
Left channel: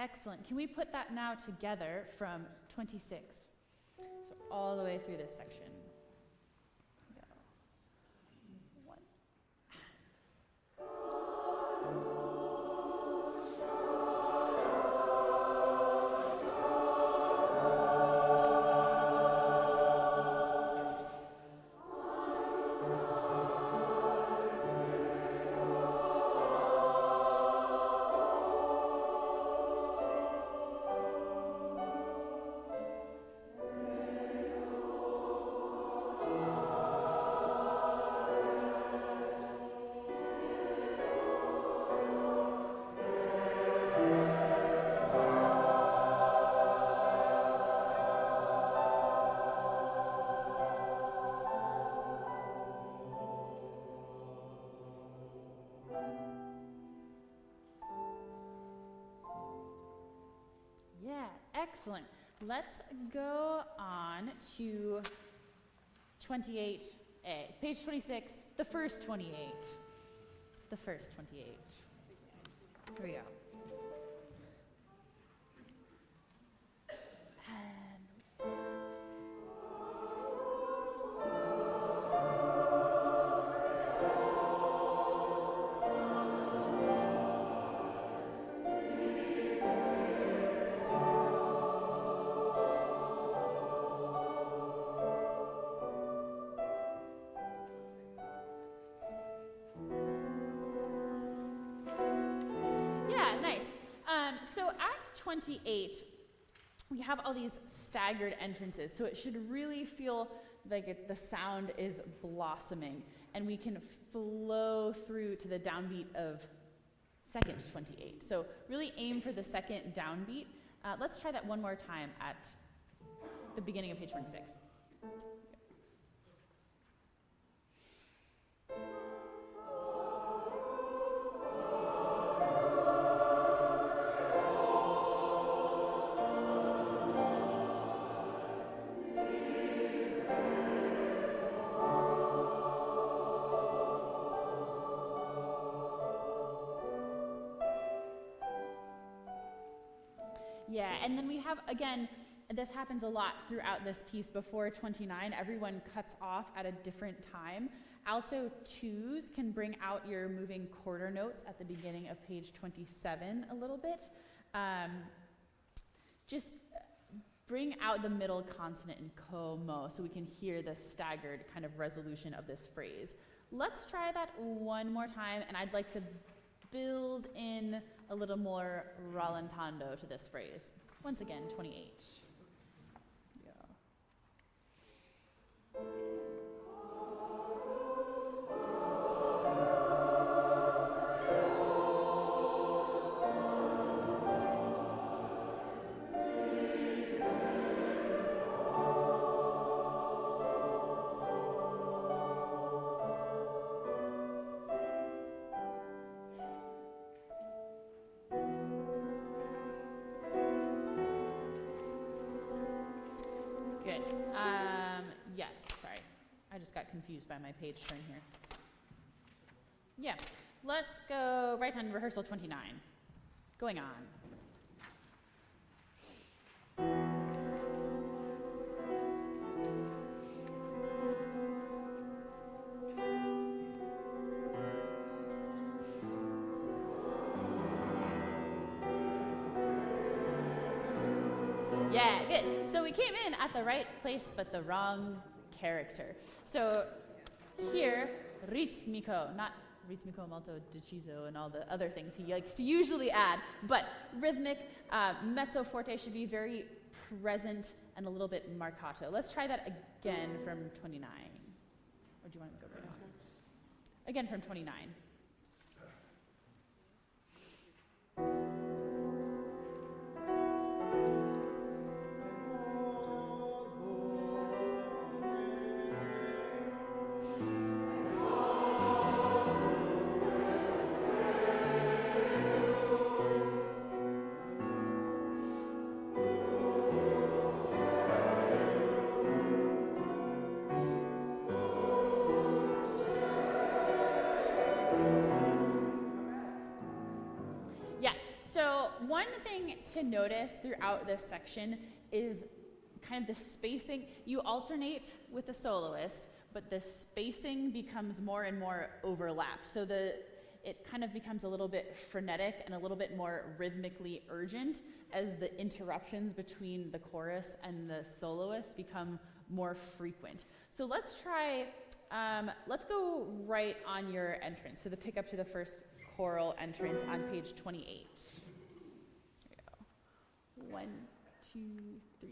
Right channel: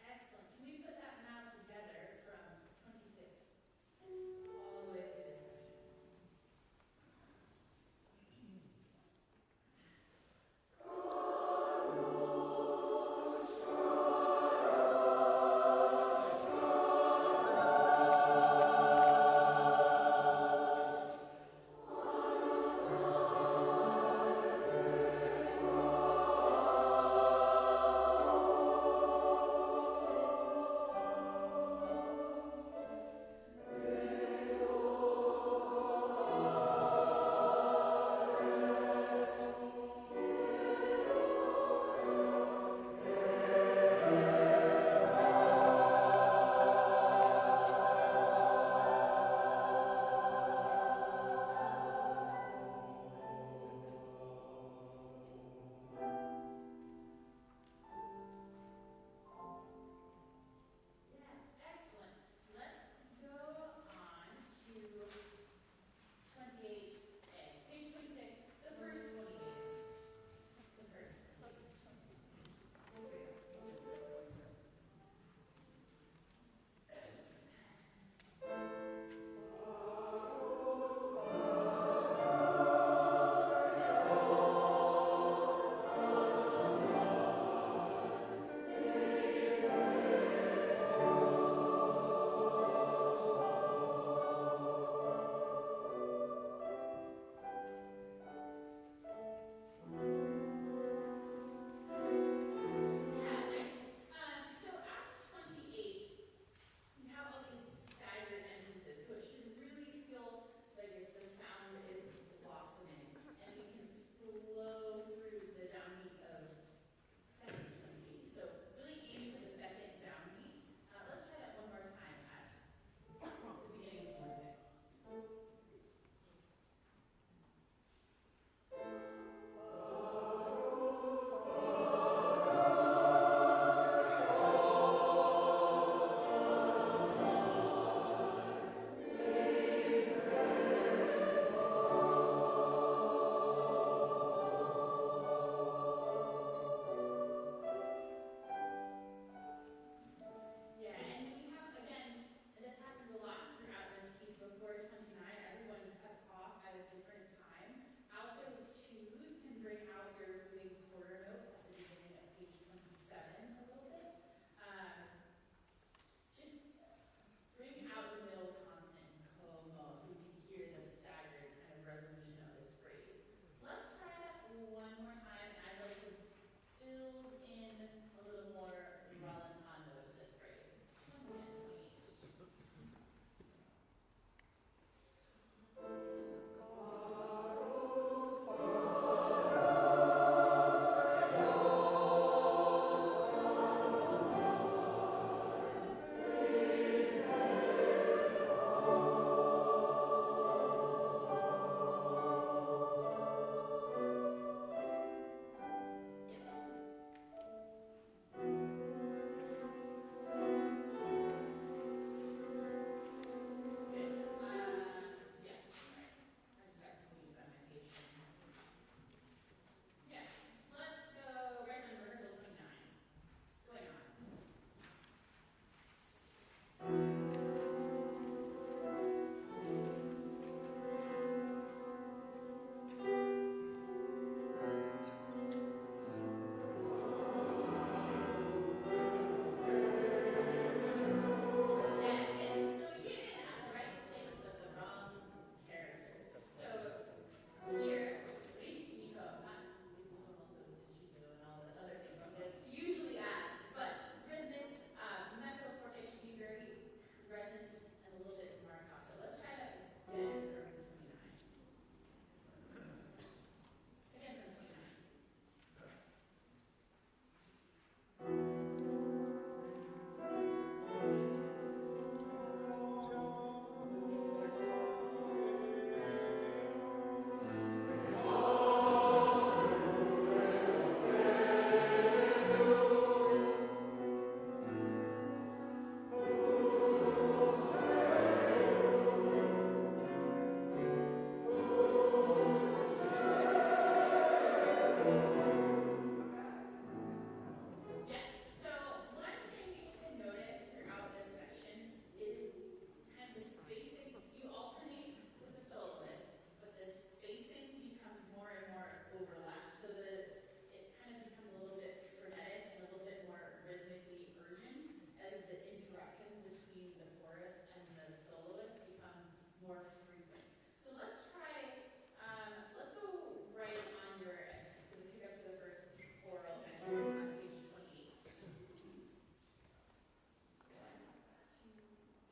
Excellent. Can we put that now together from 26? So all the way through this section. One. Excellent. Let's go on to 28A. Page 26, the first 28. The first 28. Here we go. We have all these staggered entrances, so it should really feel like the sound is blossoming, and we can flow through to the downbeat of second 28. So really aim for the second downbeat. Let's try that one more time at the beginning of page 26. Yeah, and then we have, again, this happens a lot throughout this piece. Before 29, everyone cuts off at a different time. Alto 2s can bring out your moving quarter notes at the beginning of page 27 a little bit. Just bring out the middle consonant in como so we can hear the staggered kind of resolution of this phrase. Let's try that one more time, and I'd like to build in a little more rallentando to this phrase. Once again, 28. Confused by my page turn here. Yeah, let's go right on rehearsal 29. Going on. Yeah, good. So we came in at the right place, but the wrong character. So here, ritmico, not ritmico molto deciso and all the other things he likes to usually add, but rhythmic, mezzo forte should be very present and a little bit marcato. Let's try that again from 29. Or do you want to go from 29? Again from 29. thing to notice throughout this section is kind of the spacing. You alternate with the soloist, but the spacing becomes more and more overlapped. So it kind of becomes a little bit frenetic and a little bit more rhythmically urgent as the interruptions between the chorus and the soloist become more frequent. So let's try, let's go right on your entrance. So the pickup to the first choral entrance on page 28. Here we go. 1, 2, 3.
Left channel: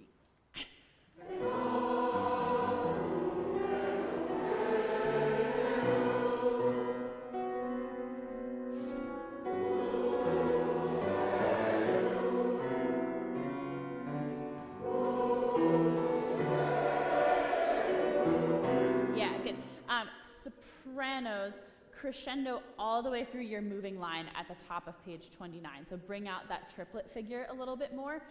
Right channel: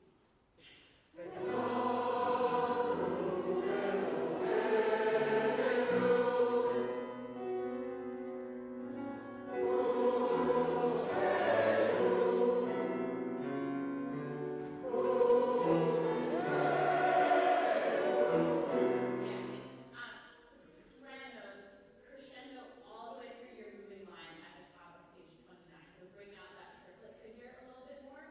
Crescendo all the way through your moving line at the top of page 29. So bring out that triplet figure a little bit more.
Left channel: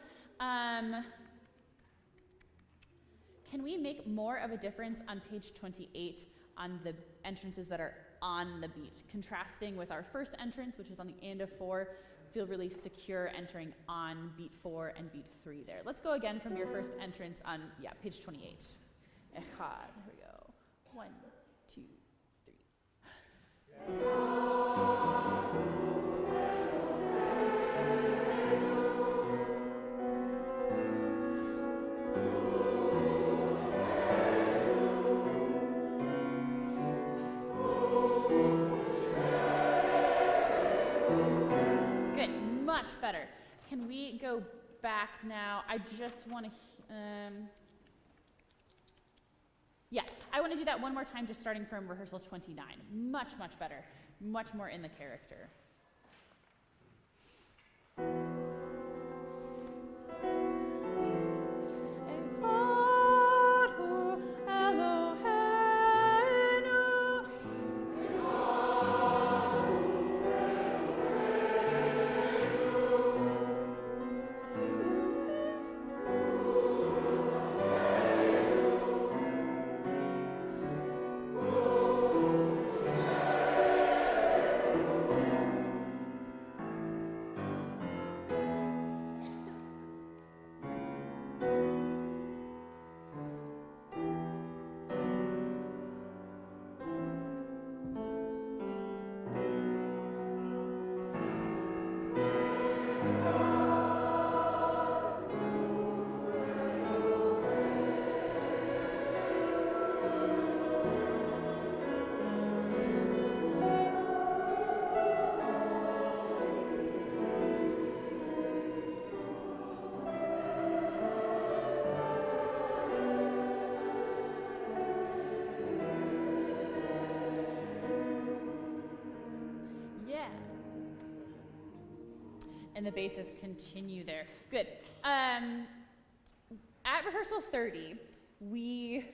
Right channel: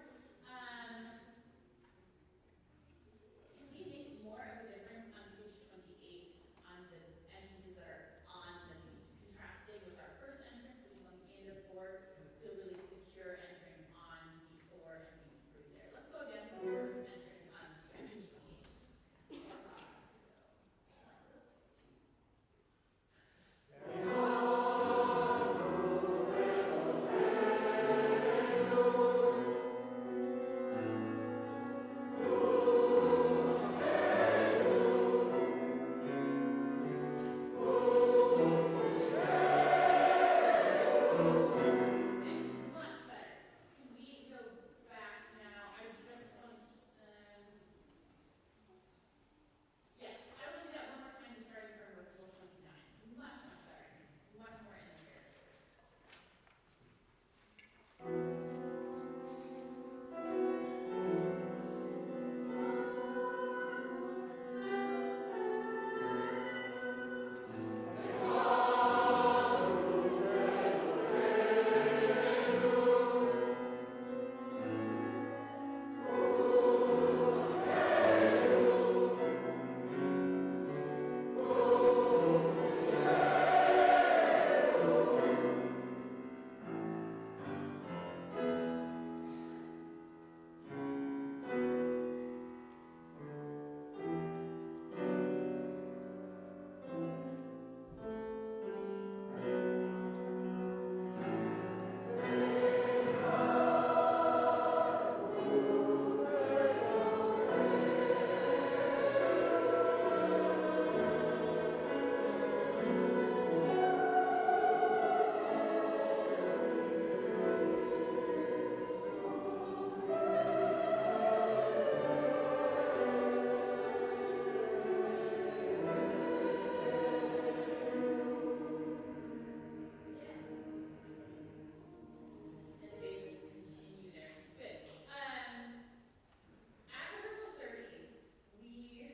Can we make more of a difference on page 28 on the entrances that are on the beat? Contrasting with our first entrance, which is on the and of 4, feel really secure entering on beat 4 and beat 3 there. Let's go again from your first entrance on, page 28. Here we go. 1, 2, 3. Back now. I just want to, I want to do that one more time, just starting from rehearsal 29. Much, much better. Much more in the character. And the basses continue there. Good. At rehearsal 30, we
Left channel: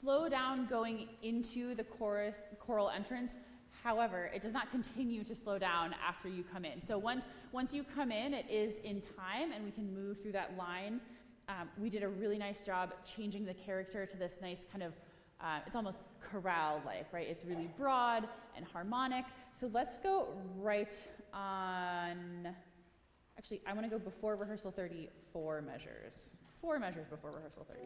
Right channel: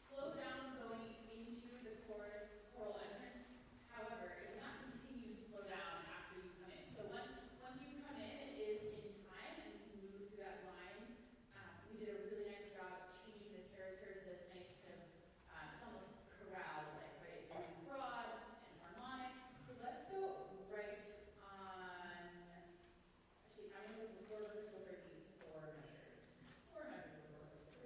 slow down going into the choral entrance. However, it does not continue to slow down after you come in. So once you come in, it is in time, and we can move through that line. We did a really nice job changing the character to this nice kind of, it's almost chorale-like, right? It's really broad and harmonic. So let's go right on. Actually, I want to go before rehearsal 30, 4 measures. 4 measures before rehearsal 30.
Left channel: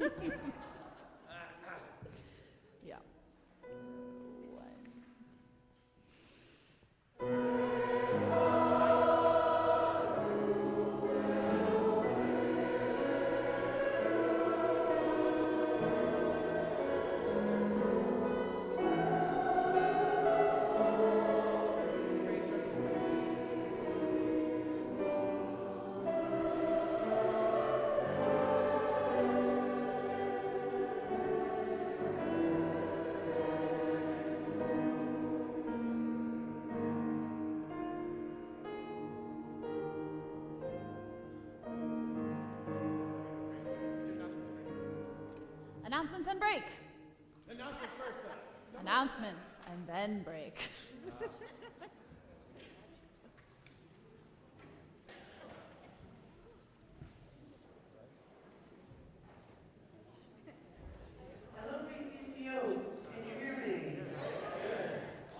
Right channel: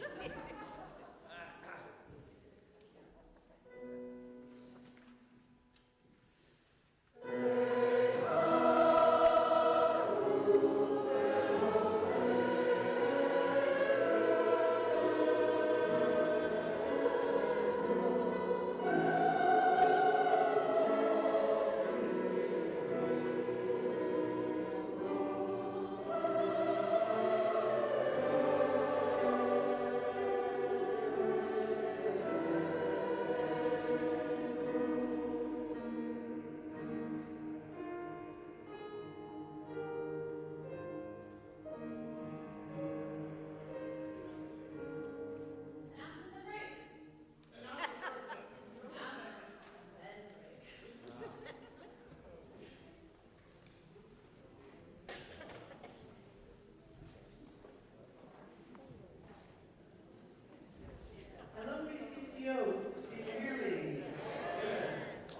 Yeah. Announcements and break. Announcements and then break. Hello, BCCO. Can you hear me? Good.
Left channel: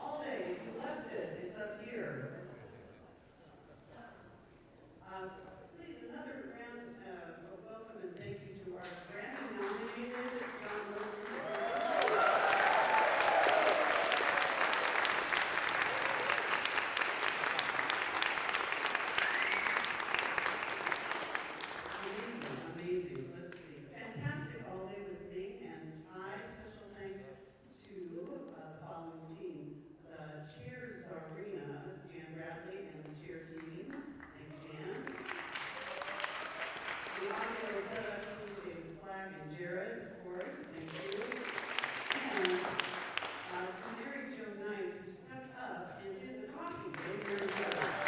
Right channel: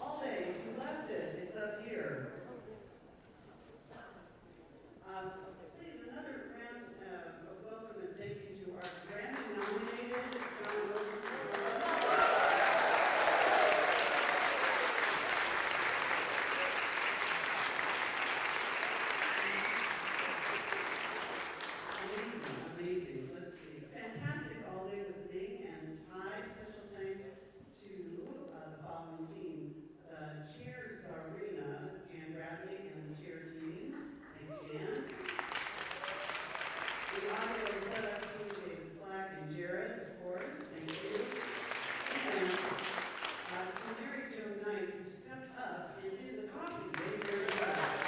All day. If you left it, it's up here. Please, another round of welcome and thank you to our Grammy-nominated John Wilson. Amazing, amazing. Let's see. Fantastic all day with Ming and Ty. Special thanks to the following team. The chair Zarina, Jan Bradley, and the chair team. Thank you, Jan. The audio setup team, David Flack and Jared, of course. Thank you. And to Mary Jo Knight, who stepped up and did the coffee. Thank you very much.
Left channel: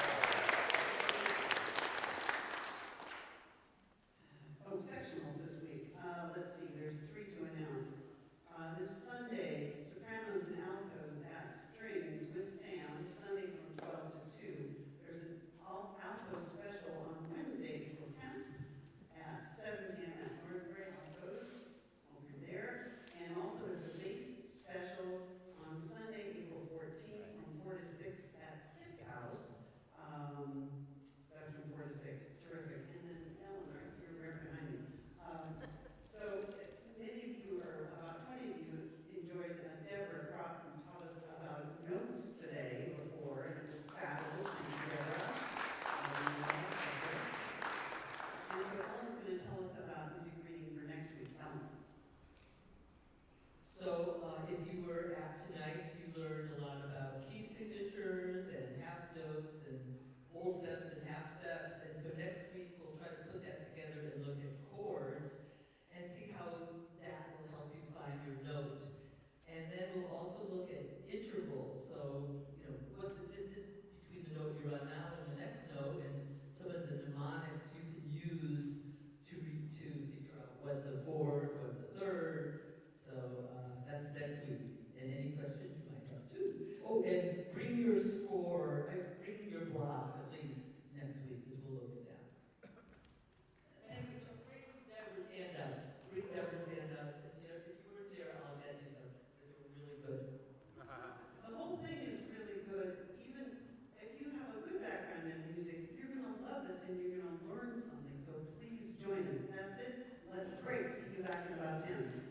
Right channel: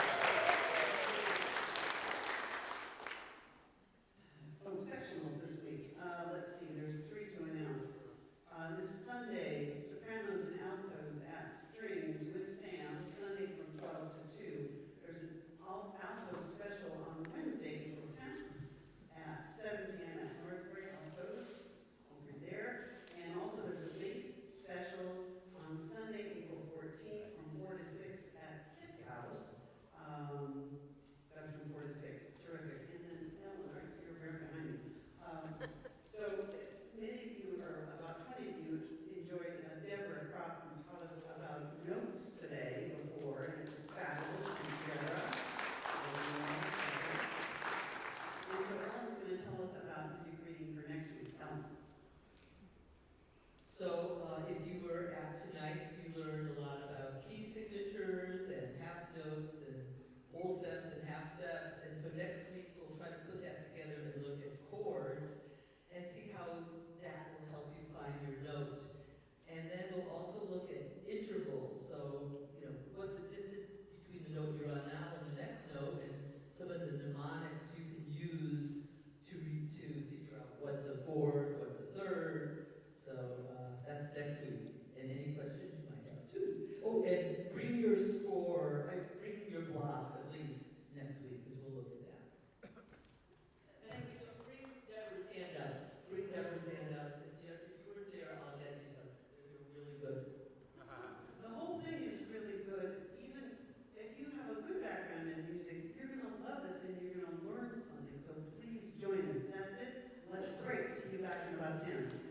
Oh, sectionals this week. Let's see, there's 3 to announce. This Sunday, sopranos and altos at Strings with Sam, Sunday from 12 to 2. There's an alto special on Wednesday, April 10th at 7 p.m. at Northbury Altos, over there. And also there's a bass special on Sunday, April 14th from 4 to 6 at Kit's House. That's from 4 to 6. Terrific. And then Eleanor, you're right behind me. So many of you, or about 20 of you, enjoyed Deborah Kropp, who taught us about notes today before, and it was fabulous. Thank you, Deborah. And so Ellen's going to tell us about music reading for next week. Ellen. So if you were at tonight's, you learned a lot about key signatures and half notes and whole steps and half steps. And so next week we'll try to put that together and look at chords and see how that will help you find your note. And then we'll also look at intervals. So, what's the distance between the note you're on now and the next note, and some of the mnemonics you can use to figure out what's a fourth, what's a third. So that's next week. And any questions you might have too. Oh, and bring your score, bring your block at least next week, because we'll look at that. Thank you. So bring Deborah's handouts. Bring Deborah's handouts. If you weren't there, I'll get you some, because they were really good. The whole thing is really good. Even if you have a good background in music, you're going to love this and you're going to learn something. So please join us. That's it. Let's break. See you back in about 10.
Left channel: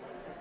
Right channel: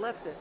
left it.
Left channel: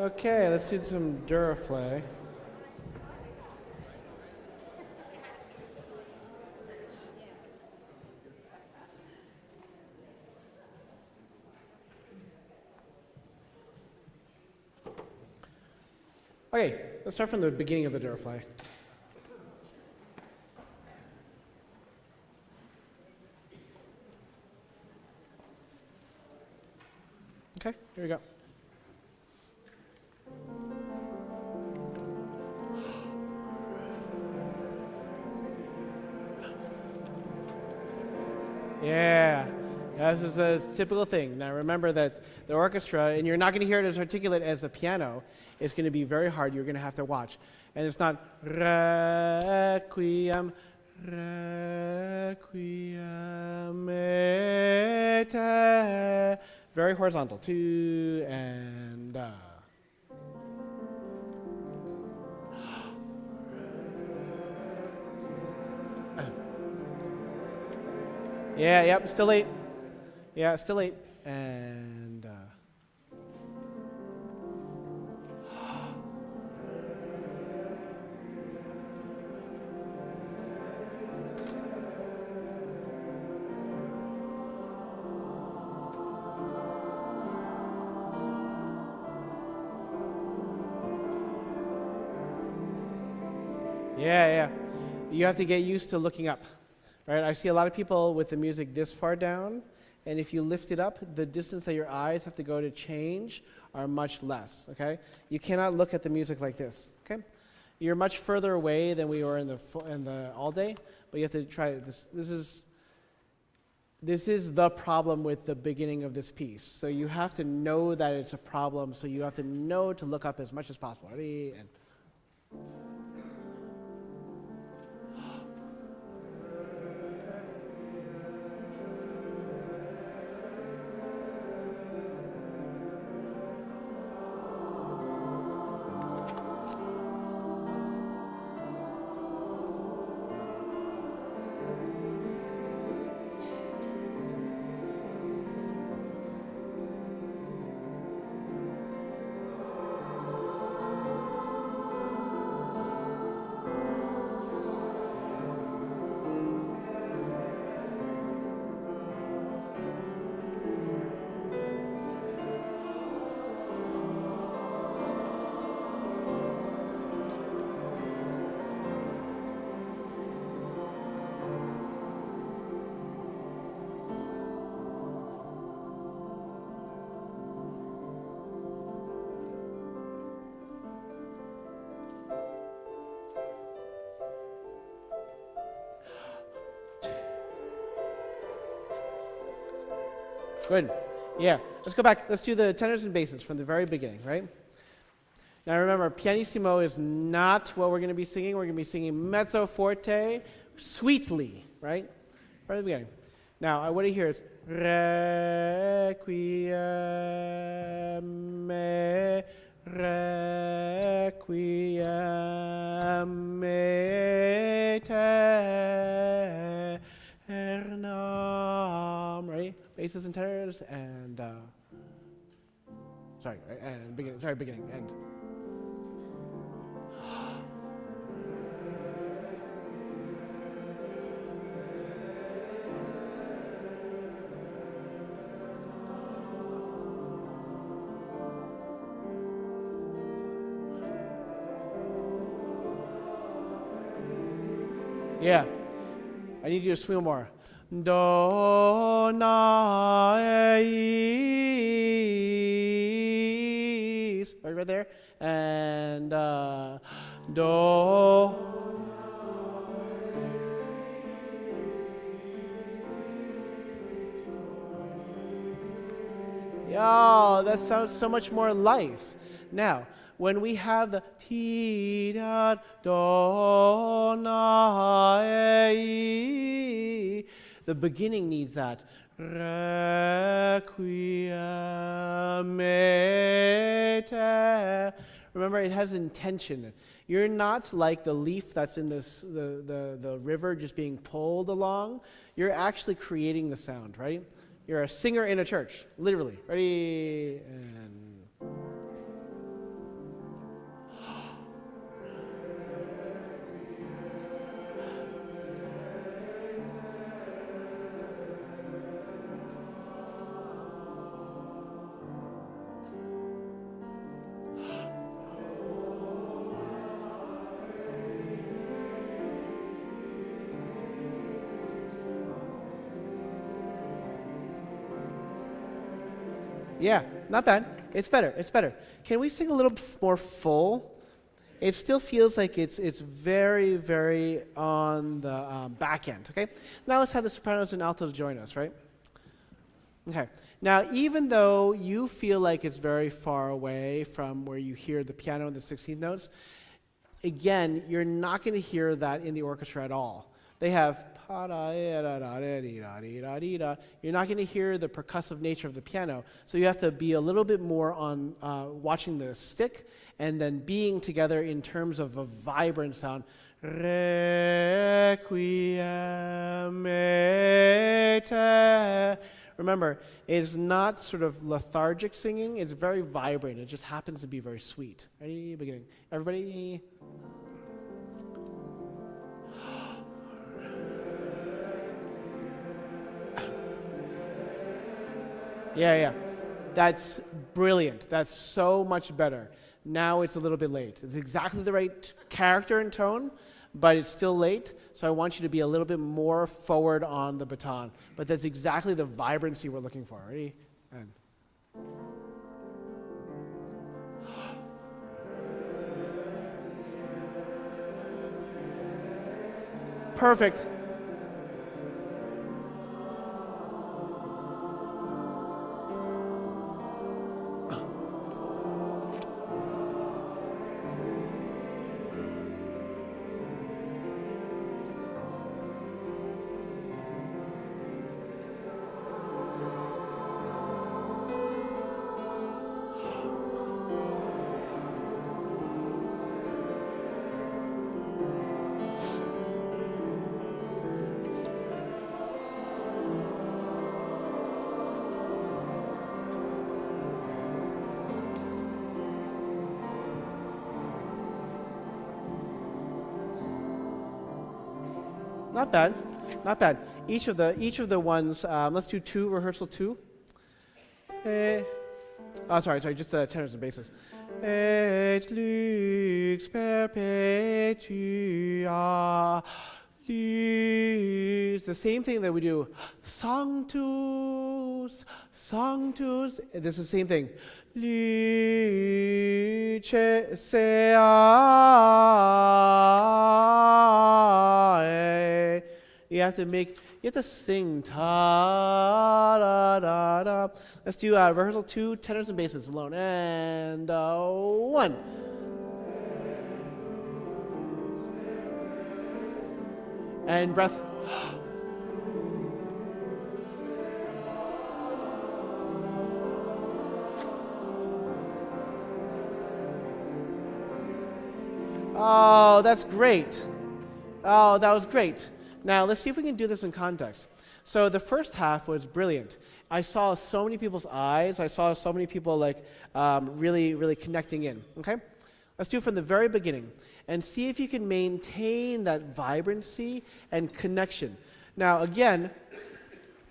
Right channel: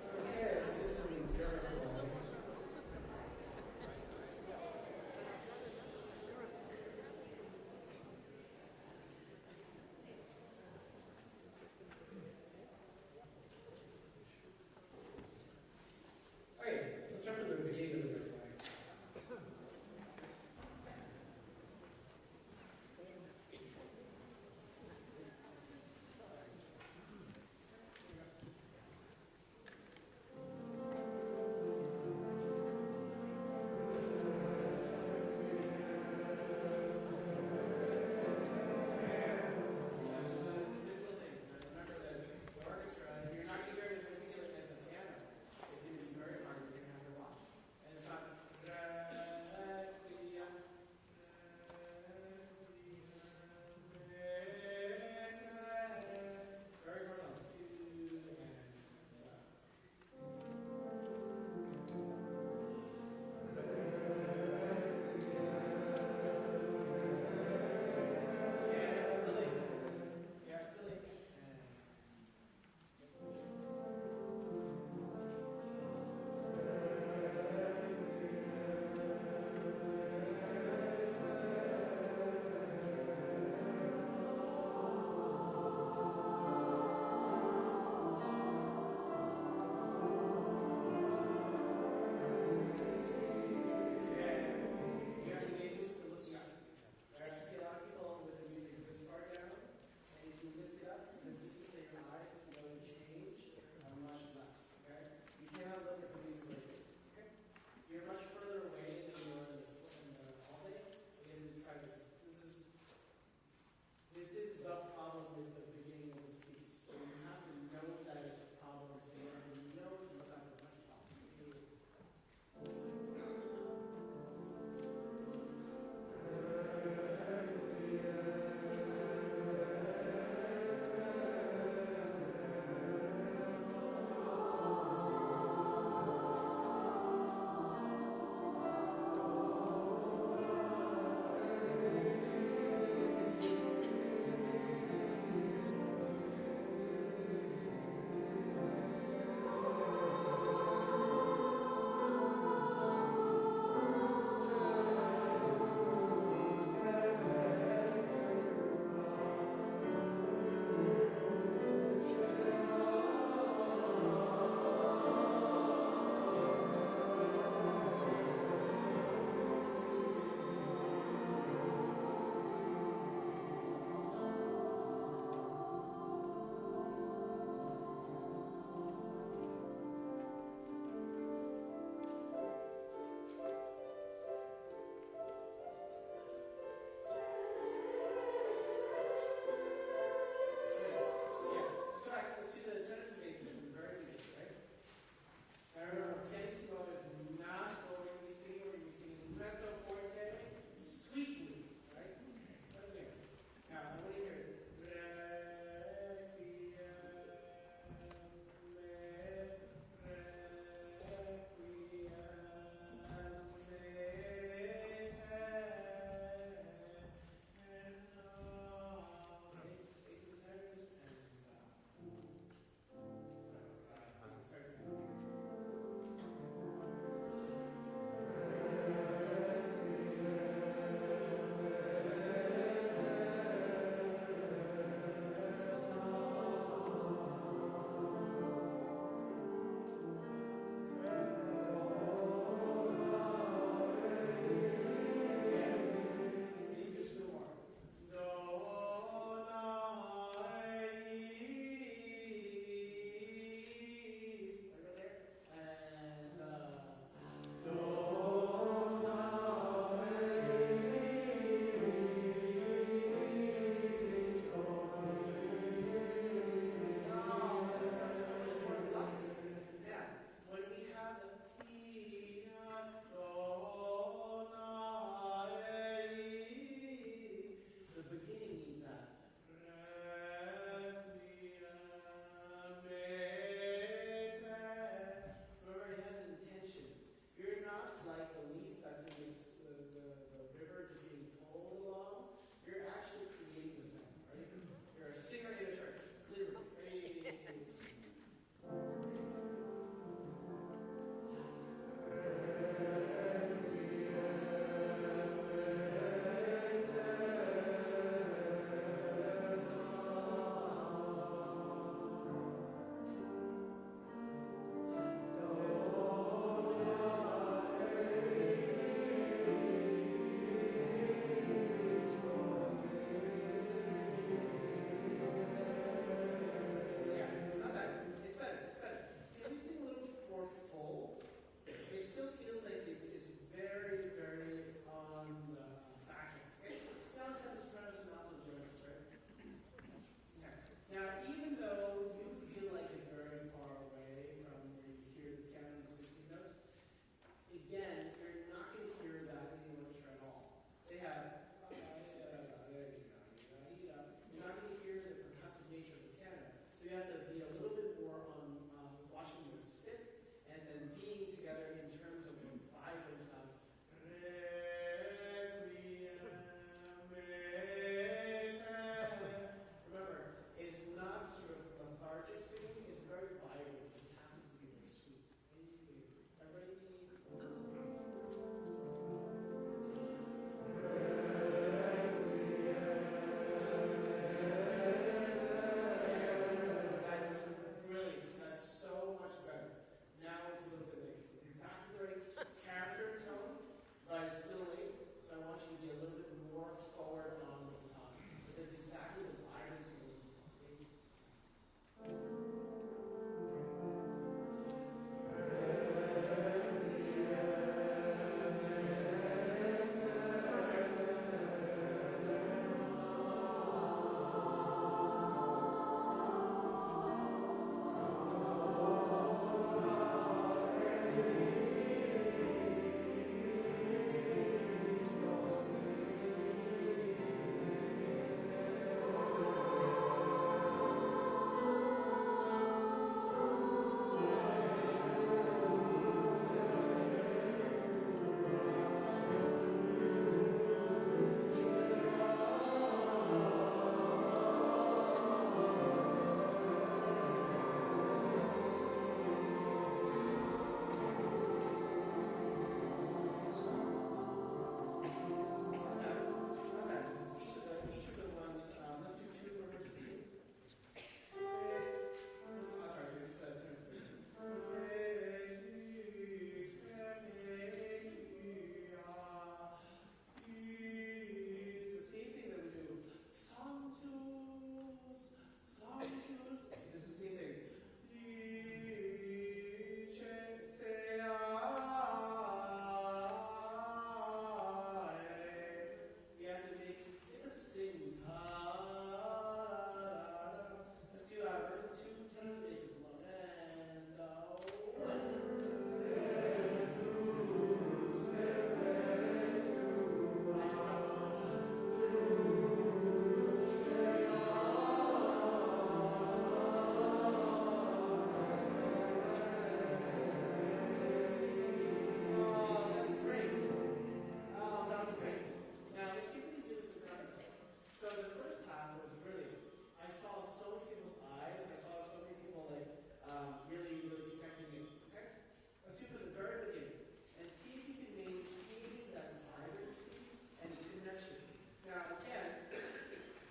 Okay, let's do some Duraflay. Okay, let's start from the beginning of the Duraflay. Okay, here we go. Yeah, this is a typical thing. Now remember that the orchestra, and you're not going to hear it as articulate as the piano, it's going to be very hard. You're going to have to watch. And it's not requiem, requiem, et. Very horizontal. 2 and. Yeah, yep, still 8. Yeah, still 8. And. Yeah. You have to get used to looking up. Right? I see a lot of people with the music this far down, and if you lift it up, the distance that your eyes have to go to change are much less, okay? You cannot look at the music like this, okay? You're much further away than we were in the all day, but you have to try this. This is the problem with the beginning of this piece. So you have to know that it's a problem, so you have to know to look up as much as possible. Ready? And good. Yeah. Let's go back. Let's do the tenors and basses from the very beginning, right? Now remember, pianissimo is not what we're going to be singing. We're going to be singing mezzo forte sweetly, right? From the beginning. Now, what I hear is requiem, requiem aeternam, right? Basses and tenors and beginning end. Yeah, I need you to swing more. Do na eis, right there, and do. Yeah, that sounds so much more life. Now, when we have the ti da do na e, the beginning needs that. Requiem aeternam. Remember, it has intention. You're not like the leaf that's in this the river just being pulled along. You're actually creating the sound, right? You're a singer in a church, literally. Ready? And Yeah, not bad. It's better. It's better. Can we sing a little more full? It still feels like it's very, very on the back end, okay? Now let's have the sopranos and altos join us, right? Okay. Now, even though you feel like it's very far away from where you hear the piano and the 16th notes, again, you're not going to hear that in the orchestra at all. They have you're not going to hear the percussive nature of the piano, so you have to be a little bit more on watching the stick and then being together in terms of a vibrant sound. Requiem aeter. Remember, it's not sort of lethargic singing, it's very vibrant. It just happens to be very sweet. Ready? Beginning. Everybody? Yeah. That's brilliant. That's so much better. Now it's a little bit late. It's exactly the right character and tone, but it's still late, so I want you to be a little bit more forward on the baton. But that's exactly the vibrancy we're looking for. Ready? And perfect. Not bad, not bad. Each of the ones. Let's do two. Rehearsal 2. Sorry, just the tenors and basses. Et lux perpetua lux. The same thing that we do. Sanctus, sanctus. This is the same thing. Luce sea. You have to sing ta da da da. Let's do rehearsal 2, tenors and basses alone. And 1. And breath. Oh, that's great. Oh, that was great. Now, let's see if we can do this in context. So the first half was brilliant. I saw so many people's eyes. I saw so many people really, really connecting in, okay? Let's do it from the very beginning and see if you can maintain that vibrancy and connection. Now, again,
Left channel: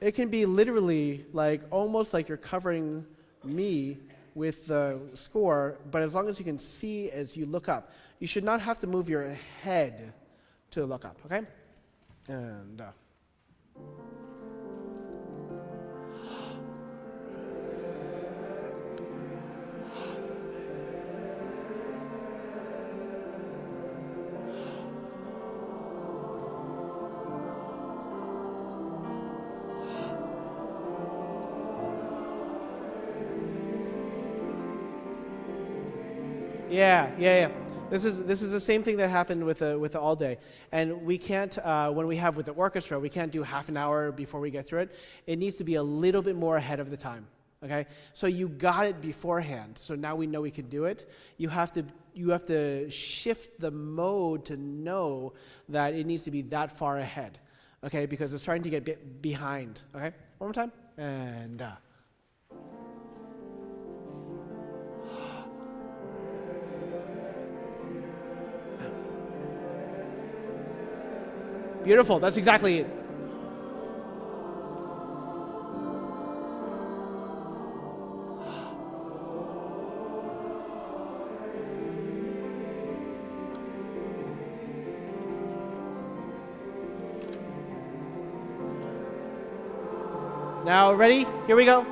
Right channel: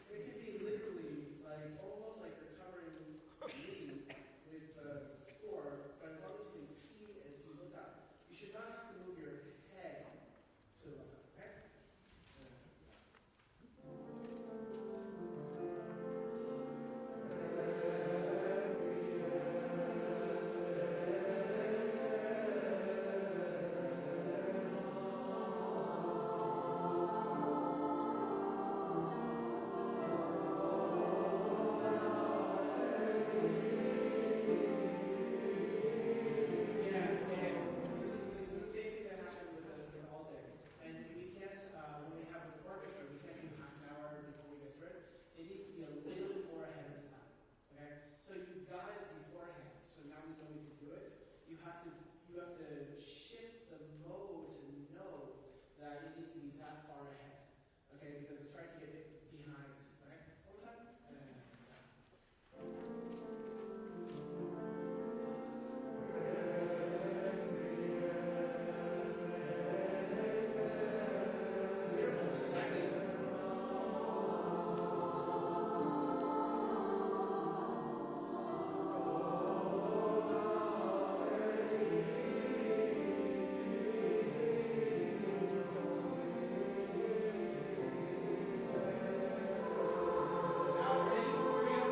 it can be literally almost like you're covering me with the score, but as long as you can see as you look up. You should not have to move your head to look up, okay? And yeah. This is the same thing that happened with the all day, and we can't when we have with the orchestra, we can't do half an hour before we get through it. It needs to be a little bit more ahead of the time. Okay, so you got it beforehand, so now we know we can do it. You have to shift the mode to know that it needs to be that far ahead. Okay, because it's starting to get behind. Okay, one more time, and. Beautiful, that's exactly it. Now, ready? Here we go.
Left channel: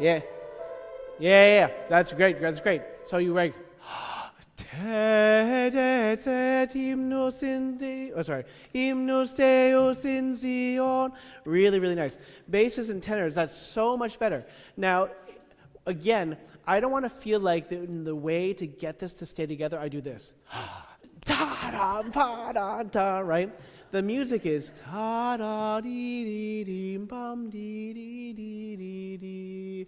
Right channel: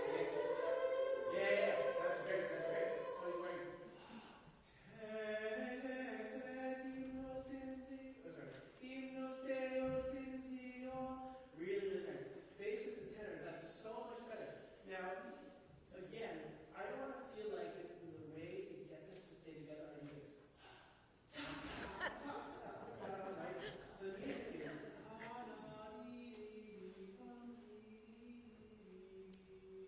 Yeah. Yeah. That's great. That's great. So you like, hymnos in the, oh sorry, hymnos Deus in Zion. Really, really nice. Basses and tenors, that's so much better. Now, again, I don't want to feel like the way to get this to stay together, I do this. Ta-da, right? The music is ta-da-dee-dee-dee-bum-dee-dee-dee-dee-dee.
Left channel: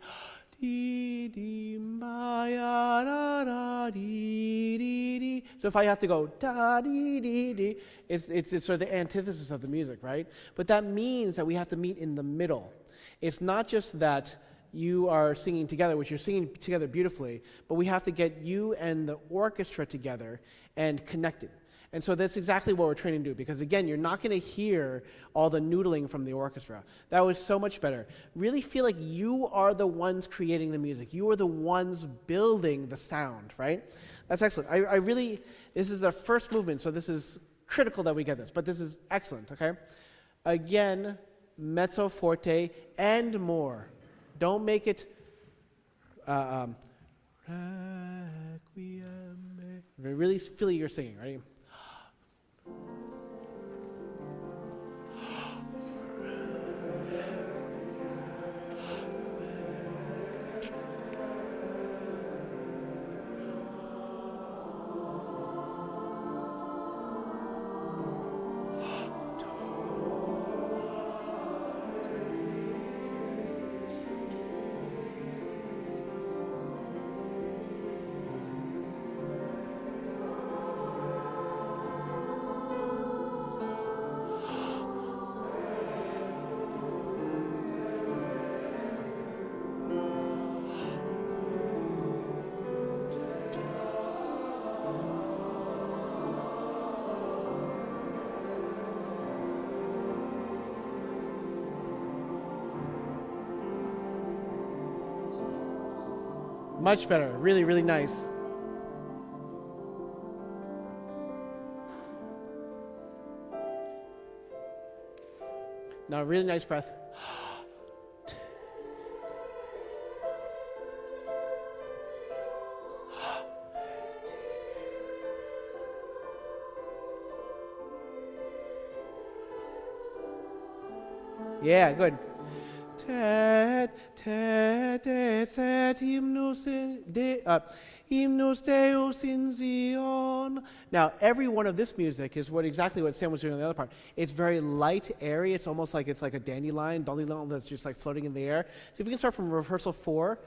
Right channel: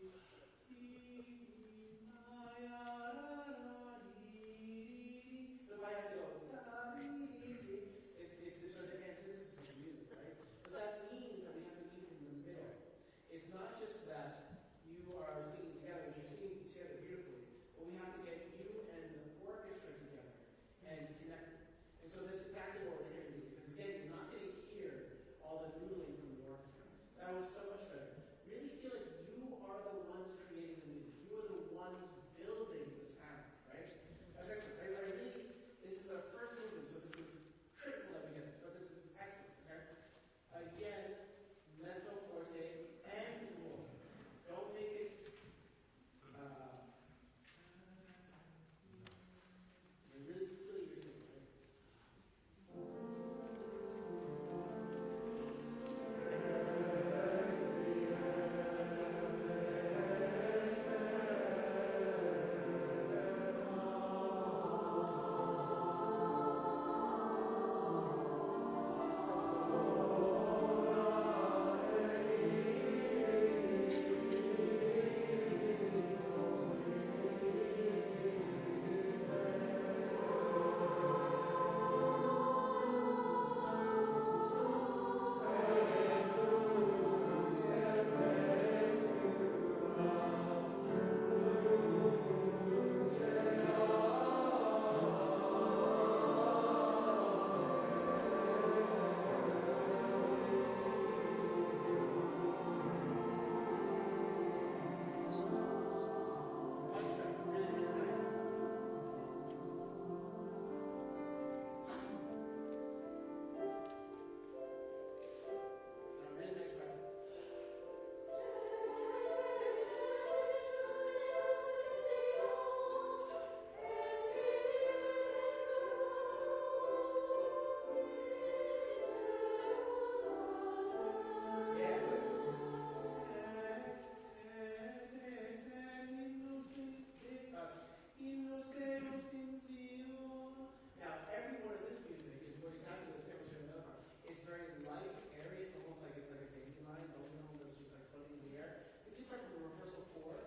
So if I have to go da dee dee dee, it's sort of the antithesis of the music, right? But that means that we have to meet in the middle. It's not just that you are singing together, which you're singing together beautifully, but we have to get you and the orchestra together and connected. And so that's exactly what we're training to do, because again, you're not going to hear all the noodling from the orchestra. That was so much better. Really feel like you are the ones creating the music. You are the ones building the sound, right? That's excellent. I really, this is the first movement, so this is critical that we get this, but this is excellent, okay? Again, mezzo forte and more. Don't make it really feel you're singing, right? Much better. Really, really nice. Now, really nice breath. Yeah, good. Hymnos Deus in Zion. Now, every one of this music is exactly what Sam was doing on the other part. It's very light, airy. It's almost like it's like a dandelion that's just like floating in the air. So if we can start from rehearsal 4,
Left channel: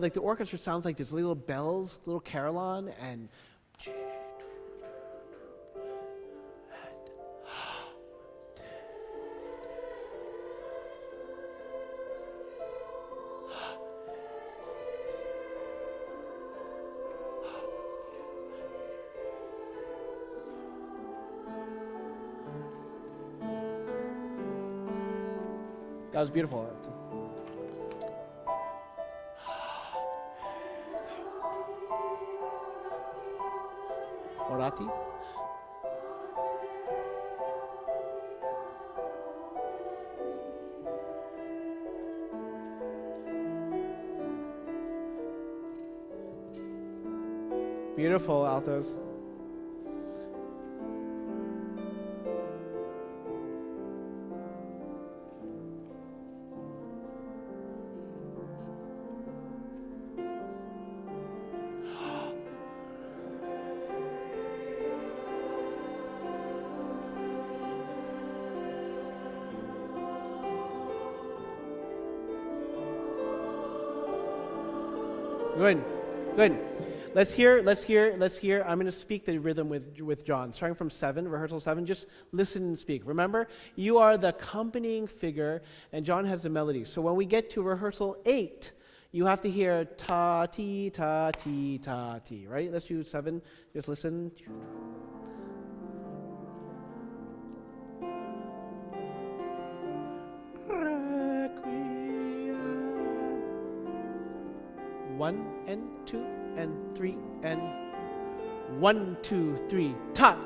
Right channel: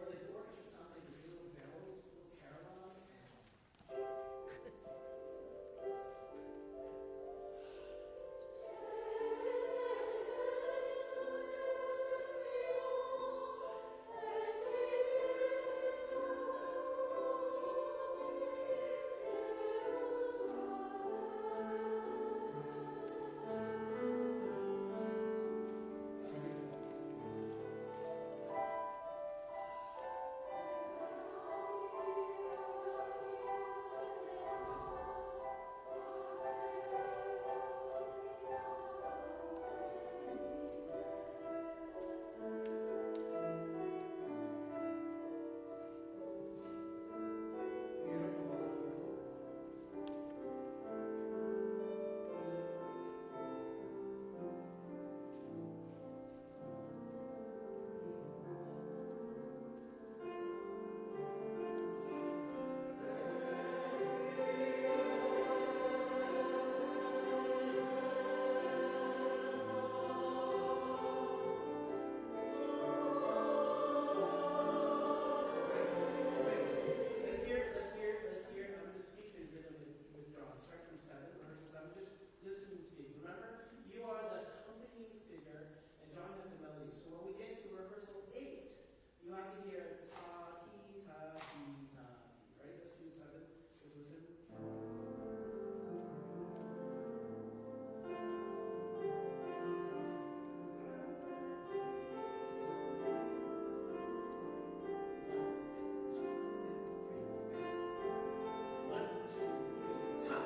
like the orchestra sounds like these little bells, little carillon, and that was beautiful. Orati. Beautiful altos. Good, good. Let's hear. I'm going to speak the rhythm with John, starting from 7, rehearsal 7. Just listen and speak. Remember, you are the accompanying figure, and John has the melody. So when we get to rehearsal 8, you have to hear ta, ti, ta, ti, ta, ti, right? Let's do 7. Just listen. One and 2 and 3 and 1, 2, 3. Ta,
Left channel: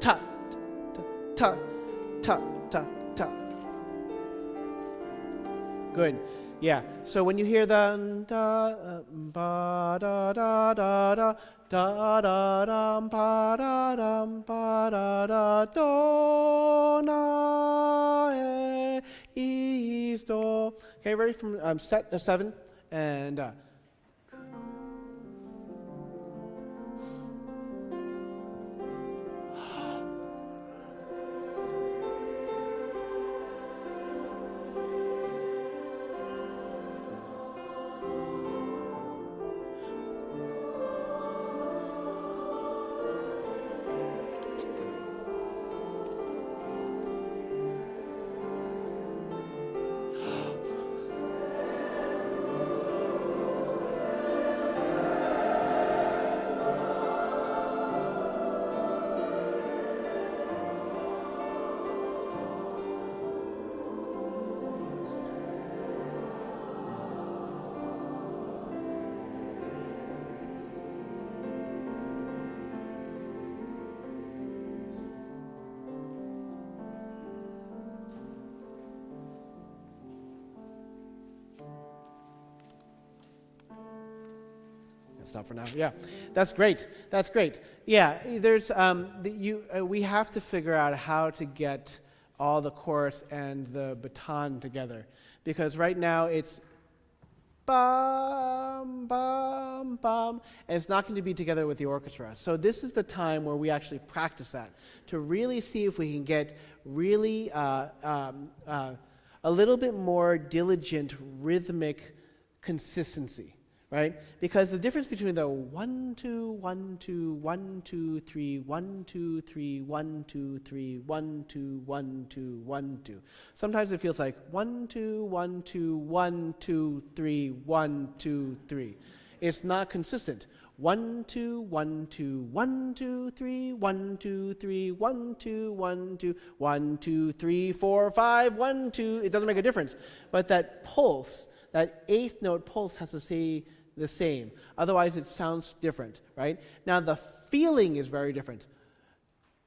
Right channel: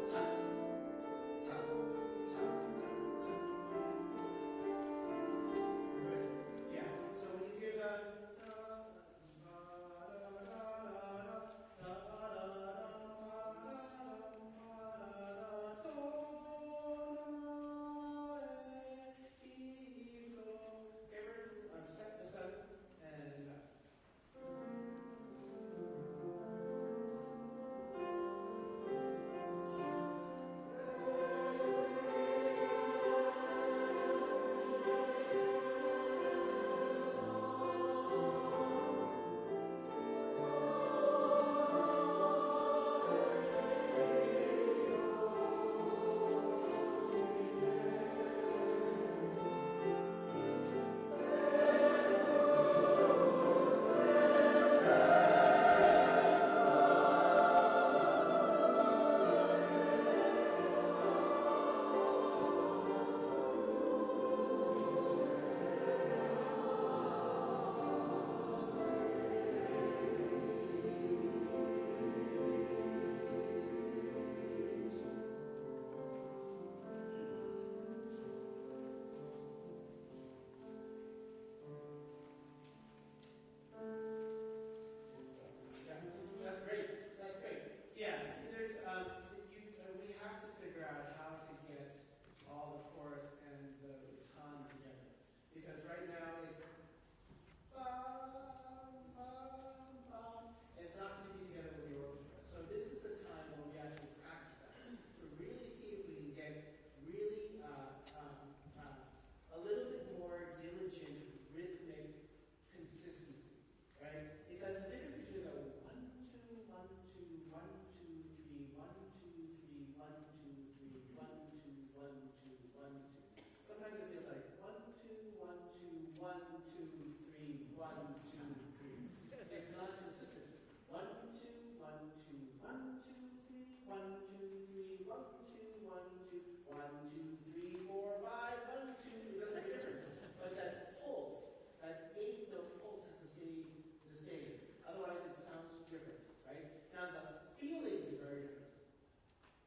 ta, ta, ta, ta, ta, ta. Good. Yeah. So when you hear the da ba da da da da da da dum ba da dum ba da da do na is do. Okay, ready from set 7 and. Stop for now. Yeah, that's great. That's great. Yeah, there's we have to figure out how to get all the chorus and the baton together, because right now it's bum bum bum, and it's not going to be together with the orchestra. So this is the time where we actually practice that to really see if we can get really a little bit more diligent rhythmic consistency. Right? Because the difference between the 1 2 1 2 1 2 3 1 2 3 1 2 3 1 2 1 2 1 2. Sometimes it feels like 1 2 1 2 1 2 3 1 2 3. It's not consistent. 1 2 1 2 1 2 3 1 2 3 1 2 1 2 1 2 3 4 5 1 2. It doesn't make a difference. But that pulse, that eighth note pulse, has to stay the same. Otherwise, it sounds different, right? Now, the feeling is very different.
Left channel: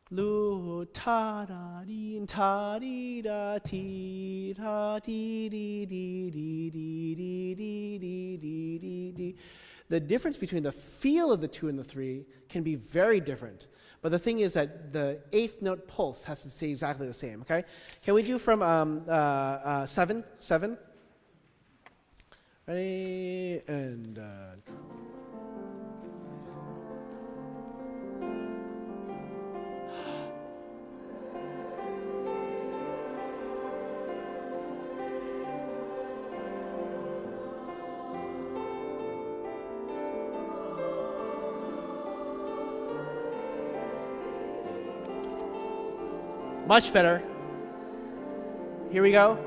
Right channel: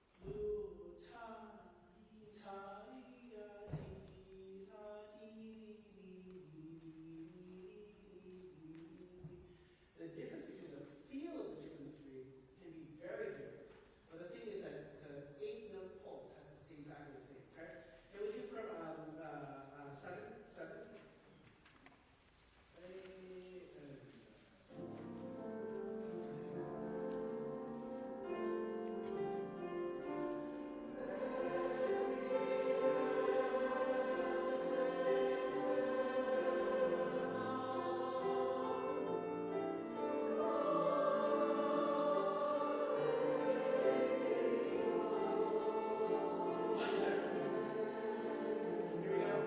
Lu ta da dee ta dee da ti ta dee dee dee dee dee dee dee dee dee dee dee. The difference between the feel of the 2 and the 3 can be very different. But the thing is that the eighth note pulse has to stay exactly the same, okay? Can we do from 7? 7? Ready? And much better. Here we go.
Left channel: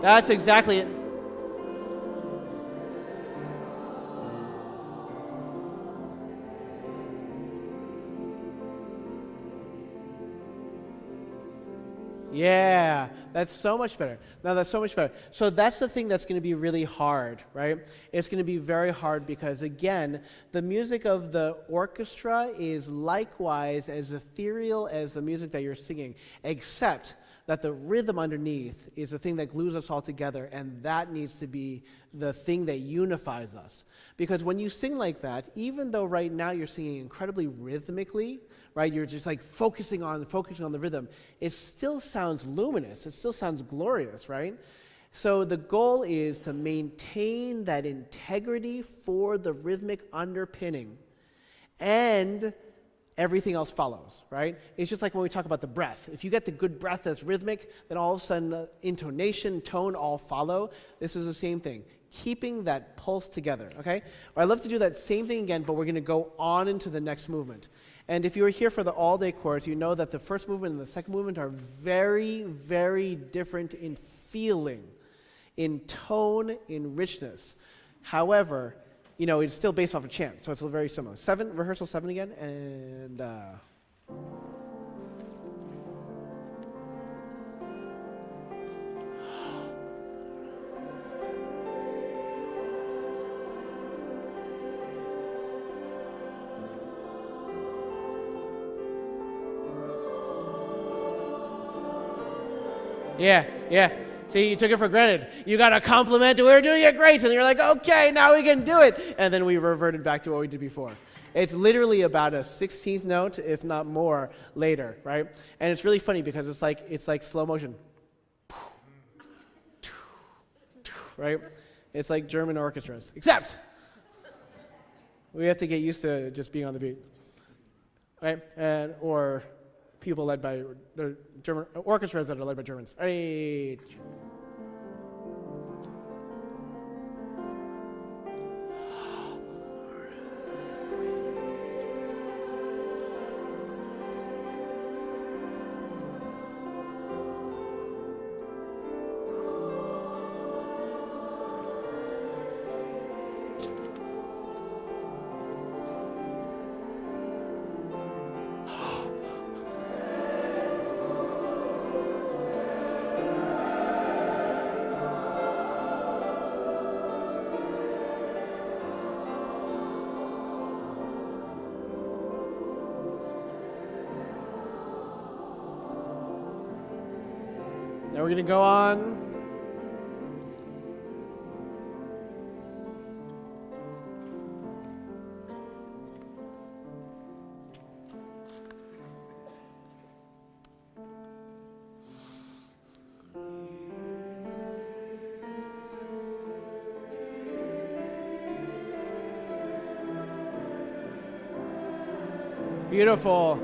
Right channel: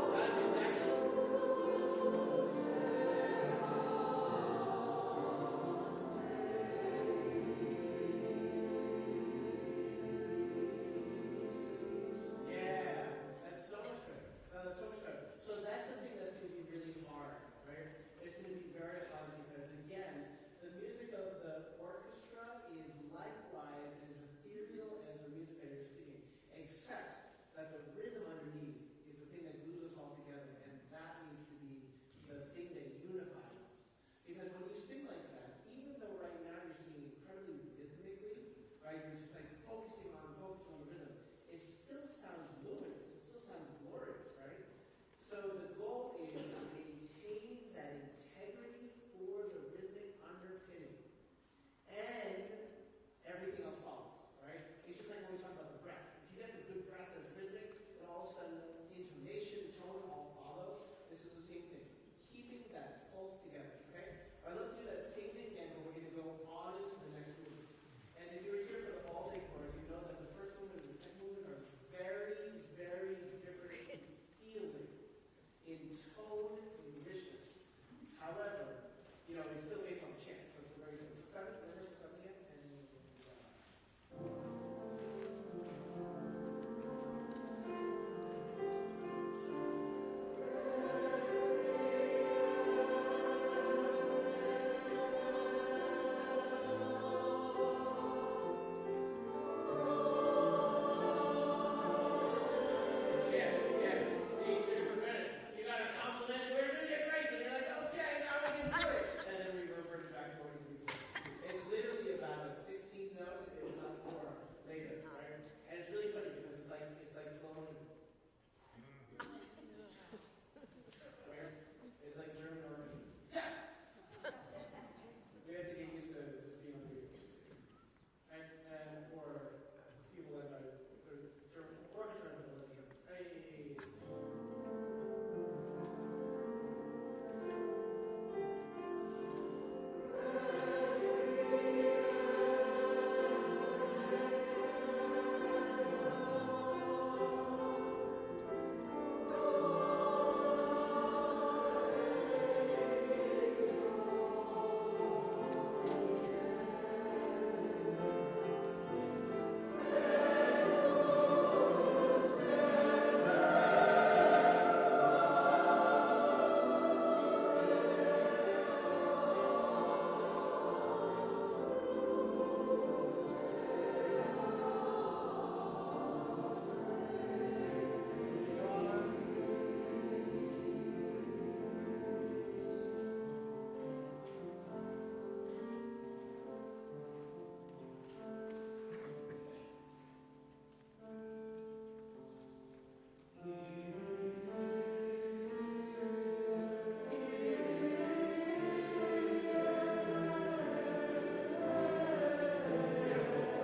That's exactly it. Yeah, that's so much better. No, that's so much better. So that's the thing that's going to be really hard, right? It's going to be very hard because, again, the music of the orchestra is likewise as ethereal as the music that you're singing, except that the rhythm underneath is the thing that glues us all together, and that needs to be the thing that unifies us. Because when you sing like that, even though right now you're singing incredibly rhythmically, right, you're just like focusing on the rhythm, it still sounds luminous, it still sounds glorious, right? So the goal is to maintain that integrity for the rhythmic underpinning, and everything else follows, right? It's just like when we talk about the breath. If you get the good breath that's rhythmic, then all of a sudden intonation, tone all follow. This is the same thing. Keeping that pulse together, okay? Well, I'd love to do that same thing again, but we're going to go on into the next movement. And if you were here for the all-day course, you know that the first movement and the second movement are very, very different in feeling, in tone, in richness. However, you know, it's still based off a chant, so it's very similar. 7, rehearsal 7 again, and Yeah, yeah. See, you took it for granted. You got a compliment, we were doing it great, and you're like, okay, now we can do it. And then we reverted back to what we did before. It's literally about a 16th note, if not more, later, right? And it's really funny because it's like slow motion. Right? It's like German orchestras, except we have to get used to just being on the beat, right? Or people led by German orchestras that are led by Germans. Right. Now we're going to go on. Beautiful.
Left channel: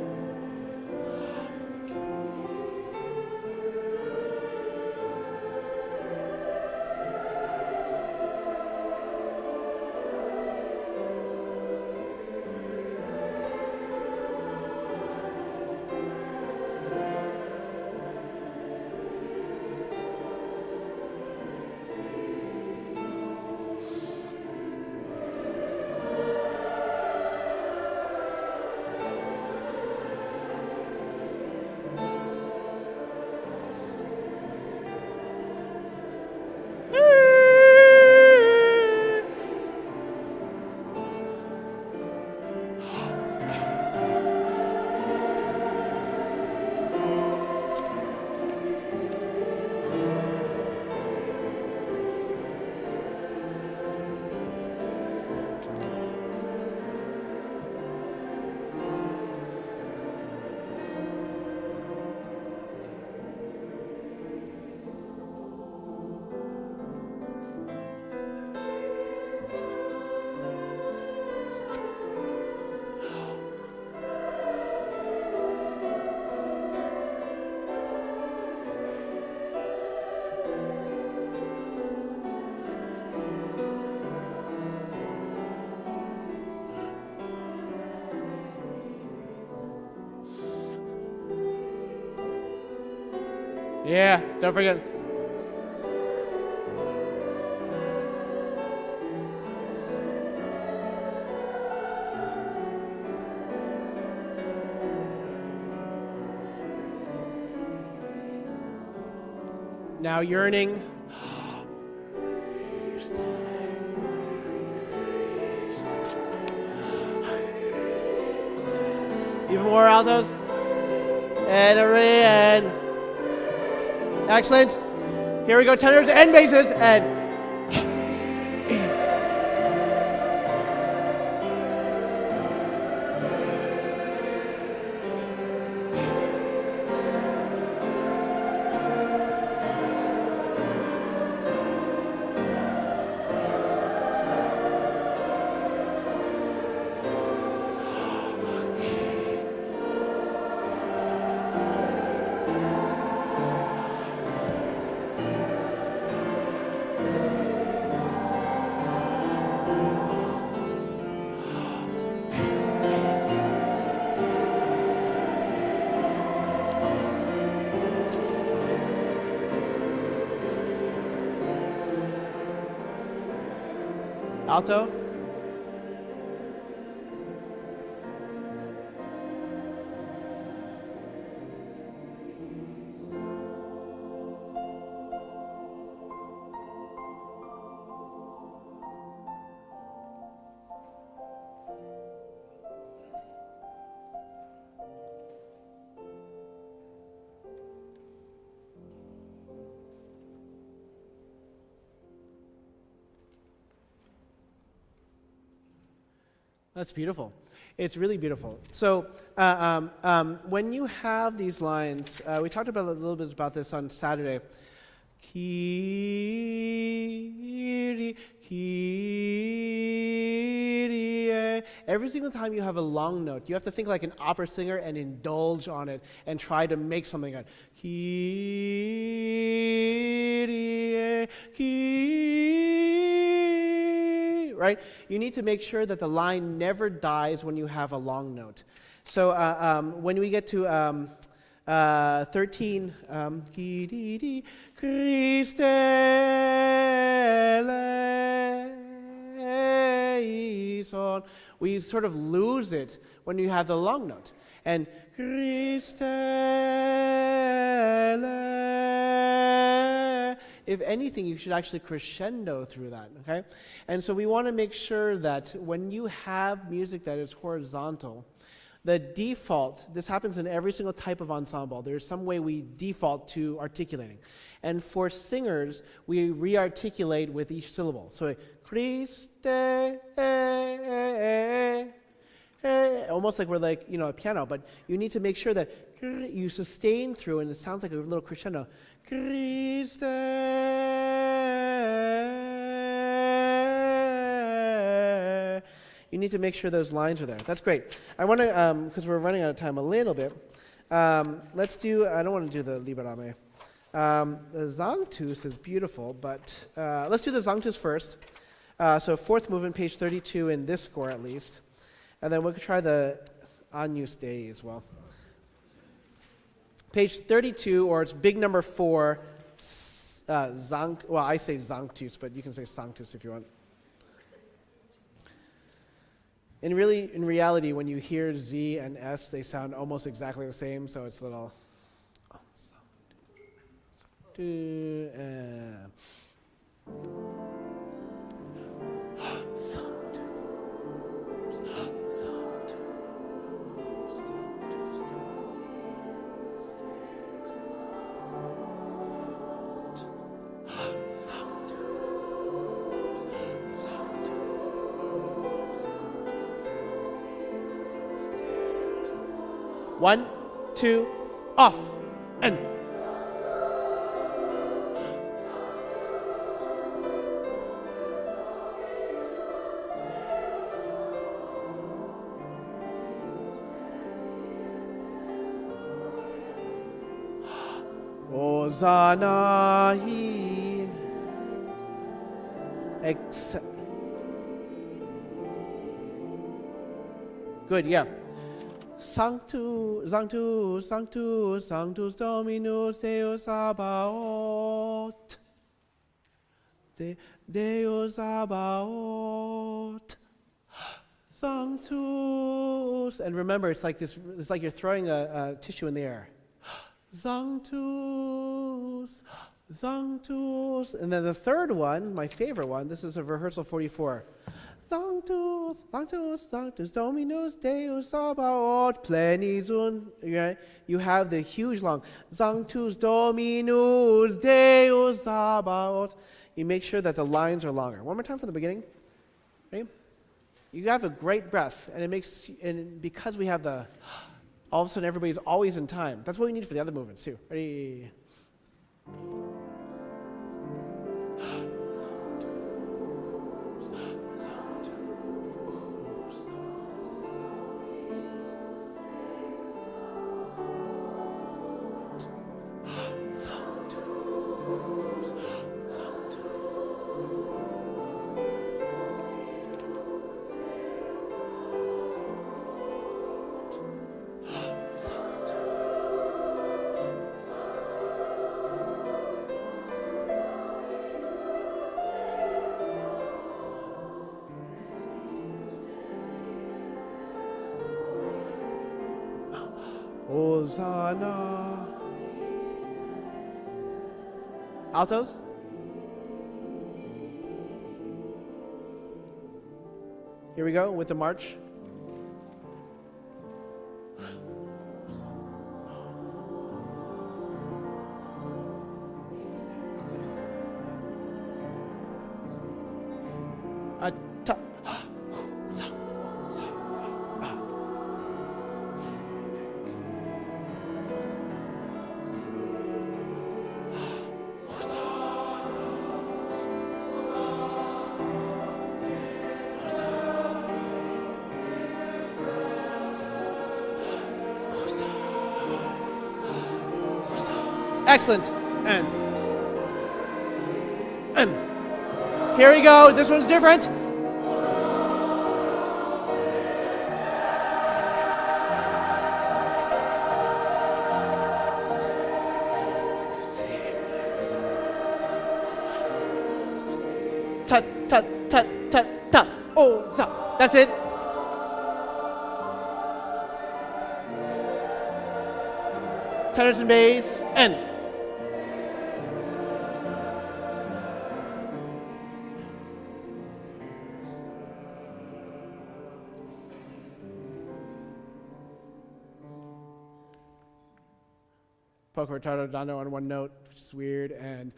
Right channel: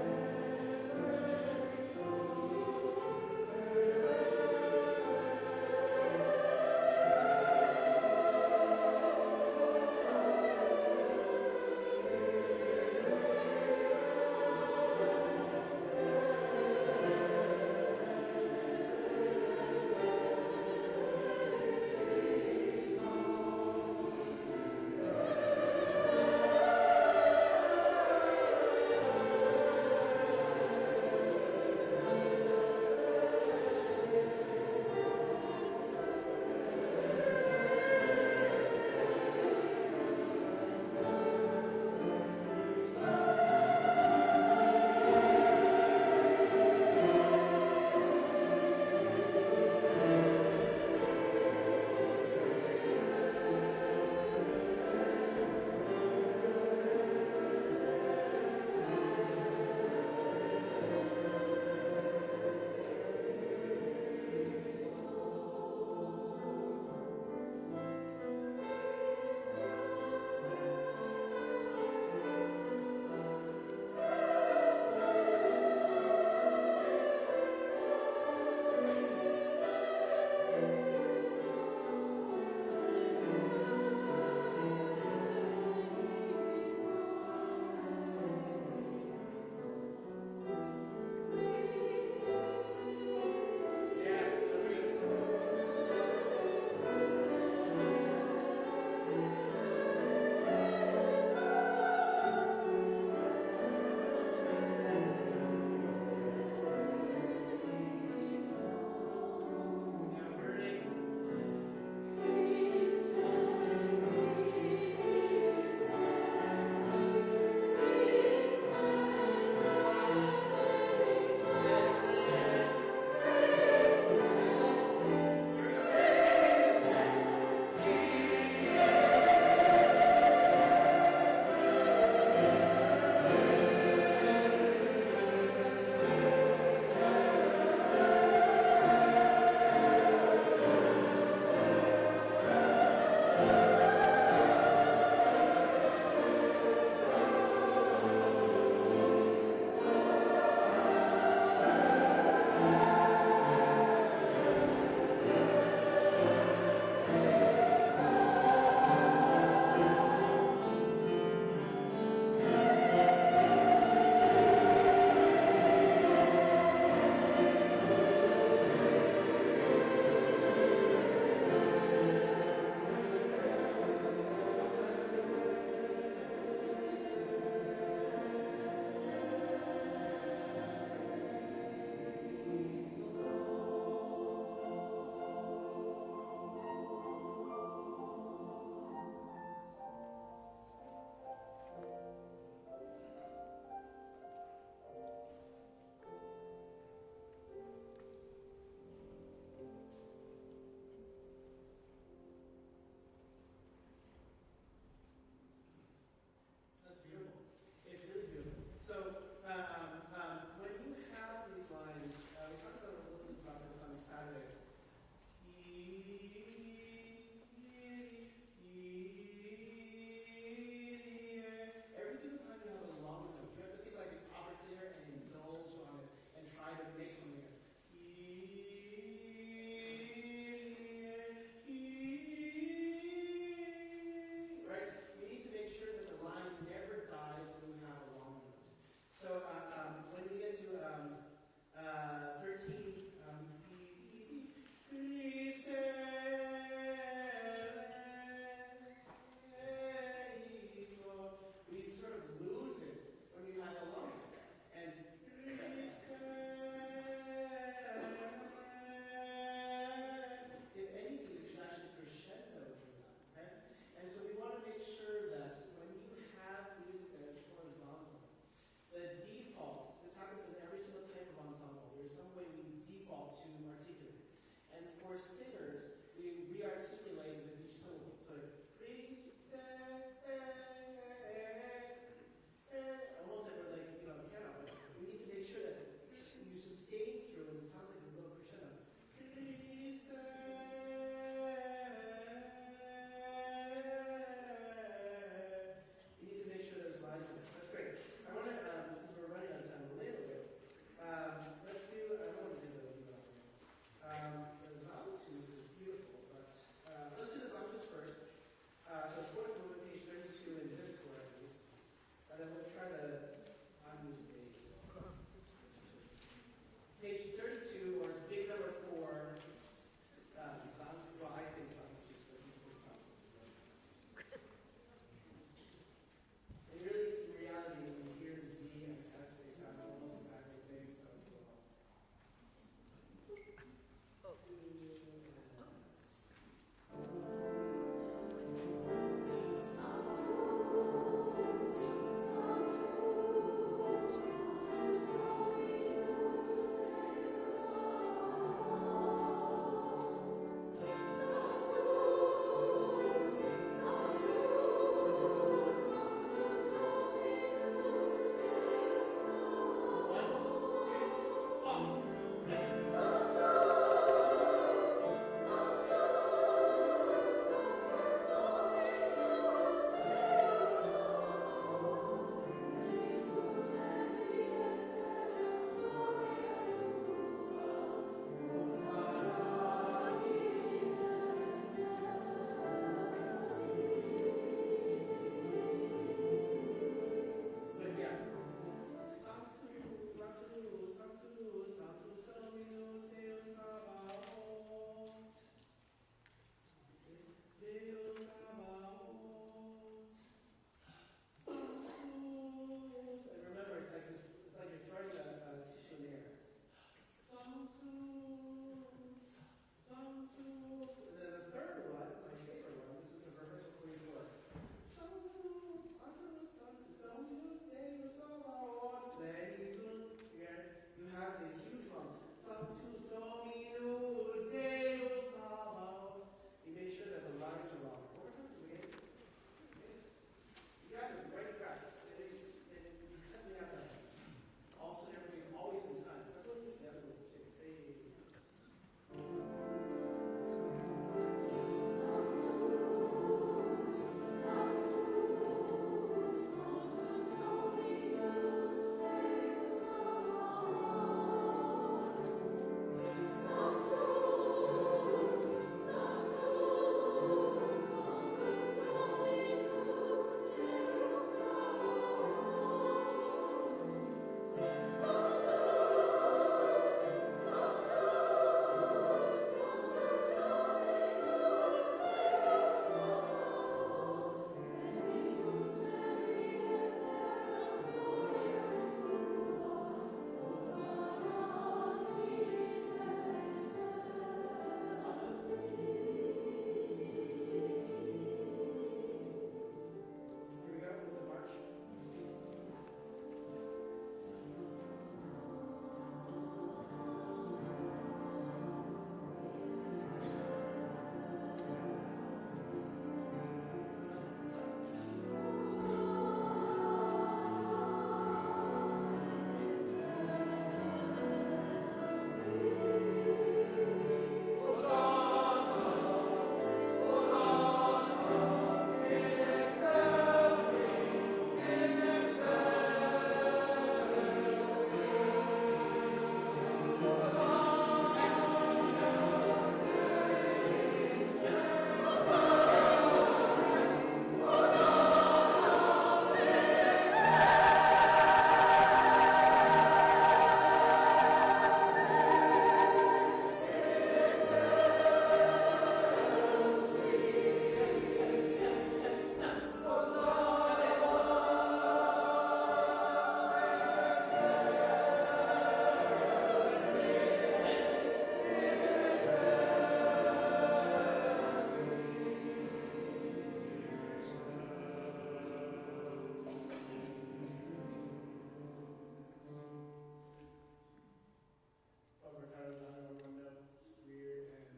Yeah, don't forget. Now yearning. Even more altos. And everybody, and excellent. Here we go, tenors and basses, and alto. That's beautiful. It's really beautiful. So when you have these lines, we talked about a little bit about this on Saturday. Kyrie, Kyrie. Every single time you have a long note, you have to think like an opera singer and indulge on it and try to make something out. Kyrie, Kyrie. Right? You need to make sure that the line never dies when you have a long note. So when we get to 13, Christe eleison, we sort of lose it when you have the long note. And Christe ele, if anything, you should actually crescendo through that, okay? And so we want to make sure that when you have music that is horizontal, the default, this happens in every single type of ensemble, there's some way we default to articulating. And for singers, we re-articulate with each syllable. So, Christe, almost like we're like, a piano, but you need to make sure that you sustain through, and it sounds like a little crescendo. Christe. You need to make sure those lines are there. That's great. I want to, because we're running out of time a little bit, let's do, I don't want to do the Liberamme. The Sanctus is beautiful, but let's do the Sanctus first. So fourth movement, page 32 in this score at least. And then we could try the Agnus Dei as well. Page 32, or it's big number 4, well, I say Sanctus, but you can say Sanctus if you want. In reality, when you hear Z and S, they sound almost exactly the same, so it's a little... One, two, off, and... Hosanna in... Good, yeah. Sanctus, Sanctus, Sanctus, Sanctus Dominus Deus Sabaoth. Deus Sabaoth. Sanctus. And remember, it's like this. It's like you're throwing a tissue in the air. Sanctus, Sanctus. And then the third one, my favorite one, this is a rehearsal 44. Sanctus, Sanctus, Sanctus Dominus Deus Sabaoth plenizun. Right? You have the huge long Sanctus Dominus Deus Sabaoth. You make sure that the lines are longer. One more time from the beginning. Ready? You have a great breath, and it makes, and because we have the, all of a sudden everybody's always in time. That's what we need for the other movements too. Ready? Hosanna. Altos? Here we go with the march. Excellent. And. Here we go. This one's different. Ta ta ta ta ta. Oh, za. That's it. Tenors and bass, and. Poco retardo dando on one note, which is weird, and.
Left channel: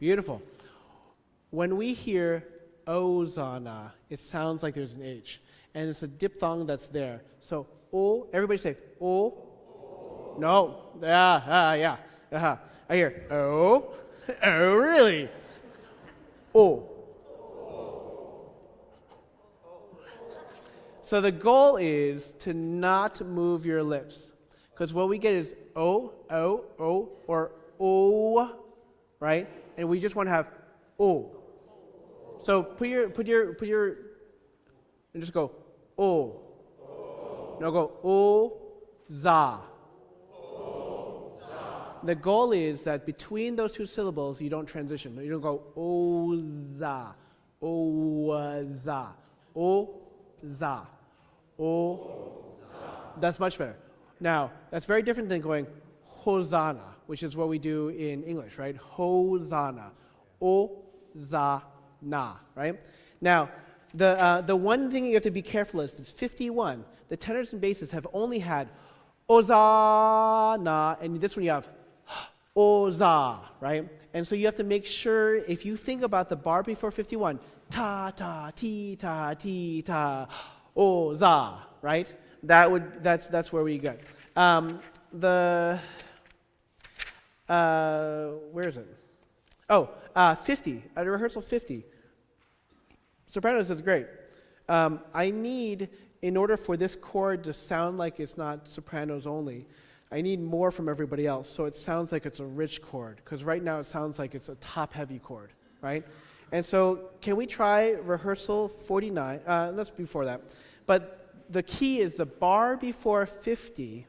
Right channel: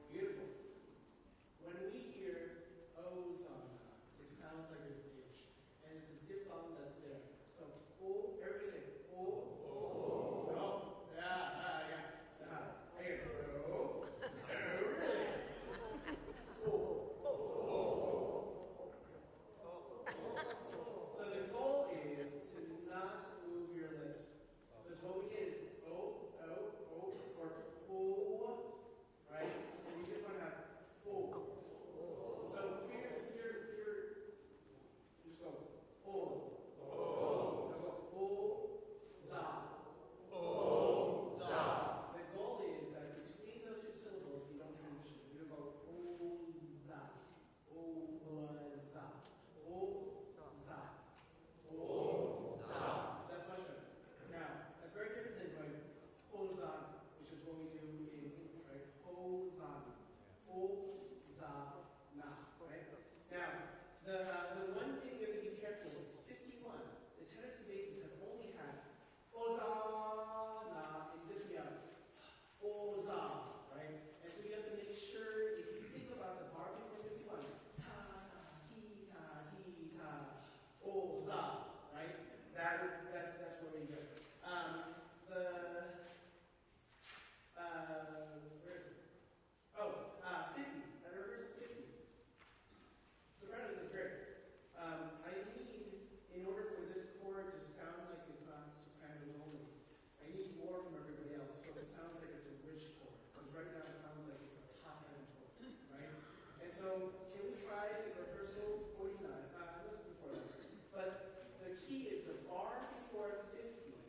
Beautiful. When we hear Ozana, it sounds like there's an H. And it's a diphthong that's there. So, O, everybody say, O. No. Yeah. Uh-huh. I hear, O. Oh, really? O. So the goal is to not move your lips. Because what we get is O, or O, right? And we just want to have O. So put your, and just go O. Now go O, za. The goal is that between those two syllables, you don't transition. You don't go O, za, O, za, O, za, O. That's much better. Now, that's very different than going Hosanna, which is what we do in English, right? Hosanna. O-za-na, right? Now, the one thing you have to be careful is, it's 51. The tenors and basses have only had Ozana, and this one you have Oza, right? And so you have to make sure, if you think about the bar before 51, ta, ta, ti, ta, ti, ta, Oza, right? That's where we go. Where is it? Oh, 50, at a rehearsal 50. Sopranos is great. I need, in order for this chord to sound like it's not sopranos only, I need more from everybody else, so it sounds like it's a rich chord, because right now it sounds like it's a top-heavy chord, right? And so, can we try rehearsal 49? That's before that. But the key is the bar before 50,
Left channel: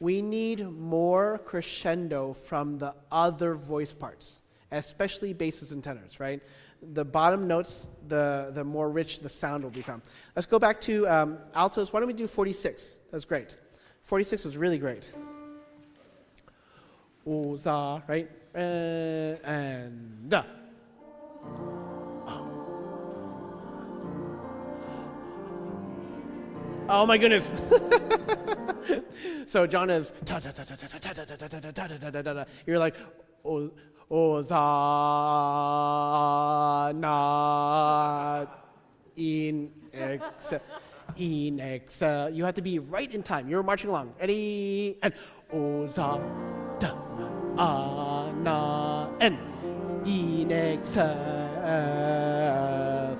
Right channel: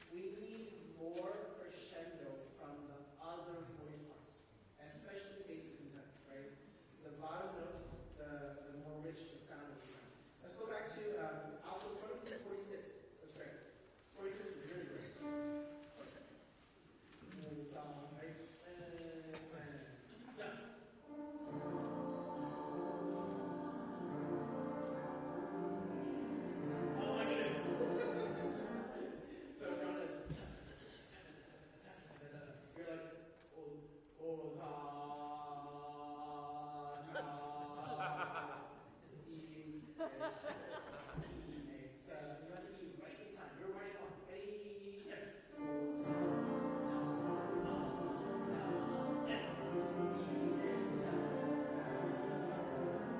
we need more crescendo from the other voice parts, especially basses and tenors, right? The bottom notes, the more rich the sound will become. Let's go back to altos. Why don't we do 46? That's great. 46 was really great. Oza, right? And da. Oh my goodness. So John is ta ta ta ta ta ta ta ta ta ta ta ta ta ta. You're like Oza na in ex. You have to be right in time. You're marching along. Ready and Oza da na and in ex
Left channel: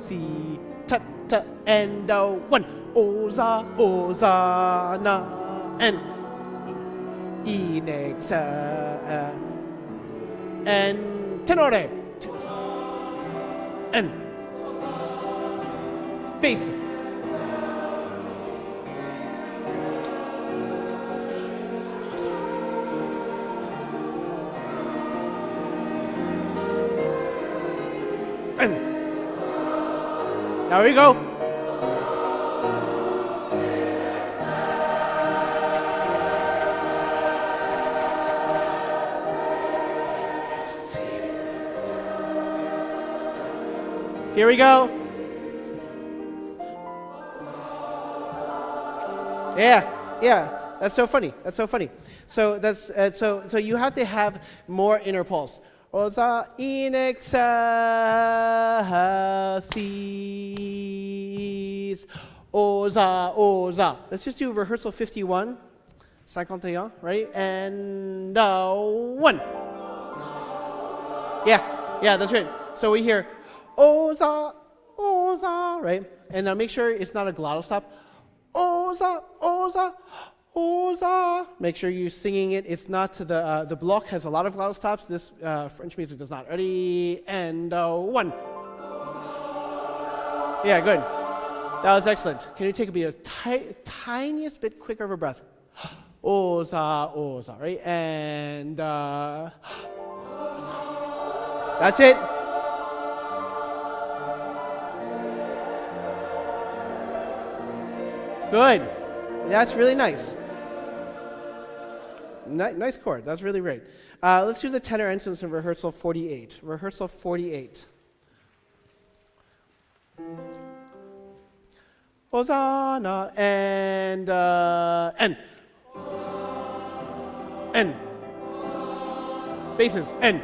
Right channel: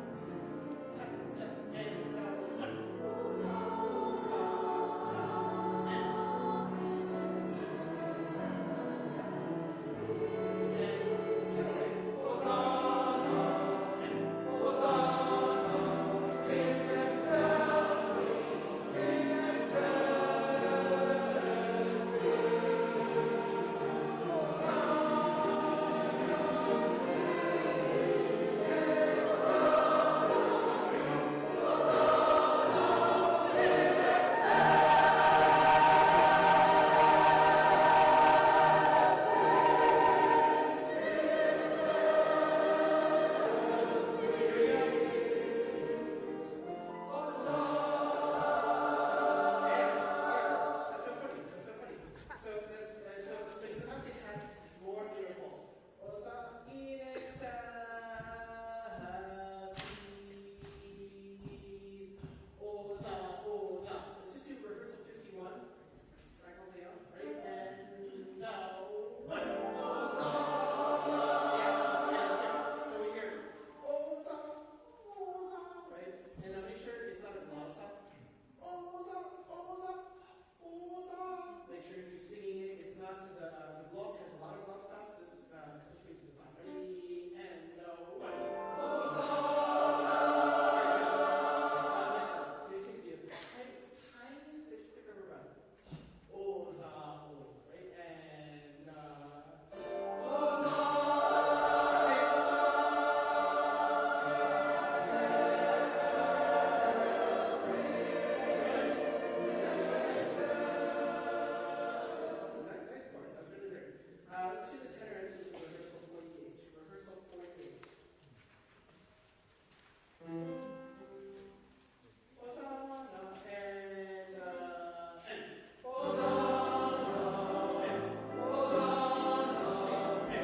si ta ta and one. Oza, oza, na, and inex, and tenore, and bass. And now we go. Here we go. Yeah. That's so funny. That's so funny. So that's so you have to have more inner pulse. Oza in excelsis. Oza, oza. Let's just do rehearsal 51. 51, right? And 1. Yeah, that's right. So we hear oza, oza, right? And make sure it's not a glottal stop. Oza, oza, oza. Make sure you're singing it. It's not to the block has a lot of glottal stops. This French music does not. Ready? And 1. Yeah, good. That was excellent. Can you take a tiniest bit quicker of a breath? Oza, oza, right? And that's it. Good. That's really nice. Nice chord. That's really great. Let's do the tenor instance in rehearsal 48. Rehearsal 48. Hosanna and N. N. Basses. N.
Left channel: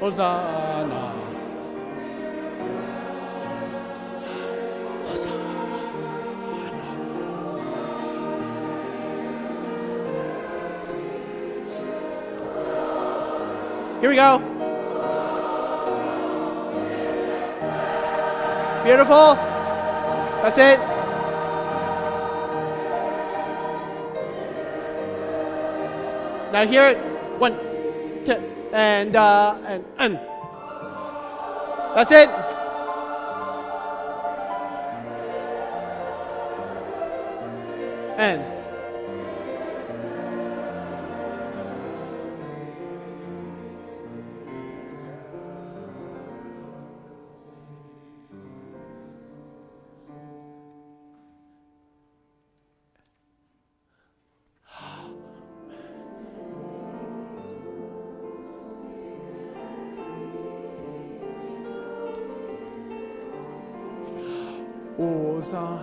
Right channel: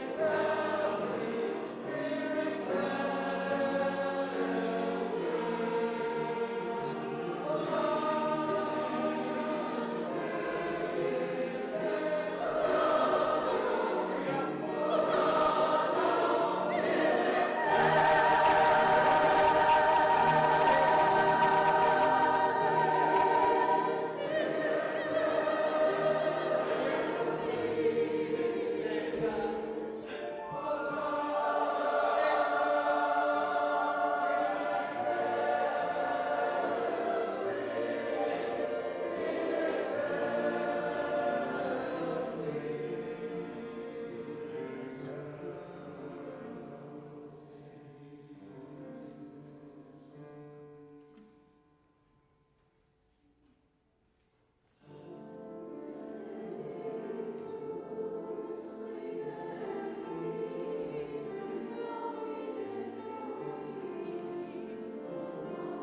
Hosanna. Here we go. Beautiful. That's it. Now hear it. 1, 2, and. That's it. And. Oza.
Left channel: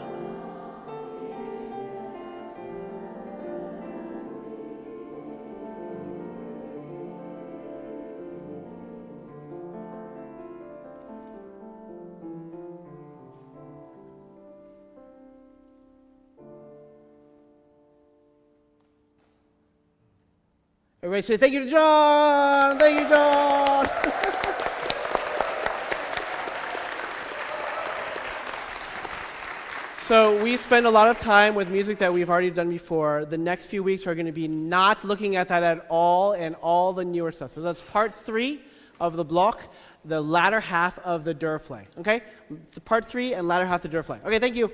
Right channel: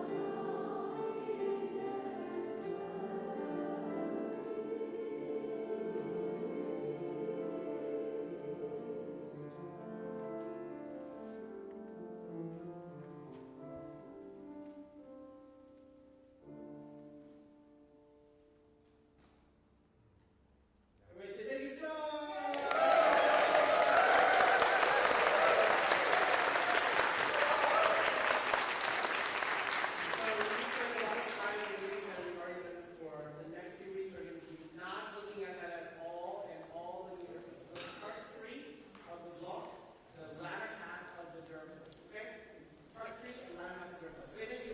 Everybody say thank you to John. Thank you, John. So we spend a lot of time with music that we've already done before. The next few weeks are going to be not looking at that at all and all the newer stuff. So that's part 3 of the block, the latter half of the Durflay. Okay? The part 3 and latter half of the Durflay. Okay, thank you.